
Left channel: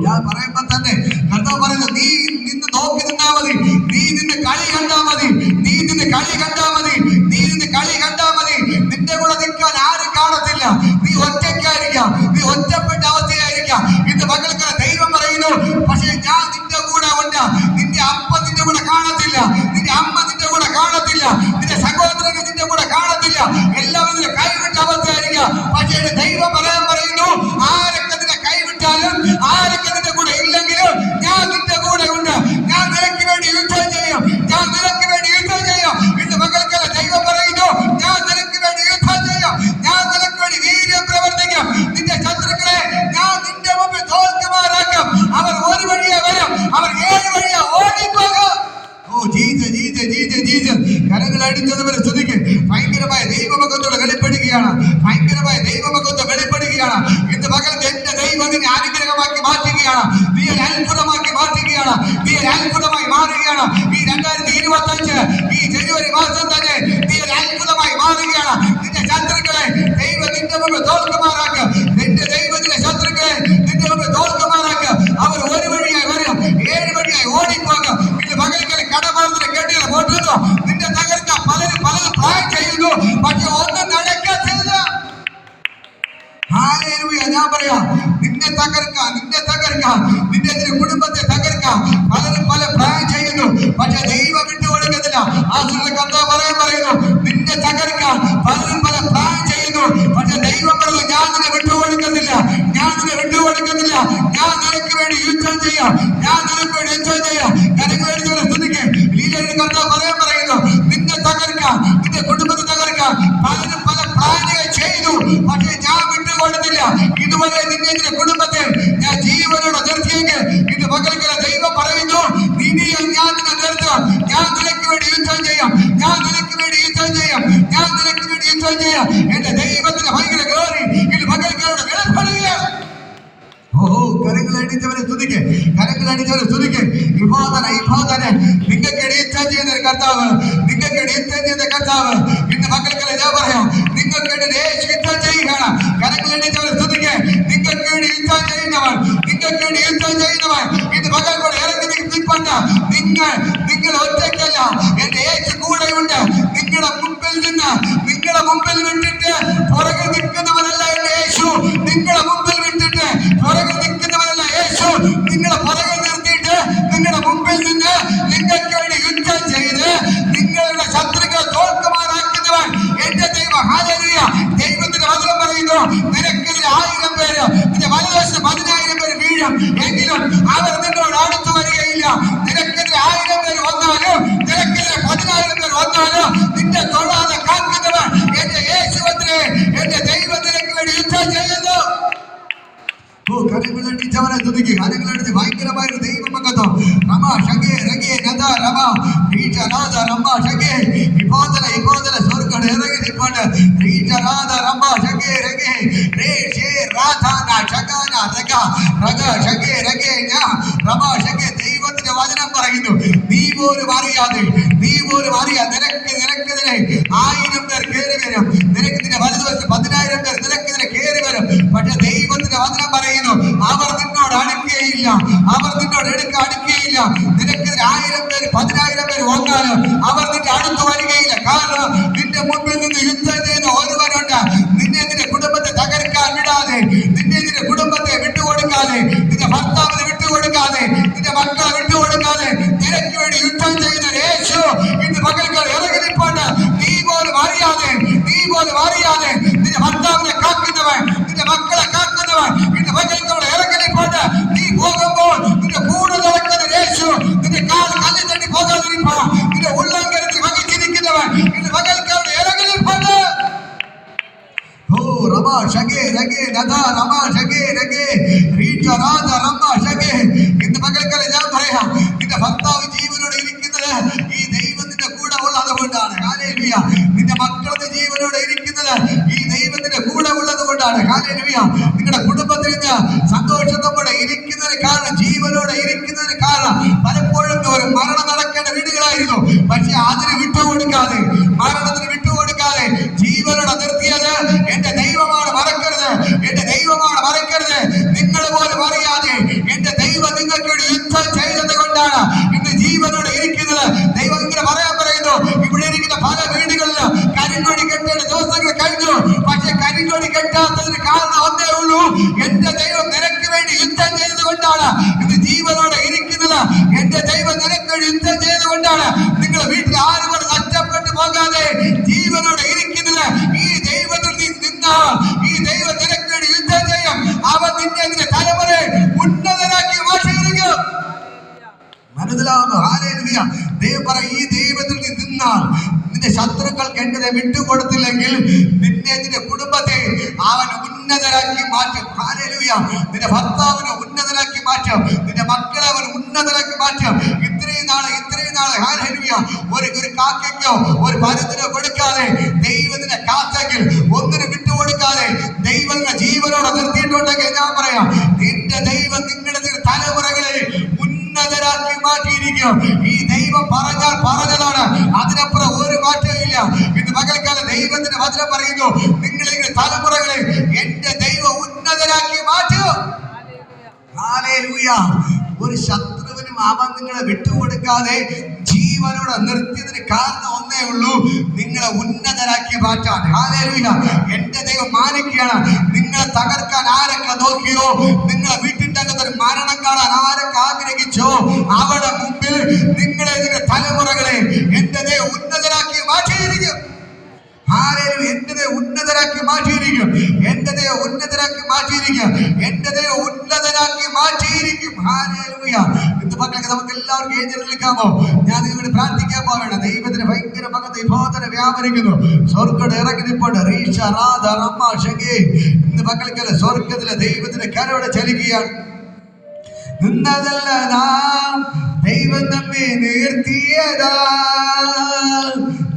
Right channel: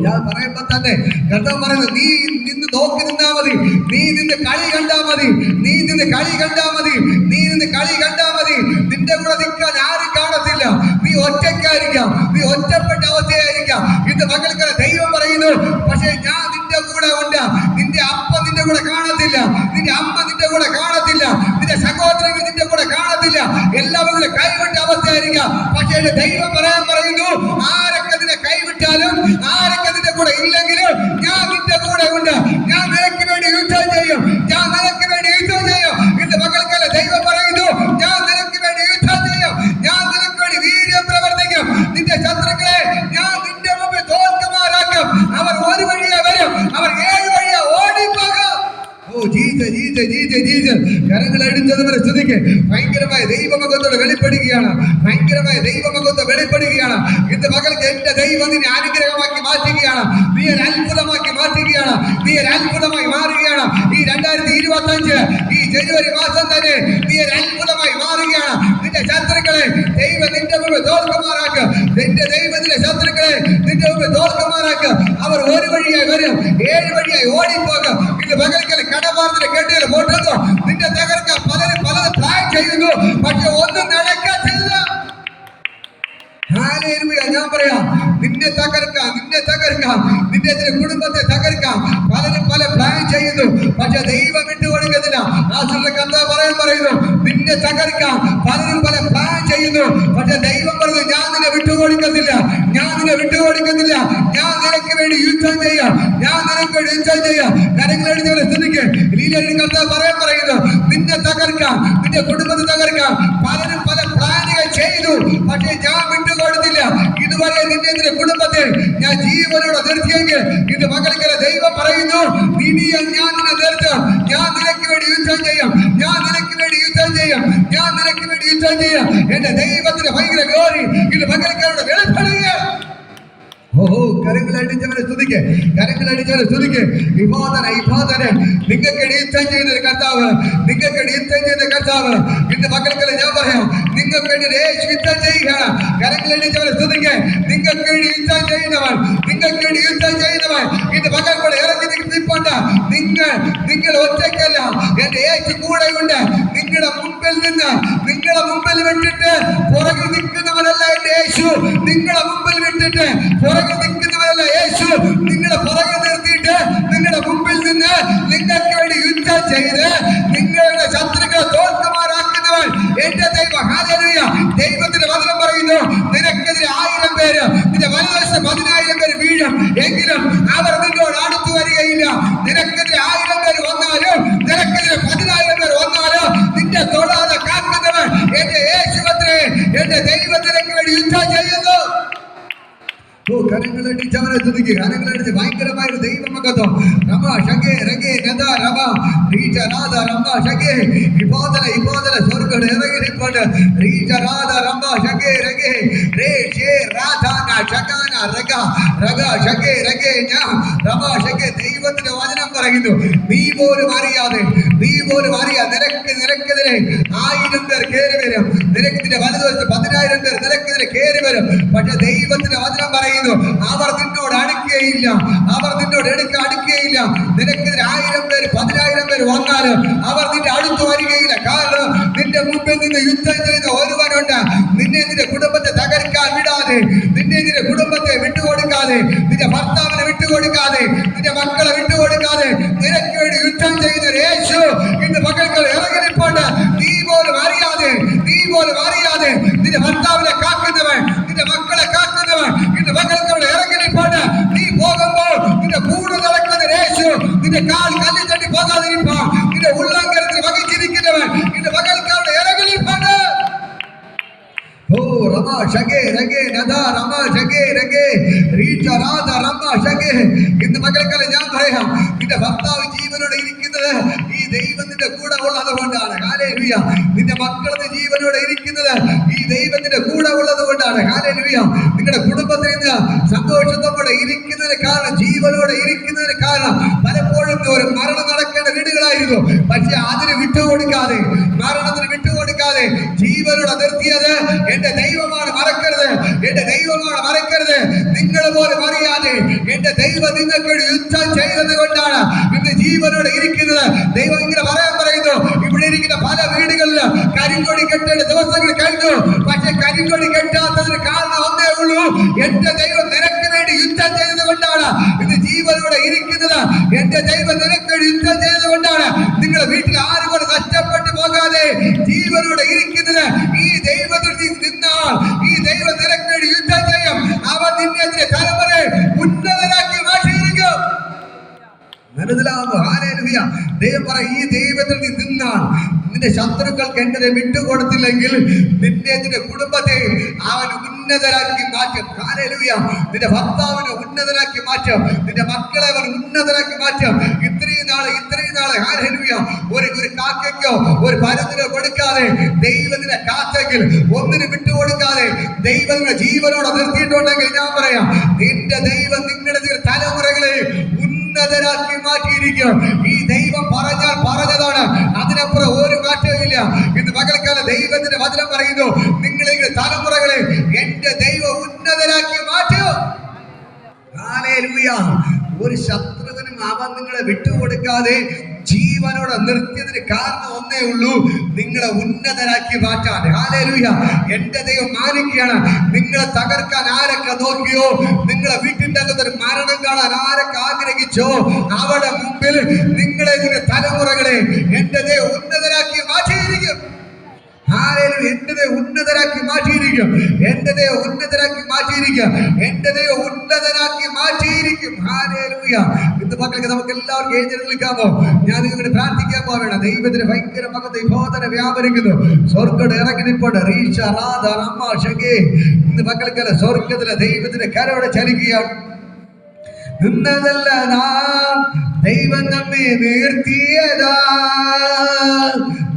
ഞാൻ പറയുമ്പോ തന്നെ കർത്താവ് പറയുന്നു, നീ നിന്ന് നോക്കി നിന്നാ മതി, നീ നിന്റെ കളി കണ്ടാ മതി, നീ നിന്റെ കളി കണ്ടാ മതി, നീ നിന്റെ കളി കണ്ടാ മതി. നിന്റെ കൂടെ നിൽക്കാൻ ആരും കാണത്തില്ല. നീ ഒറ്റയ്ക്കായിരിക്കാം, നീ ഒറ്റപ്പെട്ട അവസ്ഥയായിരിക്കാം. ഇന്ന് മകൾക്ക് ദൈവം പറയുന്നു, പക്ഷേ ഞാൻ നിന്റെ കൂടെ ഉണ്ട്. നിന്റെ അപ്പ നിന്റെ കൂടെ കാണത്തില്ല, നിന്റെ അമ്മ നിന്റെ കൂടെ കാണത്തില്ല, നിന്റെ സഹോദരങ്ങൾ നിന്റെ കൂടെ കാണത്തില്ല. എല്ലാവരും കൈവിട്ട അവസ്ഥയായിരിക്കാം. പക്ഷേ ദൈവം പറയാൻ പറയുന്നു, ആരൊക്കെ നിന്നെ കൈവിട്ടാലും ആരൊക്കെ നിന്റെ കൂടെ ഇല്ലെങ്കിലും ഞാൻ നിന്റെ കൂടെ ഉണ്ട്. ഞാൻ നിനക്ക് വേണ്ടി യുദ്ധം ചെയ്യും, ഞാൻ നിനക്ക് വേണ്ടി യുദ്ധം ചെയ്യും. ഇന്ന് മകൾക്കല്ല ദൈവം പറയുന്നു, ഞാൻ നിനക്ക് വേണ്ടി യുദ്ധം ചെയ്യും, ഞാൻ നിനക്ക് വേണ്ടി വീര്യം പ്രവർത്തിക്കും. നിന്റെ ശത്രുക്കളെ ഞാൻ നിന്റെ മുമ്പിൽ തോൽക്കുമാറാക്കും. അവർ ഒരു വഴിയെ വരും, അവർ 7 വഴിയെ ഓടിപ്പോകും. കരങ്ങൾ അടിച്ചതുവരെ സ്തുതിക്ക്. ഭയങ്കരമായ ദൈവമകത്തോടെ വെളിപ്പെടുകയാണ്, ഭയങ്കരമായ ദൈവമകത്വം വെളിപ്പെടുകയാണ്. ഇന്ന് മകൾക്ക് എന്റെ ദൈവം നിന്നെ അനുഗ്രഹമാക്കി മാറ്റുകയാണ്, നീ ഒരു അത്ഭുതമാക്കി മാറ്റുകയാണ്, നീ ഒരു അത്ഭുതമായി മാറുകയാണ്. ഈ 2025 ഈ ജനുവരി മാസം തന്നെ നീ ഒരു അത്ഭുതമായി മാറുകയാണ്. നിന്റെ ശത്രുക്കളെ ദൈവം നിന്റെ മുമ്പ് തോൽക്കുമാറാക്കുക. നിന്റെ ദൈവത്തിന്റെ ശത്രുക്കളെ നിന്റെ മുമ്പ് തോൽക്കുമാറാക്കുക. അവർ ഒരു വഴിയായി വരും, 7 വഴിയായി ഓടിപ്പോകും. ഇത് മകൾക്ക് കടമാർന്നിലെ കെട്ടികൾ കൊണ്ടുവന്നു. നിന്റെ തകർക്കാൻ പലരും പ്ലാൻ ചെയ്യുന്നു, പക്ഷെ ഒന്നും നടക്കത്തില്ല. ഞാൻ പറയാം, നിന്നെ തകർക്കാം, നിന്റെ കുടുംബത്തെ തകർക്കാം. പലരും പല പ്ലാൻ ചെയ്യുന്നു, പക്ഷെ ദൈവം വിട്ടുകൊടുക്കുന്നില്ല. ആ കർത്താവ് പറയുന്നു, നിന്നെ തകർക്കാം. പലരും പല പ്ലാൻ ചെയ്യുന്നു, പക്ഷെ ദൈവം പറഞ്ഞു, ഞാൻ നിന്നെ വിട്ടുകൊടുക്കുന്നില്ല, ഞാൻ നിന്നെ വിട്ടുകൊടുക്കുന്നില്ല. ഞാൻ നിനക്ക് വേണ്ടി യുദ്ധം ചെയ്യാം, ഞാൻ നിനക്ക് വേണ്ടി യുദ്ധം ചെയ്യാം. കരങ്ങളെടുത്തവരെ സ്തുതിക്ക്. ലീലയുടെ കർത്താവ് പറയുന്നു, നിന്നെ തകർക്കാം, നിന്റെ കുടുംബത്തെ തകർക്കാം. പലരും പല പ്ലാനുകൾ ചെയ്തു, പക്ഷെ ഞാൻ വിട്ടുകൊടുത്തില്ല. ഇതുവരെ എന്റെ ദൈവത്തിന്റെ ഭയങ്കര ഗ്ലോറി ഇത് പകൽക്കാരുടെ വെളിപ്പെടുക. ഓഹോ, കരങ്ങളടിച്ചവരെ സ്തുതിക്ക്, കരങ്ങളടിച്ചവരെ സ്തുതിക്ക്. നിങ്ങൾക്ക് യുദ്ധം ചെയ്ത കർത്താവ്, നിങ്ങൾക്ക് യുദ്ധം ചെയ്ത കർത്താവ് ഇന്ന് പകൽക്കാലം ഞാൻ പറയാം, നിങ്ങൾക്ക് യുദ്ധം ചെയ്യുകയാണ്. കരങ്ങളടിച്ചവരെ സ്തുതിക്ക്. നിങ്ങൾക്ക് യുദ്ധം ചെയ്യുന്നവൻ, നിങ്ങൾക്ക് യുദ്ധം ചെയ്യുന്നവൻ ഇന്ന് പകൽക്കൂടെ ഇറങ്ങി നിൽപ്പുണ്ട്. നിങ്ങൾ ഒറ്റയ്ക്കല്ല, എന്റെ യേശു കൂടെയുണ്ട്. നിങ്ങളുടെ മുമ്പിൽ നിന്ന്, നിങ്ങളുടെ മുമ്പിൽ വിട്ടിട്ട് പുറകിൽ നിൽക്കുന്നവരല്ല എന്റെ യേശു. നിങ്ങളുടെ മുമ്പിൽ വിട്ടിട്ട് പുറകിൽ നിൽക്കുന്നവരല്ല യേശു. നിങ്ങളെ പുറകിൽ നിർത്തിയിട്ട് നിങ്ങളുടെ മുമ്പിൽ നിന്ന് നിങ്ങൾക്ക് വേണ്ടി യുദ്ധം ചെയ്ത് നിങ്ങളുടെ ശത്രുക്കളെ തോൽക്കുമാറാക്കുന്നവൻ എന്റെ ദൈവം. ഹല്ലേലൂയ. ദൈവത്തിന്റെ വചനം പറയുന്നു, നിനക്കെതിരെ 1000 പേര്, നിന്റെ വലതുവശത്ത് 10,000 പേര് വീഴും, എങ്കിലും അവർ നിന്നോട് അടുത്തു വരികയില്ല. നിനക്കെതിരെ 1000 പേര് വന്നാലും, നിനക്കെതിരെ 10,000 പേര് വന്നാലും നിന്റെ തൊടാതെ കാക്കുന്നവൻ എന്റെ യേശുവത്രേ. എന്റെ ദൈവത്തിലേക്ക് വേണ്ടി യുദ്ധം ചെയ്യുന്നു. കരങ്ങളടിച്ചവനെ സ്തുതിക്കുക, കരങ്ങളടിച്ച് ഭയങ്കരമായ ഒരു ദൈവമകത്വം. രമ ഷഗേ രഗേ നദ രമ റീച നാദ രമ ഷഗേ ഇബോദല ഇബോദല സ്വർഗ്ഗം ഇറങ്ങി നിൽപ്പുണ്ട്. റീച നാദ രമ ഷഗേ രഗേ രേ ഷേ രാധാ ന ഷഗാന രഗ രഗ ഷഗേ രഗേ ന രമ ഷഗേ. ദൈവത്തിന്റെ വചനം പറയുന്നു, നീ പോലും അറിയാതെ, നീ പോലും അറിയാതെ നിനക്കെതിരെ 1000 പേർ കയറി വരും. നിനക്കെതിരെ വലതുവശത്ത് 10,000 പേർ നിനക്കെതിരെ കയറി വരും. പക്ഷെ ദൈവത്തിന്റെ വചനം പറയുന്നു, അവർ നിന്നോട് അടുക്കുകയില്ല, അവർ നിന്നോട് അടുക്കുകയില്ല. നിനക്കെതിരെ 1000 പേര് 10,000 പേര് വന്നാലും അവർ നിന്റെ അടുത്ത് വരികയില്ല. കാരണം നിന്റെ മുൻപിൽ നിന്ന് യുദ്ധം ചെയ്ത ഒരുവനുണ്ട്. നിന്നെ നിന്റെ കുടുംബത്തെ തകർക്കാൻ വിടാതെ, നിന്നെ നിന്റെ കുടുംബത്തെ വിട്ടുകൊടുക്കാതെ, നിന്റെ ഭർത്താവിനെ വിട്ടുകൊടുക്കാതെ, നിന്റെ മക്കളെ വിട്ടുകൊടുക്കാതെ നിനക്ക് വേണ്ടി യുദ്ധം ചെയ്ത യേശു ഇന്ന് പകൽക്കാലം ഇറങ്ങി നിൽപ്പുണ്ട്. നീ പോലും അറിയാതെ, നീ പോലും അറിയാതെ നിന്റെ ഭർത്താവിനെ കാക്കുന്നവൻ, നിന്റെ മക്കളെ കാക്കുന്നവൻ ഇന്ന് പകൽക്കാലം ഇറങ്ങി നിൽപ്പുണ്ട്. നീ പോകുമ്പോൾ നിന്റെ കൂടെ നടക്കുന്ന യേശു നിന്റെ കാൽ കല്ലിൽ തട്ടി പോകാതിരിക്കണം. നിന്റെ ഉള്ളംകരത്തിൽ വഹിച്ചിരിക്കുന്നവൻ ഇന്ന് പകൽക്കാലം ഇറങ്ങി നിൽപ്പുണ്ട്. ഓ രമ ഷഗേ രഗേ നദ രമ ഷഗേ രഗേ റീച രാധ രമ ഷഗേ. ഇന്ന് പകൽക്കാലം ഞാൻ പറയാം, നിന്റെ ഭർത്താവ് ജീവനോടെ ഇരിക്കുന്നത് ഈ ദൈവത്തിന്റെ കൂടെ ഉള്ളത് കൊണ്ടാണ്. ഹല്ലേലൂയ. നിന്റെ മക്കളുടെ ജീവനോടെ ഇരിക്കുന്നത് ഈ ദൈവത്തിന്റെ കൂടെ ഉള്ളത് കൊണ്ടാണ്. ഹല്ലേലൂയ. നിങ്ങളുടെ കുടുംബത്തിൽ നിന്ന് സന്തോഷത്തോടെ ഇരിക്കുന്നതിന് കാരണം, ജീവനോടെ ഇരിക്കുന്നതിന് കാരണം പലപ്പോഴും ഒരു മരണം നടക്കേണ്ട വീടുകളായിരുന്നു. പക്ഷെ അതിന് വിട്ടുകൊടുക്കാതെ, മരണത്തിന് വിട്ടുകൊടുക്കാതെ ജീവനോടെ നിർത്തിയത് എന്റെ ദൈവമാണ്. മറക്കരുത്, എന്റെ ദൈവമാണ്. മറക്കരുത്. നിങ്ങൾ പോലും അറിയാതെ എന്റെ ദൈവം നിങ്ങൾക്ക് വേണ്ടി യുദ്ധം ചെയ്തത് കൊണ്ടാണ് ഇന്ന് ജീവനോടെ ഇരിക്കുന്നത്. ദൈവം ഇങ്ങനെ പറയുന്നു, ഇവിടെ ഇരിക്കുന്ന പല വീടുകളിലും കരിങ്കൊടി കെട്ടേണ്ട ദിവസങ്ങൾ കഴിഞ്ഞു. പക്ഷെ കരിങ്കൊടി കെട്ടാത്തതിന് കാരണം ഒന്നേ ഉള്ളൂ, എന്റെ ദൈവം നിനക്ക് വേണ്ടി യുദ്ധം ചെയ്തത് കൊണ്ടാണ് ഇന്ന് ജീവനോടെ ഇരിക്കുന്നത്. എന്റെ ദൈവം നിനക്ക് വേണ്ടി യുദ്ധം ചെയ്തത് കൊണ്ടാണ് നിങ്ങളുടെ വീട്ടിൽ ആരും നഷ്ടപ്പെട്ടു പോകാതെ ജീവനോടെ ഇരിക്കുന്നത്. ഈ ദൈവത്തിൽ നിന്നാൽ ഈ ദൈവം നിനക്ക് വേണ്ടി യുദ്ധം ചെയ്യും. അവൻ നിന്നെ തലമുറയെ ഉന്നതനാക്കി മാറ്റിയിരിക്കും. മനസ്സിലാവുന്നു? ഹല്ലേലൂയ. ദൈവം പറ, ഈ ദൈവത്തിൽ നിന്നാൽ നിന്റെ ശത്രുക്കൾക്ക് എന്നെ വിട്ടുകൊടുത്തില്ലെങ്കിൽ നിന്നെ, നിന്റെ കുടുംബത്തെ അവൻ ഉന്നതരാക്കി മാറ്റും. ഹല്ലേലൂയ. നിന്റെ ഭർത്താവിനെ ഉന്നതരാക്കി മാറ്റും. നിന്റെ മക്കളെ അവൻ ഉന്നതരാക്കി മാറ്റും. ഇത്രയും നാള് ഹല്ലേലൂയ ഒരു കാക്കയ്ക്കോ ഒരു പരുത്തിനോ കൊടുക്കാതെ ദൈവത്തിനെ കാത്തെങ്കിൽ, ഒന്നിനും വിട്ടുകൊടുക്കാതെ ദൈവത്തിന്റെ ജീവനോടെ നിർത്തിയിട്ടുണ്ടെങ്കിൽ ഞാൻ പറയാം, നിന്റെ ദൈവം നിങ്ങളുടെ തലമുറകളെ ഉന്നതരാക്കി മാറ്റിയിരിക്കും. ഈ ദൈവം പറഞ്ഞതാണ്, അതിനപ്പുറം ഒരു മാറ്റവും ഇല്ല. ഇന്ന് പകൽക്കാലം ദൈവത്തിന്റെ വചനം പറയുന്നു, നിങ്ങളുടെ തലമുറകളെ എന്റെ ദൈവം ഉന്നതരാക്കി മാറ്റും. ഹല്ലേലൂയ. ഒരു ശത്രുവിനും അവൻ നിങ്ങളെ വിട്ടുകൊടുക്കാതെ ജീവനോടെ നിർത്തിയതിന് കാരണം ഒന്നേ ഉള്ളൂ, നിങ്ങളെ ഉന്നതരാക്കി മാറ്റാൻ. ഹല്ലേലൂയ. എന്റെ ദൈവം മാനിക്കുകയാണ്. നിങ്ങളെ തകർക്കാൻ ആരൊക്കെ നോക്കിയോ, നിങ്ങളെ വീട്ടിന്റെ അകത്തൊരു മരണം കാണാൻ ആരൊക്കെ ആഗ്രഹിച്ചോ, അവിടെ മുമ്പിൽ നിങ്ങളെ, നിങ്ങളുടെ തലമുറകളെ എന്റെ ദൈവം ഉന്നതരാക്കി മാറ്റിയിരിക്കും. എന്റെ ദൈവം ഉന്നതരാക്കി മാറ്റിയിരിക്കും. എന്റെ ദൈവം ഉന്നതരാക്കി മാറ്റിയിരിക്കും. എന്റെ ദൈവം ഉന്നതരാക്കി മാറ്റിയിരിക്കും. ഹല്ലേലൂയ. ഇന്ന് പകൽ നമുക്ക് എല്ലാവർക്കും എഴുന്നേൽക്കാമോ? ഞാൻ നിങ്ങളോട് പ്രാർത്ഥിക്കാൻ പോവേണ്ട. ദൈവത്തിന് ഭയങ്കര മകത്ത് വിഭോധന വ്യാപരിക്കുന്നു. സ്വർഗ്ഗം ഇറങ്ങി നിൽപ്പുണ്ട്. റീഷ റാദ റമ്മ ഷഗേ. ഇന്ന് പകൽക്കാലം സ്വർഗ്ഗത്തിലെ ദൈവത്തിന്റെ കരോടെ ചലിക്കുകയാണ്. നിന്നതല്ല നാം, ദൈവം നമ്മെ നിർത്തിയതാ.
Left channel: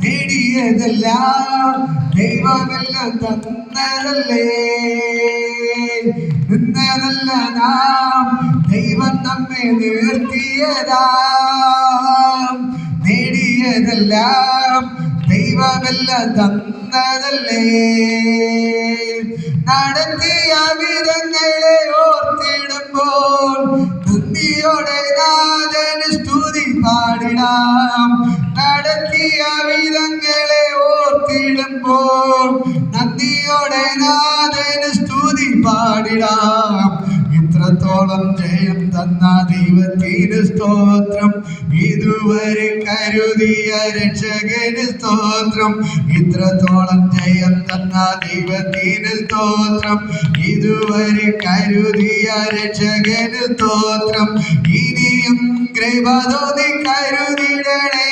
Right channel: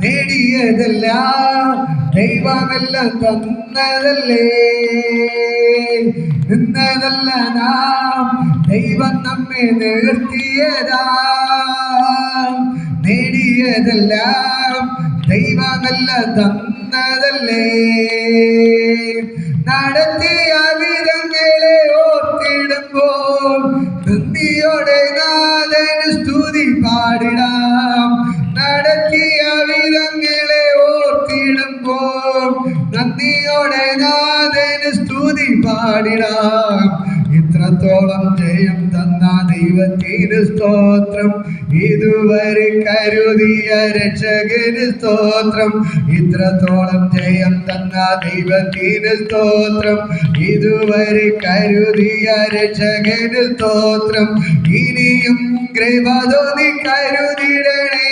നേടിയതല്ല ദൈവം ദൈവമെല്ലാം തന്നതല്ലേ, നിന്നതല്ല നാം, ദൈവം നമ്മെ നിർത്തിയതാം. നേടിയതെല്ലാം ദൈവമെല്ലാം തന്നതല്ലേ. നടത്തിയ വിധങ്ങളെ ഓർത്തിടുമ്പോൾ നന്ദിയോടെ നാഥന് സ്തുതി പാടിടാം. നടത്തിയ വിധങ്ങളെ ഓർത്തിടുമ്പോൾ നന്ദിയോടെ നാഥന് സ്തുതി പാടിടാം. ഇത്രത്തോളം ജയം തന്ന ദൈവത്തിന് സ്തോത്രം, ഇതുവരെ കരുതിയ രക്ഷകന് സ്തോത്രം. ഇത്രത്തോളം ജയം തന്ന ദൈവത്തിന് സ്തോത്രം, ഇതുവരെ കരുതിയ രക്ഷകന് സ്തോത്രം. ഇനിയും കൃപ തോന്നി കരുതിടണേ,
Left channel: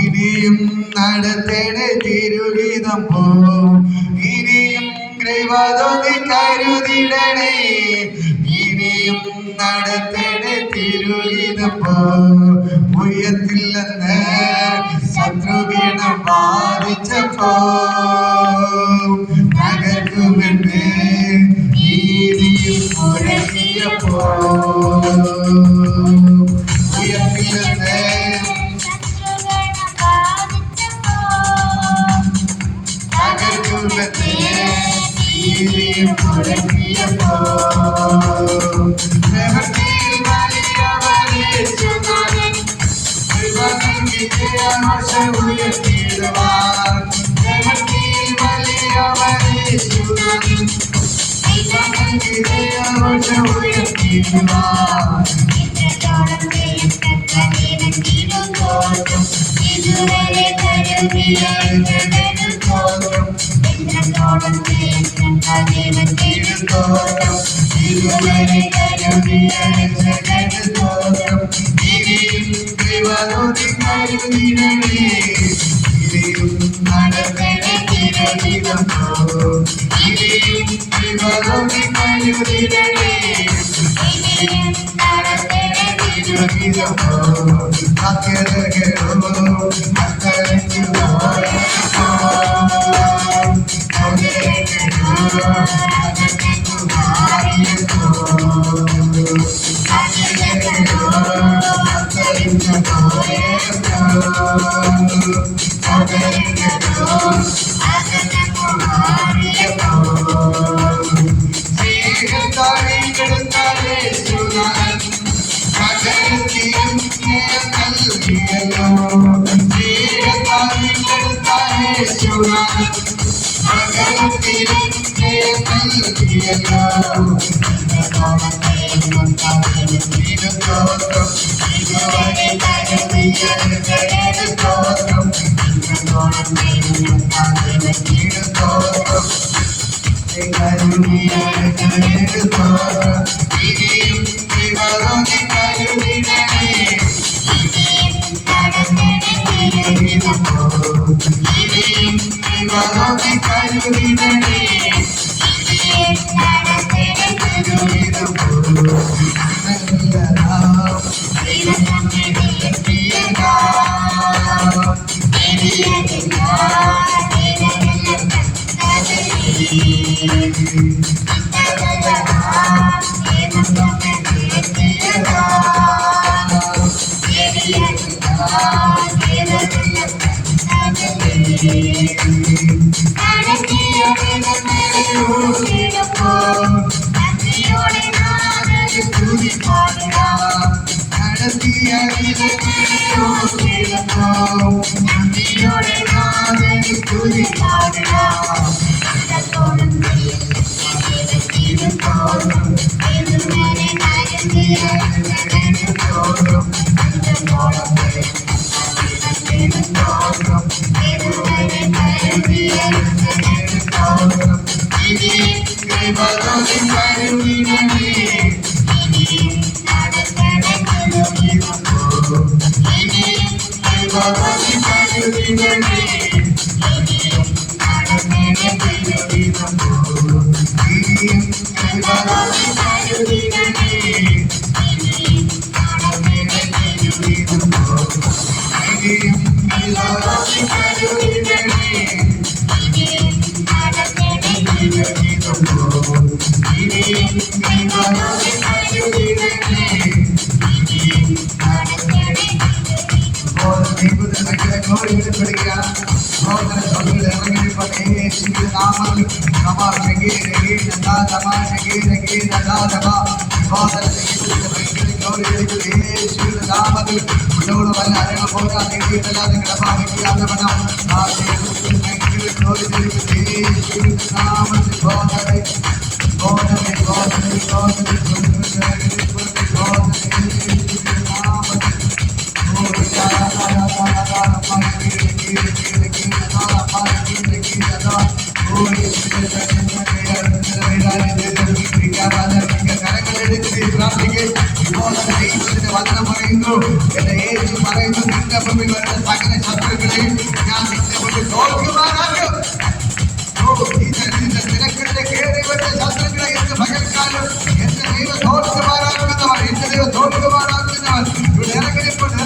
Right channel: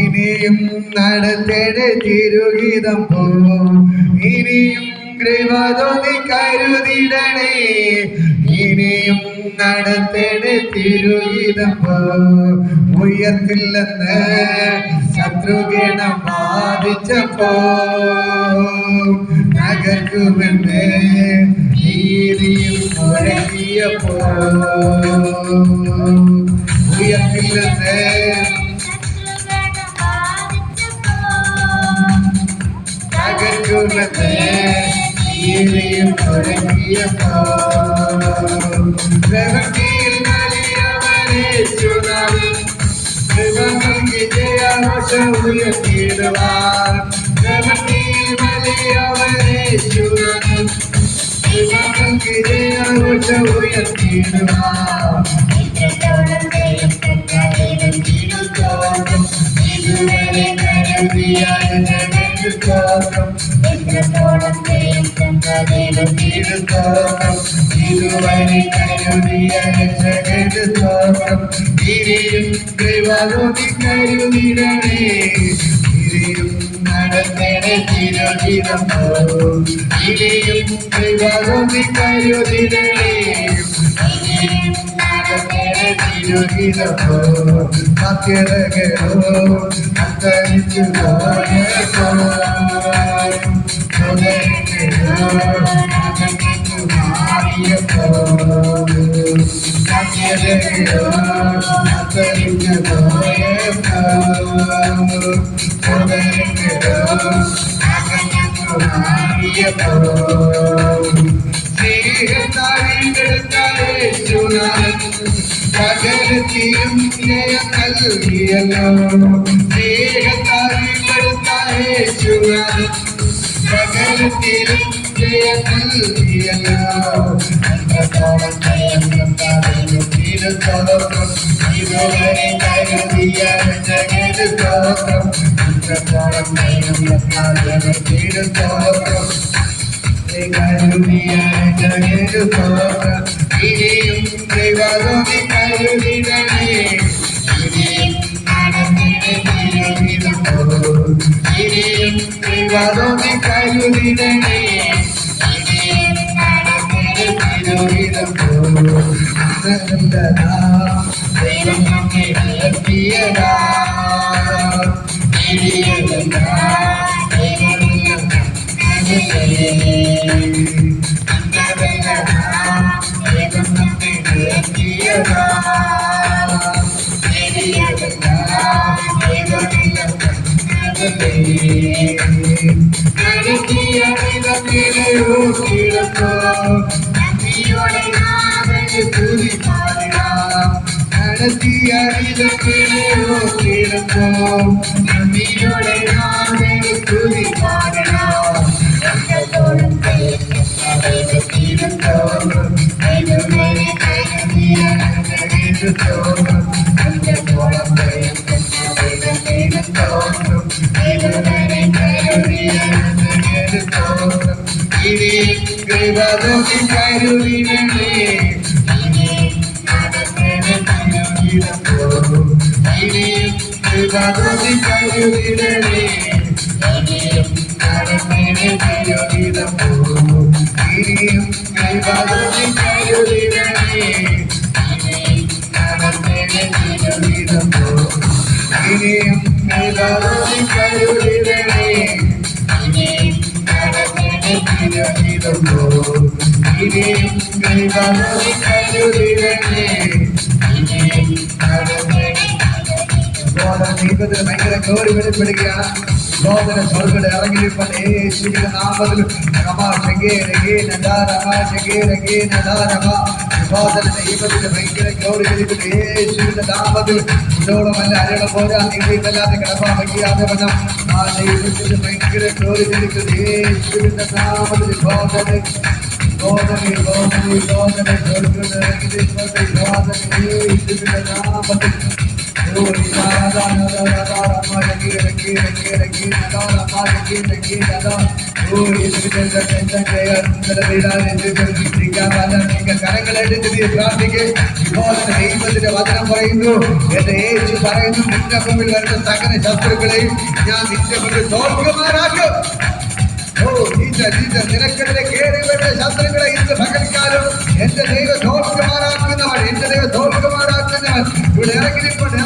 ഇനിയും നടത്തേണേ തിരുഹിതം പോ. ഇനിയും കൃപ തോന്നി കരുതിടണേ, ഇനിയും നടത്തേണേ തിരുഹിതം പോ. ഉയർത്തില്ലെന്ന് ശത്രുഗണം ബാധിച്ചപ്പോ നഗരുമെന്ന് നീതിയിൽ മുഴങ്ങിയപ്പോ. ഉയർത്തില്ലെന്ന് നഗരുമെന്ന് നീതിയിൽ മുഴങ്ങിയപ്പോ. ഇനിയും ദൈവത്തിന് ഭയങ്കര ഗൗരി വെളിപ്പെടുകയാണ്. സഹോദര സഹോദരൻ ഇറങ്ങിയിരിപ്പട്ടെ യേശുവിന്റെ നാമത്തിൽ. സഹോദര ദൈവത്തിന് ഭയങ്കര ഗൗരി വെളിപ്പെടുക യേശുവിന്റെ നാമത്തിൽ. ഉള്ളോളമല്ല അരള പോരാ ദൈവമല്ലാതെ കിടപ്പാൻ വയ്യാതെ വണ്ണം ആ ദൈവത്തിന് ഭയങ്കര ഗൗരി വെളിപ്പെടുക യേശുവിന്റെ നാമത്തിൽ. സഹോദരൻ സഹോദരൻ സഹോദരൻ സഹോദരൻ യേശുവിന്റെ നാമത്തിൽ. ദൈവത്തിന്റെ വചനം പറയുന്നു, എന്റെ യേശു പറയുന്നു, നിന്റെ മുമ്പിൽ വരുന്ന സകല ശത്രുക്കളെയും ഞാൻ നിന്റെ മുമ്പിൽ തോൽക്കുമാറാക്കും. നിനക്കെതിരെ കയറി വരുന്ന ശത്രുക്കളെ ഇന്ന് പകൽക്കാലം എന്റെ ദൈവം തോൽക്കുമാറാക്കുന്നവൻ, എന്റെ ദൈവം തോൽക്കുമാറാക്കുന്നവൻ. ഇവിടെ ഇറങ്ങിനിപ്പോണ്ട്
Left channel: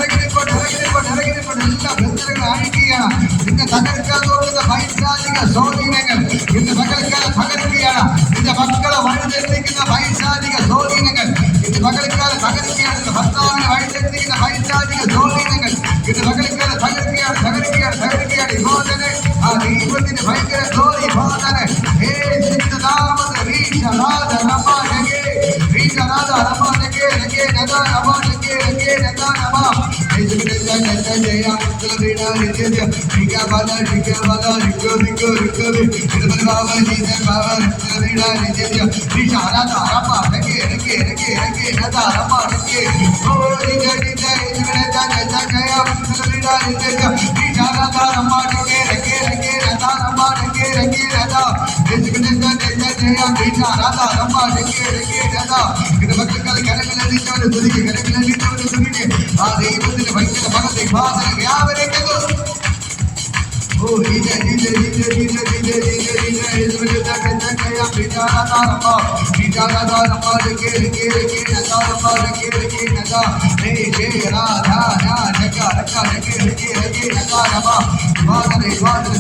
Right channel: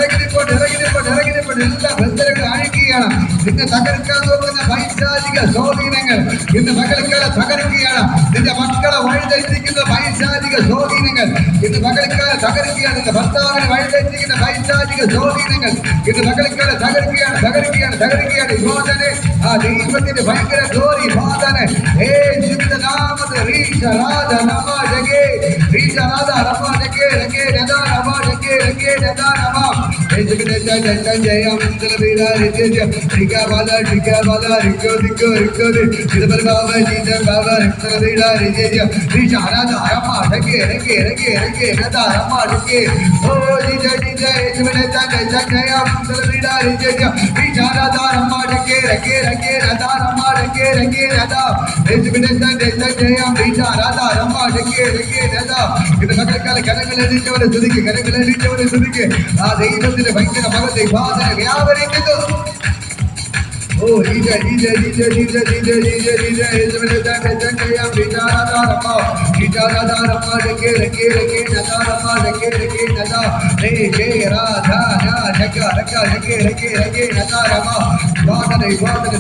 എല്ലാ ബന്ധനങ്ങൾ അഴിക്കുകയാണ്. നിന്നെ തകർക്കാൻ നോക്കുന്ന പൈശാചിക സ്വാധീനങ്ങൾ ഇന്ന് പകൽക്കാലം തകർക്കുകയാണ്. നിന്റെ മക്കളെ വഴിതെറ്റിക്കുന്ന പൈശാചിക സ്വാധീനങ്ങൾ ഇന്ന് പകൽക്കാലം തകർക്കുകയാണ്. നിന്റെ ഭർത്താവിനെ വഴിതെറ്റിക്കുന്ന പൈശാചിക സ്വാധീനങ്ങൾ ഇന്ന് പകൽക്കാലം തകർക്കുകയാണ്. യോജനെ ആ ദൈവത്തിന്റെ ഭയങ്കര ഗ്ലോറി ഫാദറെ യേശുവിന്റെ നാമത്തിൽ ആ ദൈവത്തിന്റെ ഭയങ്കര മകത്തെ ഫാദറെ വ്യാപരിക്കുന്നു. Oh, DJ,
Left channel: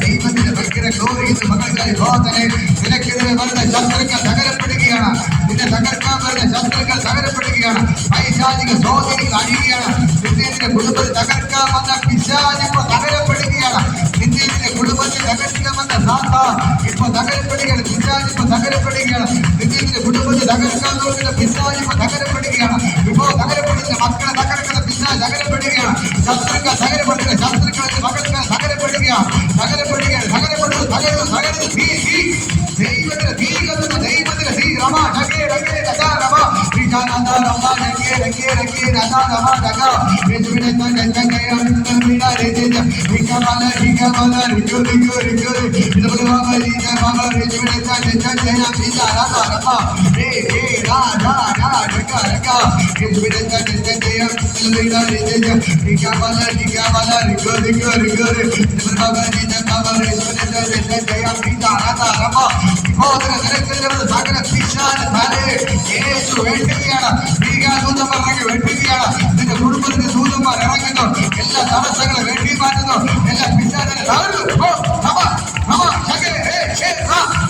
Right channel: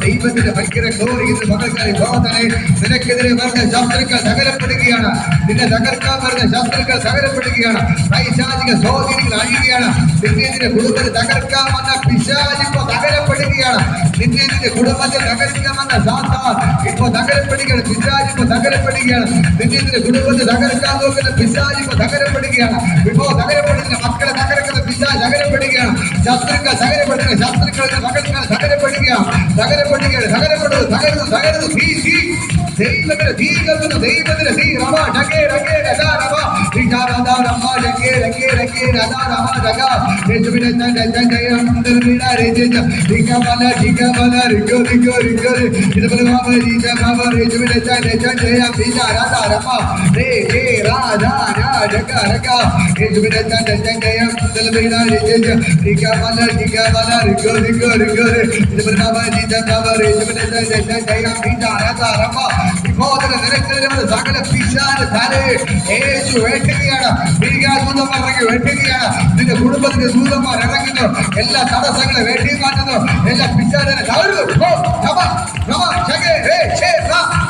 ദൈവത്തിന്റെ ഭയങ്കര ഗ്ലോറി ഇന്ന് മകൾക്കായി ഫാദറെ നിനക്കെതിരെ വരുന്ന ശത്രുക്കൾ തകരപ്പെടുകയാണ്. നിന്നെ തകർക്കാൻ വരുന്ന ശത്രുക്കൾ തകരപ്പെടുകയാണ്. പൈശാചിക സ്വാധീനങ്ങൾ അഴിയുകയാണ്. നിന്റെ കുടുംബത്തെ തകർക്കാൻ വന്ന പിശാച് ഇപ്പൊ തകരപ്പെടുകയാണ്. നിന്റെ കുടുംബത്തെ തകർക്കണമെന്ന സാത്താൻ ഇപ്പൊ തകരപ്പെടുകയാണ്. പിശാച് ഇപ്പൊ തകരപ്പെടുകയാണ്. നിന്റെ കുടുംബത്തെ തകർക്കാൻ നോക്കുന്ന പിശാച് ഇപ്പൊ തകരപ്പെടുകയാണ്. ഇപ്പോ തകരപ്പെടുന്ന മക്കളെ തകർക്കുന്ന പിശാച് തകരപ്പെടുകയാണ്. ശത്രുക്കൾ തകരപ്പെടുന്ന ശത്രുക്കളുടെ മകൾക്കാൽ തകരപ്പെടുകയാണ്. തകരുന്നു ദൈവത്തിന് തീ കത്തുന്നു. ദൈവത്തിന് തീ രമാ ജഗേ രഗേ രഗാ രമാ വിചാരാദാ രമാ ജഗേ രഗേ രഗേ രഗാ രമാ ജഗാ യേശുവിനെ തങ്കജയം ദർമിനാരേ ജയ ഠികമല റിഗോ ഇതുപോലെ മാമരീജ മാമ യേശുവിനെ തങ്കജയം വിചാരാദാ രമാ രേ രാജാ രാജക രഗാ യേശുവിനെ തങ്കജയം ദർമിനാരേ ജയ ഠികമല റിഗോ ഇതുപോലെ മാമരീജ മാമ യേശുവിനെ തങ്കജയം വിചാരാദാ രമാ സകല പിശാച് തലേ യേശു വെട്ടുകയാണ്. ദൂതന്മാർ ഇറങ്ങി വെട്ടുകയാണ്. നിന്റെ കുടുംബത്തിന്റെ ദൂതന്മാർ ഇറങ്ങുന്നു. എല്ലാ തടസ്സങ്ങളെ വെട്ടി മാറ്റുന്നു. എല്ലാ പിശാചിനെ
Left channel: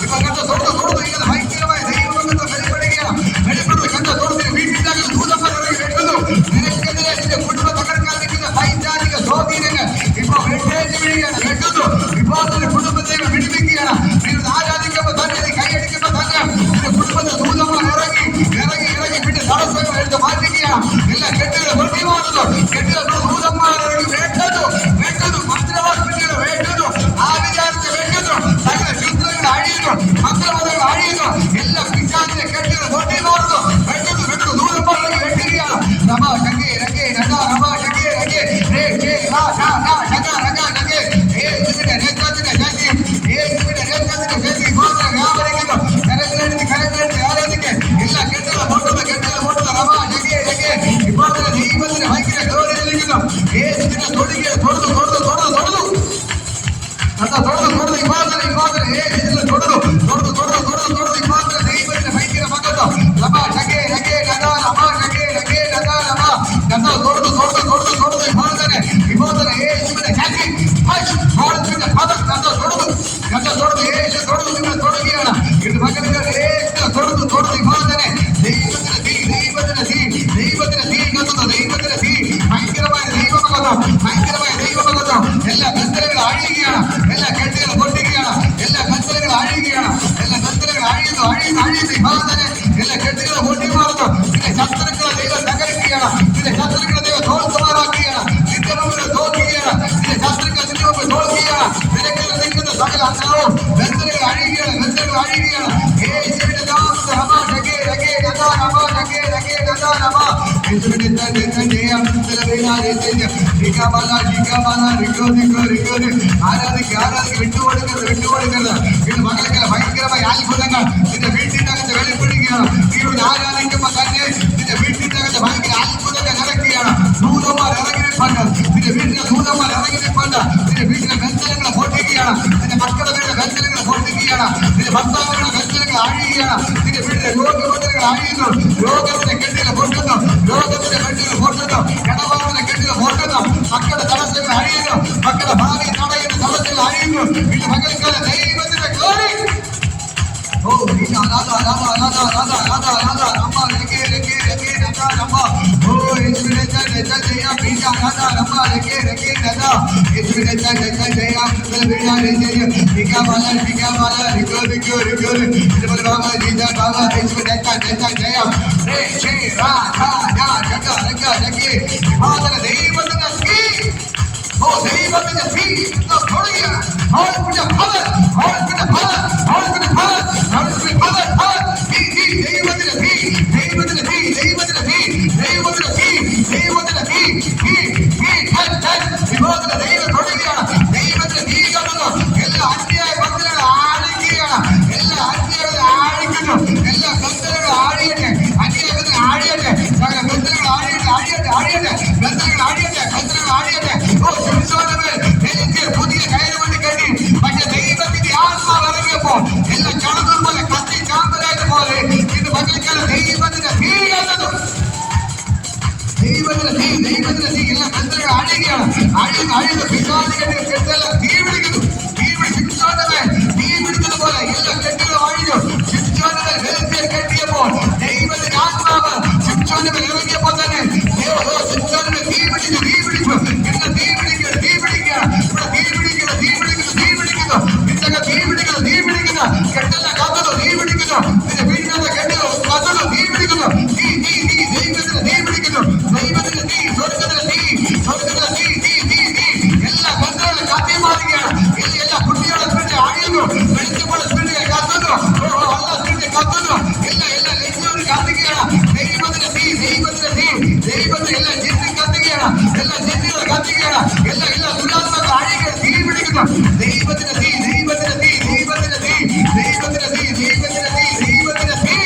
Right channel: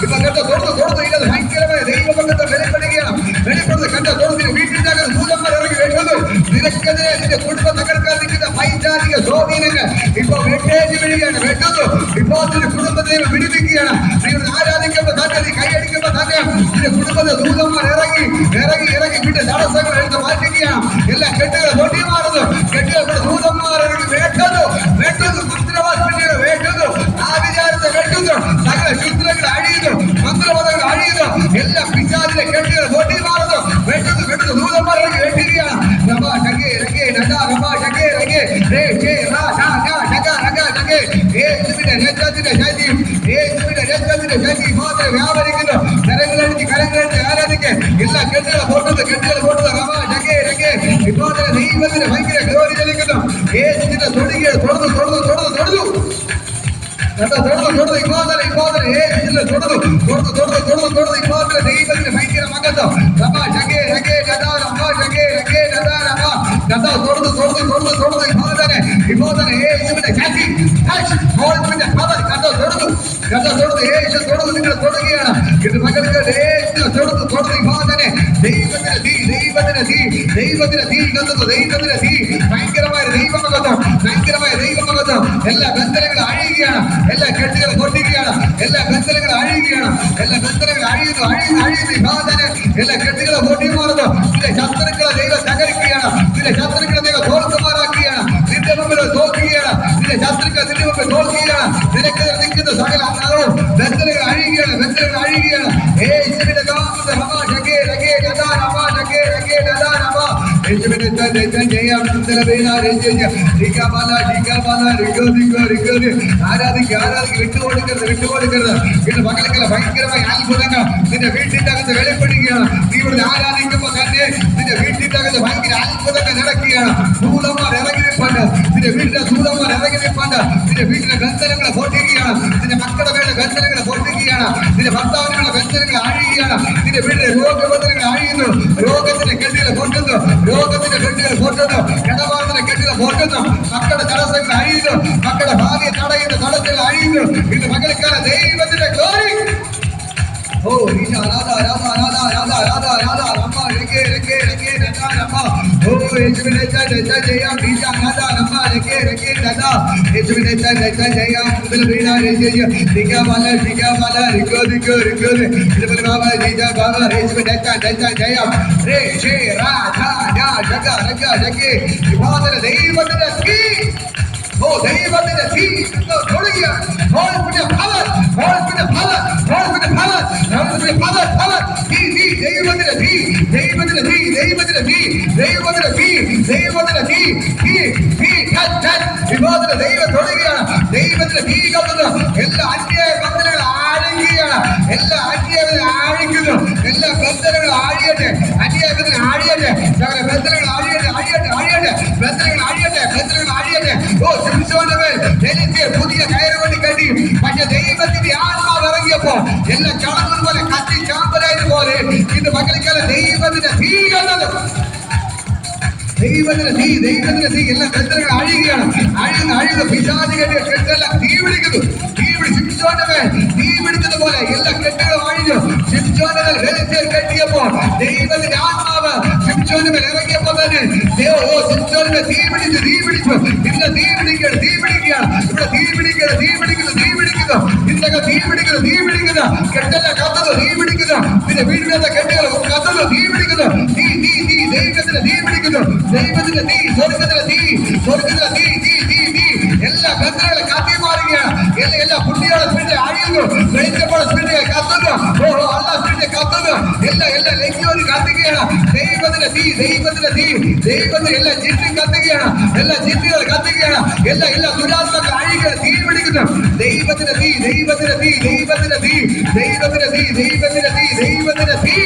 ഇപ്പൊ കണ്ട തൊടുന്നു ഇങ്ങനെ ഭയങ്കരമായ ദൈവബന്ധത്തെ വെളിപ്പെടുന്നത് കണ്ട തൊടുന്ന വീട്ടിൽ ദൂതന്മാർ ഇറങ്ങി വെക്കുന്നു. നിനക്കെതിരെ നിന്റെ കുടുംബം തകർക്കാൻ നിൽക്കുന്ന പൈശാചിക സ്വാധീനങ്ങൾ ഇപ്പൊ വെട്ടേജ് വീഴുകയാണ്. വെട്ടുന്നു. ഇപ്പൊ നിന്റെ കുടുംബത്തെ വിടിപ്പിക്കുകയാണ്. നിങ്ങൾ ആരാധിക്കുമ്പോ തന്നെ കൈയടിക്കുമ്പോ തന്നെ നിന്റെ കുടുംബത്തെ ദൂതന്മാർ ഇറങ്ങി പിന്നെ തടസ്സങ്ങൾ എടുത്ത് മാറ്റിക്കുകയാണ്. എല്ലാ കെട്ടുകൾ തൊട്ടി മാറുന്നു. കെട്ടുകൾ ദൂതന്മാർ വെട്ടുന്നു. മന്ത്രവാദികളെ വെട്ടുന്നു. ആവിചാരത്തെ വെട്ടുന്നു. സകല ശുദ്രങ്ങൾ അഴിയുന്നു. മന്ത്രവാദങ്ങൾ അഴിയുന്നു. എല്ലാ പിശാചിലെ കെട്ടുകൾ തൊട്ടി മാറുന്നു. വെട്ടുന്നു. ദൂതന്മാർ ഇറങ്ങി വെട്ടുകയാണ്. രമാ ജഗേ രഗേ രഗാ രമാ ജഗേ രഗേ രേ ജേ രാ രാ രാ ജഗാ രഗാ ജഗേ യേശുവിന്റെ രക്തത്തിന്റെ ശക്തി മാത്രം വ്യാപരിക്കുന്നു. കരങ്ങളെടുത്ത് ആരാധിക്ക്. എല്ലാ കെട്ടുകളെ പൊട്ടുന്ന രമാ ജഗേ രഗേ ഇപ്പോൾ ദൈവത്തിന് ഭയങ്കര ഗൗരവം നൽകുന്നു. യേശുവിന്റെ തൊടുകയെ തൊടുന്നു. ദൈവത്തിന് ഭയങ്കര മകത്വം. രമാ ജഗേ രഗേ ഗദാ രമാ ജഗേ രഗേ ഗദാ രമാ ഗദാ തൊടുന്നു. ഇപ്പോൾ യേശുവിന്റെ ശക്തി യേശു തൊടുന്നു. നിങ്ങൾ തൊടുകയാണ്. ഇത് മകൾക്ക് ഭയങ്കരമായ അത്ഭുതങ്ങൾ നിന്റെ വീട്ടിന്റെ അകത്ത് വെളിപ്പെടുകയാണ്. നീ ഇവിടെ ആരാധിക്കുമ്പോ തന്നെ നിന്റെ വീട്ടിന്റെ അകത്ത് ഭയങ്കര അത്ഭുതങ്ങൾ നടക്കുകയാണ്. ദൂതന്മാർ ഇറങ്ങി നിൽപ്പുണ്ട്, നിന്റെ വീട്ടിലെ ദൂതന്മാർ ഇറങ്ങി നിൽപ്പുണ്ട്. നിന്റെ വീട്ടിലെ ബന്ധനങ്ങളെ പൊട്ടിക്കുകയാണ്, നിന്റെ മക്കളുടെ വീട്ടിലെ ബന്ധനങ്ങളെ പൊട്ടിക്കുകയാണ്, നിന്റെ ഭർത്താവിനുള്ള ബന്ധനങ്ങൾ അഴിയുകയാണ്. നിന്റെ വീട്ടിലെ രോഗബന്ധനങ്ങൾ അഴിയുന്നു, രോഗത്തിന്റെ കെട്ടുകൾ പൊട്ടുന്നു, രോഗത്തിന്റെ കെട്ടുകൾ പൊട്ടുന്നു, ഇടപാടിന്റെ കെട്ടുകൾ പൊട്ടുന്നു, മക്കളുടെ തടസ്സങ്ങൾ അഴിയുന്നു, മക്കളുടെ ഭാവിയെ തടയുന്ന തടസ്സങ്ങൾ അഴിയുന്നു. ഇത് മകൾക്കാല ദൈവത്തിന്റെ ഗ്ലോറി. ഓ രാധാ രാധാ രാധാ രാധാ രാധാ രാധാ രമ്മ രംഗേ രംഗേ രംഗേ രാധാ രമ്മ. ഓ യേശുവിനെ ജയ ബീജ രാധാ രമ്മ രംഗേ രംഗേ രാധാ. യേശുവിനെ ജയ മുതൽ ബീജ രംഗേ ദിഗാ ബാല റിഗോ ദിഗോ റിഗോ ദിബൽ ബാബा जीजा बाबा യേശുവിനെ ജയ രേ ഷേ രാധാ രാ ജഗ രഗ രംഗേ ഇബാദത ദൈവത്തിന്റെ തീ. ഓ ദൈവത്തിന്റെ തീ തുടങ്ങിയ ഹോൾപിന്റെ പവർ ഹോൾപിന്റെ പവർ ഹോൾപിന്റെ പവർ എല്ലാ അന്യായ ബന്ധനങ്ങൾ ആഴിക്കുകയാണ്, എല്ലാ അന്യായങ്ങൾ ആഴിക്കുന്നു, എല്ലാ ബന്ധനങ്ങൾ ആഴിയട്ടെ, അന്യായ ബന്ധനങ്ങൾ ആഴിയട്ടെ, ബന്ധനങ്ങൾ ആഴിയട്ടെ, ആഴിയട്ടെ, ആഴിയട്ടെ, ബന്ധനങ്ങൾ ആഴിയട്ടെ, ബന്ധനങ്ങൾ ആഴിയട്ടെ. ഓ ശിംശോനമേ എനിക്ക് പുതിയ കയറുവണ്ടി കണ്ടി, പക്ഷെ ദൈവത്തിന്റെ ആത്മാവ് ഇറങ്ങിയപ്പോ എല്ലാ ചടങ്ങും പോലെ കത്തി ചാമ്പലായതുപോലെ ഇത് മകൾക്കാല ദൈവത്തിന്റെ തീ കണ്ടത്. ദൈവത്തിന്റെ തീ, ദൈവത്തിന്റെ തീ എല്ലാ ബന്ധനങ്ങൾ അഴിയുകയാണ്, അഴിയുന്ന പിശാചികളുടെ കെട്ടെല്ലാം തീ പിടിക്കുന്നു, തീ ശിംശോനമേ തീ പിടിച്ചത് പോലെ എല്ലാ കെട്ടുകളും അഴിഞ്ഞു. ശിംശോനമേ കെട്ടിയപ്പോൾ ദൈവത്തിന്റെ ആത്മാവ് ശിംശോനമേ ഇറങ്ങിയപ്പോൾ തന്നെ ശിംശോനമേ തീ പിടിച്ചു, തീ പിടിച്ചു. ഇന്ന് തീ പിടിക്കുകയാണ്, തീ പിടിക്കുകയാണ്, ഇവിടെ തീ പിടിക്കുകയാണ്, തീ പിടിക്കുന്നു, തീ പിടിക്കുന്നു, നിന്റെ തീ പിടിക്കുന്നു, തീ പിടിക്കുന്നു, കെട്ടെല്ലാം കത്തുന്നു, തീ പിടിക്കുന്നു, നിന്റെ വീടിനകത്തെ കെട്ടുകൾ കത്തുന്നു, തീ പിടിക്കുന്നു, തീ തീ തീ ദൈവത്തിന്റെ തീ പിടിക്കുന്നു, ദൈവത്തിന്റെ തീ, സ്വർഗത്തിലെ തീ, സ്വർഗത്തിലെ തീ, തീ തീ തീ എല്ലാ ബന്ധങ്ങളും കത്തി മാറുകയാണ്. എല്ലാ കുട്ടികളുടെ സ്പിരിറ്റ് അഴിയുന്നു, വെളിച്ചപ്പോഴുള്ള സ്പിരിറ്റ് കത്തുന്നു, എല്ലാ സ്പിരിറ്റ് കത്തുന്നു, എല്ലാ ലക്ഷ്യവും കത്തുകയാണ്. ദൈവത്തിന്റെ തീ, ദൈവത്തിന്റെ തീ, ദൈവത്തിന്റെ എല്ലാ ജിന്നും കത്തുകയാണ്, എല്ലാ ജിന്നുകൾ കത്തുകയാണ്, എല്ലാ ദുരാത്മകൾ അഴികൾ തീ പിടിക്കുന്നു. ദൈവത്തിന്റെ തീ, ദൈവത്തിന്റെ തീ, ദൈവത്തിന്റെ തീ, ദൈവത്തിന്റെ തീ, ദൈവത്തിന്റെ തീ, ദൈവത്തിന്റെ തീ.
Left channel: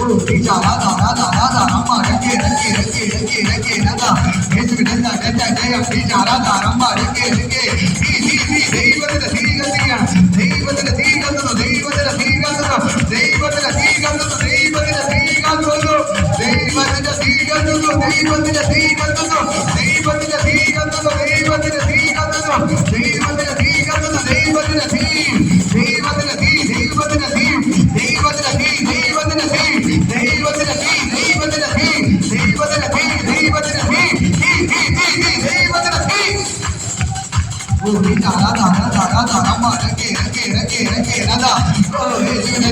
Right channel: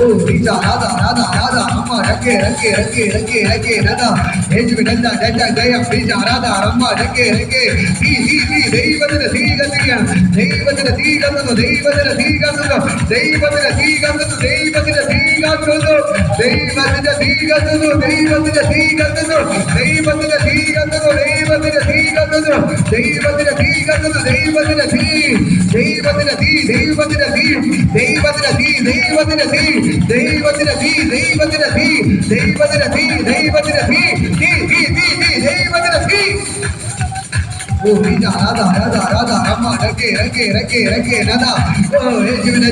ഓ രാധാ രാധാ രാധാ രമ്മ രംഗേ രംഗേ രംഗേ രംഗേ രംഗേ രാധാ. യേശുവിനെ ജയ ബീജ രാധാ രമ്മ രംഗേ രംഗേ തീ തീ തീ ദൈവത്തിന്റെ തീ കത്തുകയാണ്, ദൈവത്തിന്റെ തീ കത്തുന്നു, ദൈവത്തിന്റെ തീ കത്തുന്നു, ദൈവത്തിന്റെ തീ കത്തുന്നു, ദൈവത്തിന്റെ തീ കത്തുന്നു, ദൈവത്തിന്റെ തീ കത്തുന്നു, ദൈവത്തിന്റെ തീ കത്തുന്നു, ദൈവത്തിന്റെ തീ കത്തുന്നു, ദൈവത്തിന്റെ തീ കത്തുന്നു, ദൈവത്തിന്റെ തീ കത്തുന്നു, ദൈവത്തിന്റെ തീ, ദൈവത്തിന്റെ തീ, ദൈവത്തിന്റെ തീ, ദൈവത്തിന്റെ തീ, ദൈവത്തിന്റെ തീ, ദൈവത്തിന്റെ തീ, ദൈവത്തിന്റെ തീ, ദൈവത്തിന്റെ തീ, ദൈവത്തിന്റെ തീ, തീ തീ തീ തീ ദൈവത്തിന്റെ തീ. ഓ രാധാ രാധാ രാധാ രമ്മ രംഗേ രംഗേ രംഗേ രംഗേ രാധാ. ഓ യേശുവിനെ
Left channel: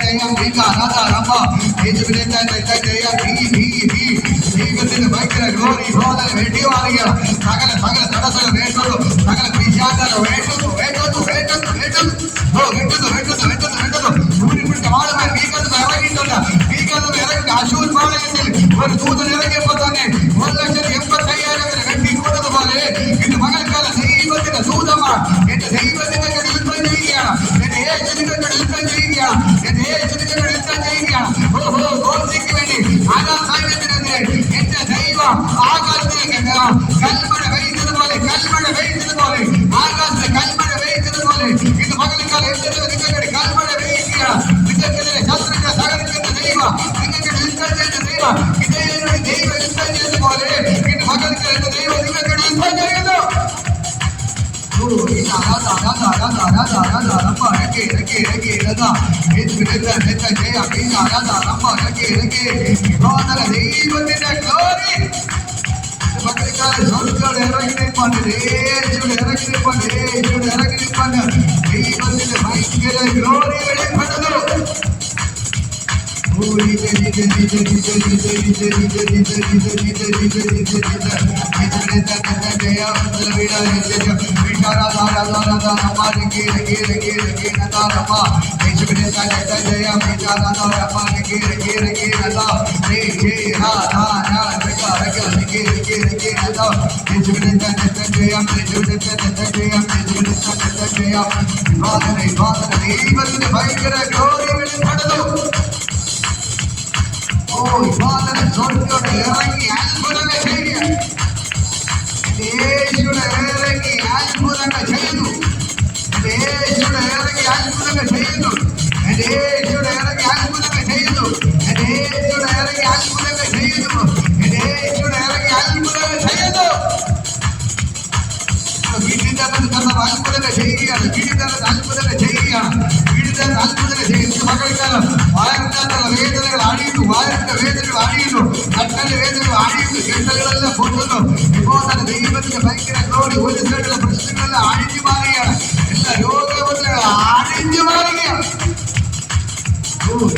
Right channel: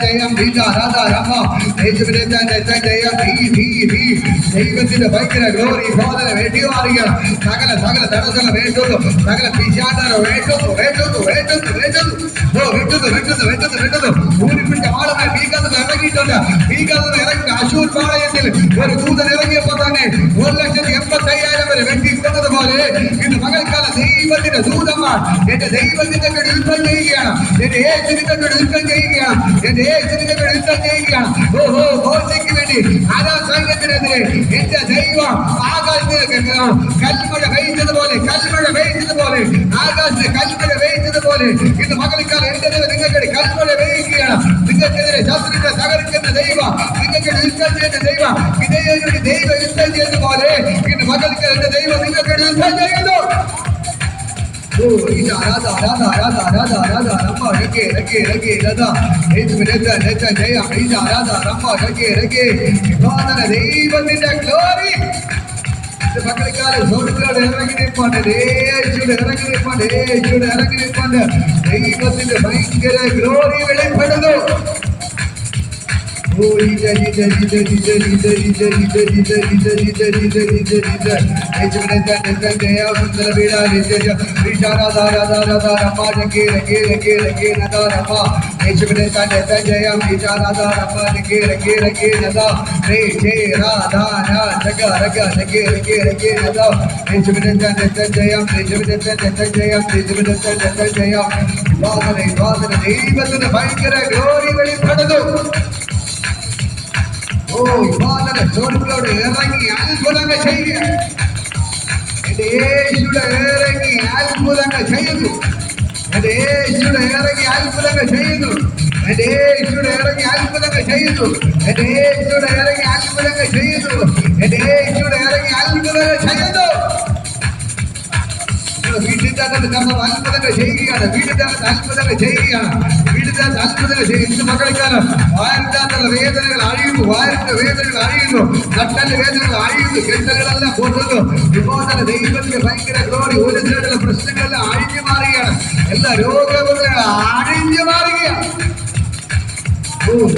ജയം ബീജ രാധാ രമ്മ, യേശുവിനെ ജയം തീ തീ തീ ദൈവത്തിന്റെ ഭയങ്കര ഗ്ലോറി ബോധന വെട്ടിമാറുകയാണ്. സകല സകല തടസ്സങ്ങൾ വേണ്ടുന്നു, സകല പിശാചുകളെ വേണ്ടുന്നു, വേണ്ടുന്നു, വേണ്ടുന്നു, വേണ്ടുന്നു, ഓ വെട്ടുന്നു, വെട്ടുന്നു, വെട്ടുന്നു, വെട്ടുന്നു. ഊരിപ്പിടിച്ച ആളുകൾ ഭീകരത ഇറങ്ങിയിട്ടുണ്ട്, ഭീകരത ഇറങ്ങി അശൂർ പാളയത്തിൽ ഒരു ദൂതൻ ഇറങ്ങിയപ്പോ തന്നെ 1,85,000 വരെ വെട്ടിക്കൊണ്ടതുപോലെ ഇത് മകൾക്കാല ദൈവത്തിന്റെ ദൂതന്മാർ എന്റെ ദൈവത്തിന്റെ യുദ്ധം ചെയ്യുകയാണ്, എന്റെ യേശുവിന്റെ യുദ്ധം ചെയ്യുകയാണ്, എന്റെ യേശുവിന്റെ യുദ്ധം ചെയ്യുകയാണ്. ഓഹോ മോശയ്ക്ക് വേണ്ടി ആകാശ സൈന്യത്തിനെതിരെ എന്റെ ദൈവം ആകാശത്തിലേക്ക് കൽമഴ പെയ്തതുപോലെ, കൽമഴ പെയ്തതുപോലെ, ആകാശത്തെ കൽമഴ പെയ്തതുപോലെ ഇത് മകൾക്കാല എന്റെ നിങ്ങൾക്ക് കൽമഴ പെയ്യുകയാണ്. നിങ്ങൾക്കെതിരെ ശത്രുക്കളെ തകർക്കുന്ന ദൈവം, നിങ്ങൾക്ക് യുദ്ധം ചെയ്യുന്ന ദൈവം, ഇതേ ദൈവം യുദ്ധം ചെയ്യുന്നതുപോലെ ഇത് മകൾക്ക് എന്റെ ദൈവം നിങ്ങൾക്ക് യുദ്ധം ചെയ്യുന്നു. ഓ രാധാ രാധാ രാധാ രാധാ രാധാ രമ്മ രംഗേ രംഗേ രംഗേ രാധാ. യേശുവിനെ ജയം ബീജ രാധാ രമ്മ രംഗേ രംഗേ ബോധന ദൈവത്തിന്റെ ഗ്ലോറി. മകൾക്കാല സ്വർഗ്ഗയുടെ ഇറങ്ങി നിൽപ്പുണ്ട്, യേശുവിടെ ഇറങ്ങി നിൽപ്പുണ്ട്, യേശുവിടെ ഇറങ്ങി നിൽപ്പുണ്ട്. ദൈവത്തിന്റെ ഭയങ്കര ഗ്ലോറി വെളിപ്പെടുന്നു. ഓ ദൈവത്തിന് ഭയങ്കര ഗ്ലോറി വെളിപ്പെടുന്നു. ഓ ഇവാദന സ്വർഗ്ഗത്തോട് ഇറങ്ങി അത്ഭുതങ്ങൾ ചെയ്യുക. യേശുവിടെ ഇറങ്ങി അത്ഭുതങ്ങൾ ചെയ്യുന്നു. യേശുവിടെ ഇറങ്ങി അത്ഭുതങ്ങൾ ചെയ്യുന്നു. യേശുവിടെ ഇറങ്ങി അത്ഭുതങ്ങൾ ചെയ്യുന്നു. യേശുവിടെ ഇറങ്ങി അത്ഭുതങ്ങൾ ചെയ്യുന്നു. യേശുവിടെ ഇറങ്ങി അത്ഭുതങ്ങൾ ചെയ്യുന്നു. വീട്ടിന്റെ അത്ഭുതങ്ങൾ ചെയ്യുകയാണ്. വീടിന്റെ അത്ഭുതങ്ങൾ ചെയ്യുകയാണ്. വീടിന്റെ അത്ഭുതങ്ങൾ ചെയ്യുന്ന മകൾക്കാലം വായനത്തിലുള്ള വേദനകൾ അഴിയുന്നു. വായനത്തിന്റെ വേദനകൾ അഴിയുന്നു. നട്ടല് വേദനകൾ അഴിയുന്നു. കെട്ടലുകളെല്ലാം പൊട്ടുന്നു. ഇപ്പോൾ തന്നെ ദൈവത്തിന്റെ ഭയങ്കര ഗ്ലോറി. ഒരു സൈഡിലുള്ള പ്രശ്നങ്ങളെല്ലാം അഴിഞ്ഞു മാറുകയാണ്. എല്ലാ രോഗബന്ധങ്ങൾ അഴിഞ്ഞു മാറുകയാണ്. ഓ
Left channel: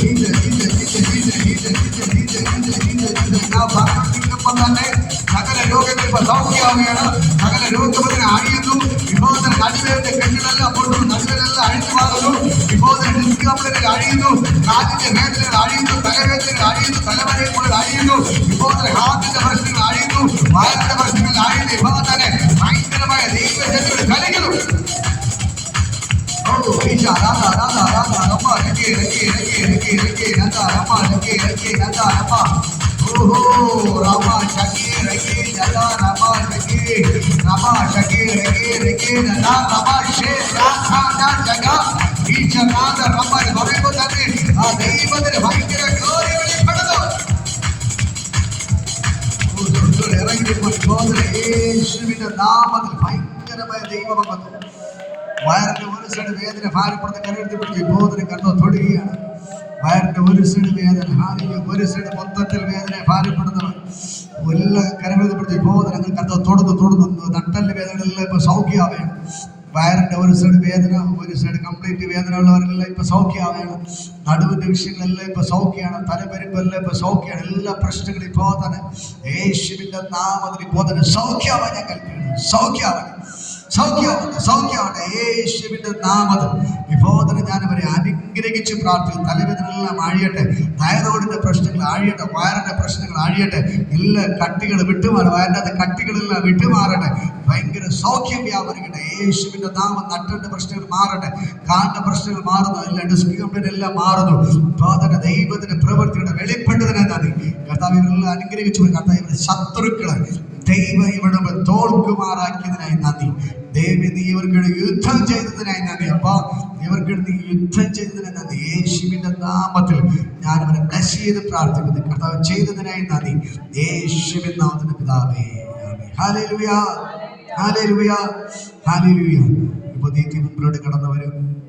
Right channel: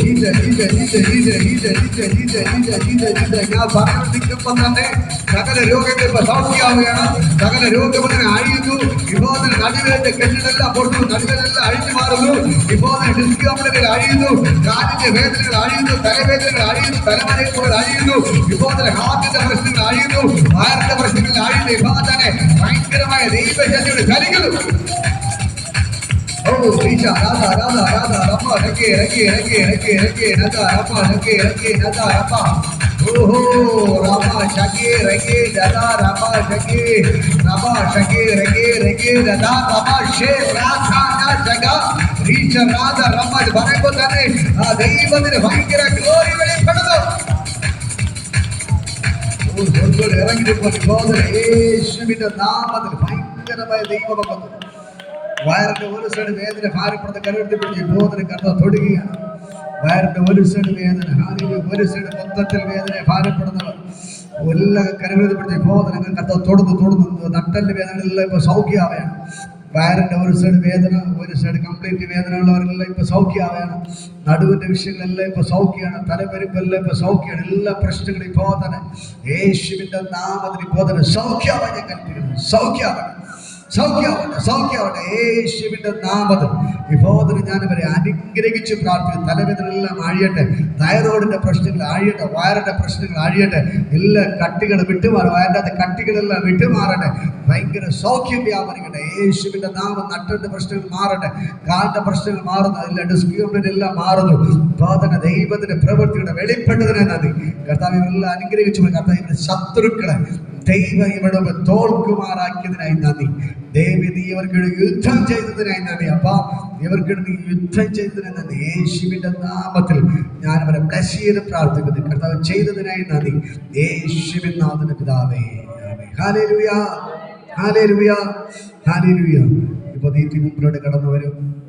ഞാൻ പറഞ്ഞോണ്ടിരിക്കുമ്പോൾ തന്നെ സകല രോഗങ്ങൾ ഇപ്പൊ സൗഖ്യമാവുകയാണ്. സകല രോഗബന്ധങ്ങൾ അഴിയുന്നു. ഇപ്പോൾ തന്നെ നടുവേദന കെട്ടുകളെല്ലാം പൊട്ടുന്നു. നടുകളെല്ലാം അഴിഞ്ഞു മാറുന്നു. ഇപ്പോൾ തന്നെ ഡിസ്കംപ്ലകൾ അഴിയുന്നു. കാലിന്റെ വേദനകൾ അഴിയുന്നു. തലവേദനകൾ അഴിയുന്നു. തലമനകൾ അഴിയുന്നു. ഇപ്പോൾ തന്നെ ഹാർട്ടിന്റെ പ്രശ്നങ്ങൾ അഴിയുന്നു. വയറിന്റെ പ്രശ്നങ്ങൾ അഴിയുന്നു. ഇപ്പോൾ തന്നെ ഭയങ്കരമായ ദൈവശക്തിയുടെ കളികളും. Oh, Isha, Nada, Nada, Nada, Rama, Rake, Nada, Rama, Rake, Nada, Rama. Oh, Rama, Shake, Rake, Nada, Rama, Shake, Rake, Nada, Rama, Shake, Raka, Jaga, Reach, Nada, Rama, Barako, Tane, Deivan, Vankira, Glory, Padado. Oh, Zonzo, Erangri, Father, Shivita, Nama, the Vankira by Deiva. വയറിന്റെ ഒരു side വേദന ഭാരപ്പെടുന്ന കരുവെടുത്തപ്പെട്ട് ഈ ബോധന കണ്ടോ തൊടുകയാണ്. വയറിന്റെ ഒരു side വേദന, ഒരു side മൊത്തത്തിൽ വേദന ഭാരപ്പെടുന്നവർ എല്ലാ കരുവെടുത്തപ്പെടുത്തി ബോധനങ്ങൾ കണ്ടോ തൊടുന്നു. നട്ടല് വേദനകളെല്ലാം ഇപ്പൊ സൗഖ്യമാവുകയാണ്. വയറിന്റെ ഒരു സൈഡ് വേദന, ഒരു സൈഡ് കംപ്ലീറ്റ് വേദന ഉള്ളവരെല്ലാം ഇപ്പൊ സൗഖ്യമാവുകയാണ്. നടുവിന്റെ വിഷയങ്ങളെല്ലാം ഇപ്പൊ സൗഖ്യമാണ്. തലപെരുമ്പെല്ലാം ഇപ്പൊ സൗഖ്യമാണ്. എല്ലാ പ്രശ്നങ്ങളും ഇപ്പോ തന്നെ യേശുവിന്റെ നാമത്തിൽ ഇപ്പോ തന്നെ സൗഖ്യമാണ്. ഞാൻ കൽപ്പിക്കുന്നു, സൗഖ്യമാവട്ടെ യേശുവിന്റെ നാമത്തിൽ. ഇപ്പോൾ ഞാൻ അവരെ അനുഗ്രഹിച്ച് പ്രാർത്ഥിക്കും. തലവേദനയെല്ലാം അഴിയട്ടെ. തൈറോയിഡിന്റെ പ്രശ്നങ്ങൾ അഴിയട്ടെ. വയറിന്റെ പ്രശ്നങ്ങൾ അഴിയട്ടെ. എല്ലാ കട്ടികൾ വിട്ടുമാറും. വയറിന്റെ കട്ടികളെല്ലാം വിട്ടുമാറട്ടെ. ഭയങ്കര സൗഖ്യം വ്യാപരിക്കട്ടെ യേശുവിന്റെ നാമം. നട്ടന്റെ പ്രശ്നങ്ങൾ മാറട്ടെ. കാലിന്റെ പ്രശ്നങ്ങൾ മാറുന്നു. എല്ലാ ഡിസ്ക് കംപ്ലൈന്റ് എല്ലാം മാറുന്നു. ഇപ്പോൾ ദൈവത്തിന്റെ പ്രവൃത്തിയുടെ വെളിപ്പെട്ടതിനെ നന്ദി. കർത്താവ് ഇവരെല്ലാം അനുഗ്രഹിച്ചു. കർത്താവ് ഇവരുടെ ശത്രുക്കളെ ദൈവം ഇവിടെ തോൽക്കുമാറാക്കിയതിനായി നന്ദി. ദൈവം നീ ഇവർക്ക് യുദ്ധം ചെയ്തതിനായി നന്ദി. അപ്പാ ഇവർക്ക് നീ യുദ്ധം ചെയ്തതിന് നന്ദി. യേശുവിന്റെ നാമത്തിൽ ഞാൻ അവരെ ബ്ലസ് ചെയ്ത് പ്രാർത്ഥിക്കുന്നു. കർത്താവ് ചെയ്തതിനായി നന്ദി. യേശുവിൻ നാമത്തിന്റെ പിതാവേ, ഹല്ലേലൂയ, ഹല്ലേലൂയ, ഹല്ലേലൂയ. ഇപ്പൊ നീ മുമ്പിലോട്ട് കടന്നു വരും.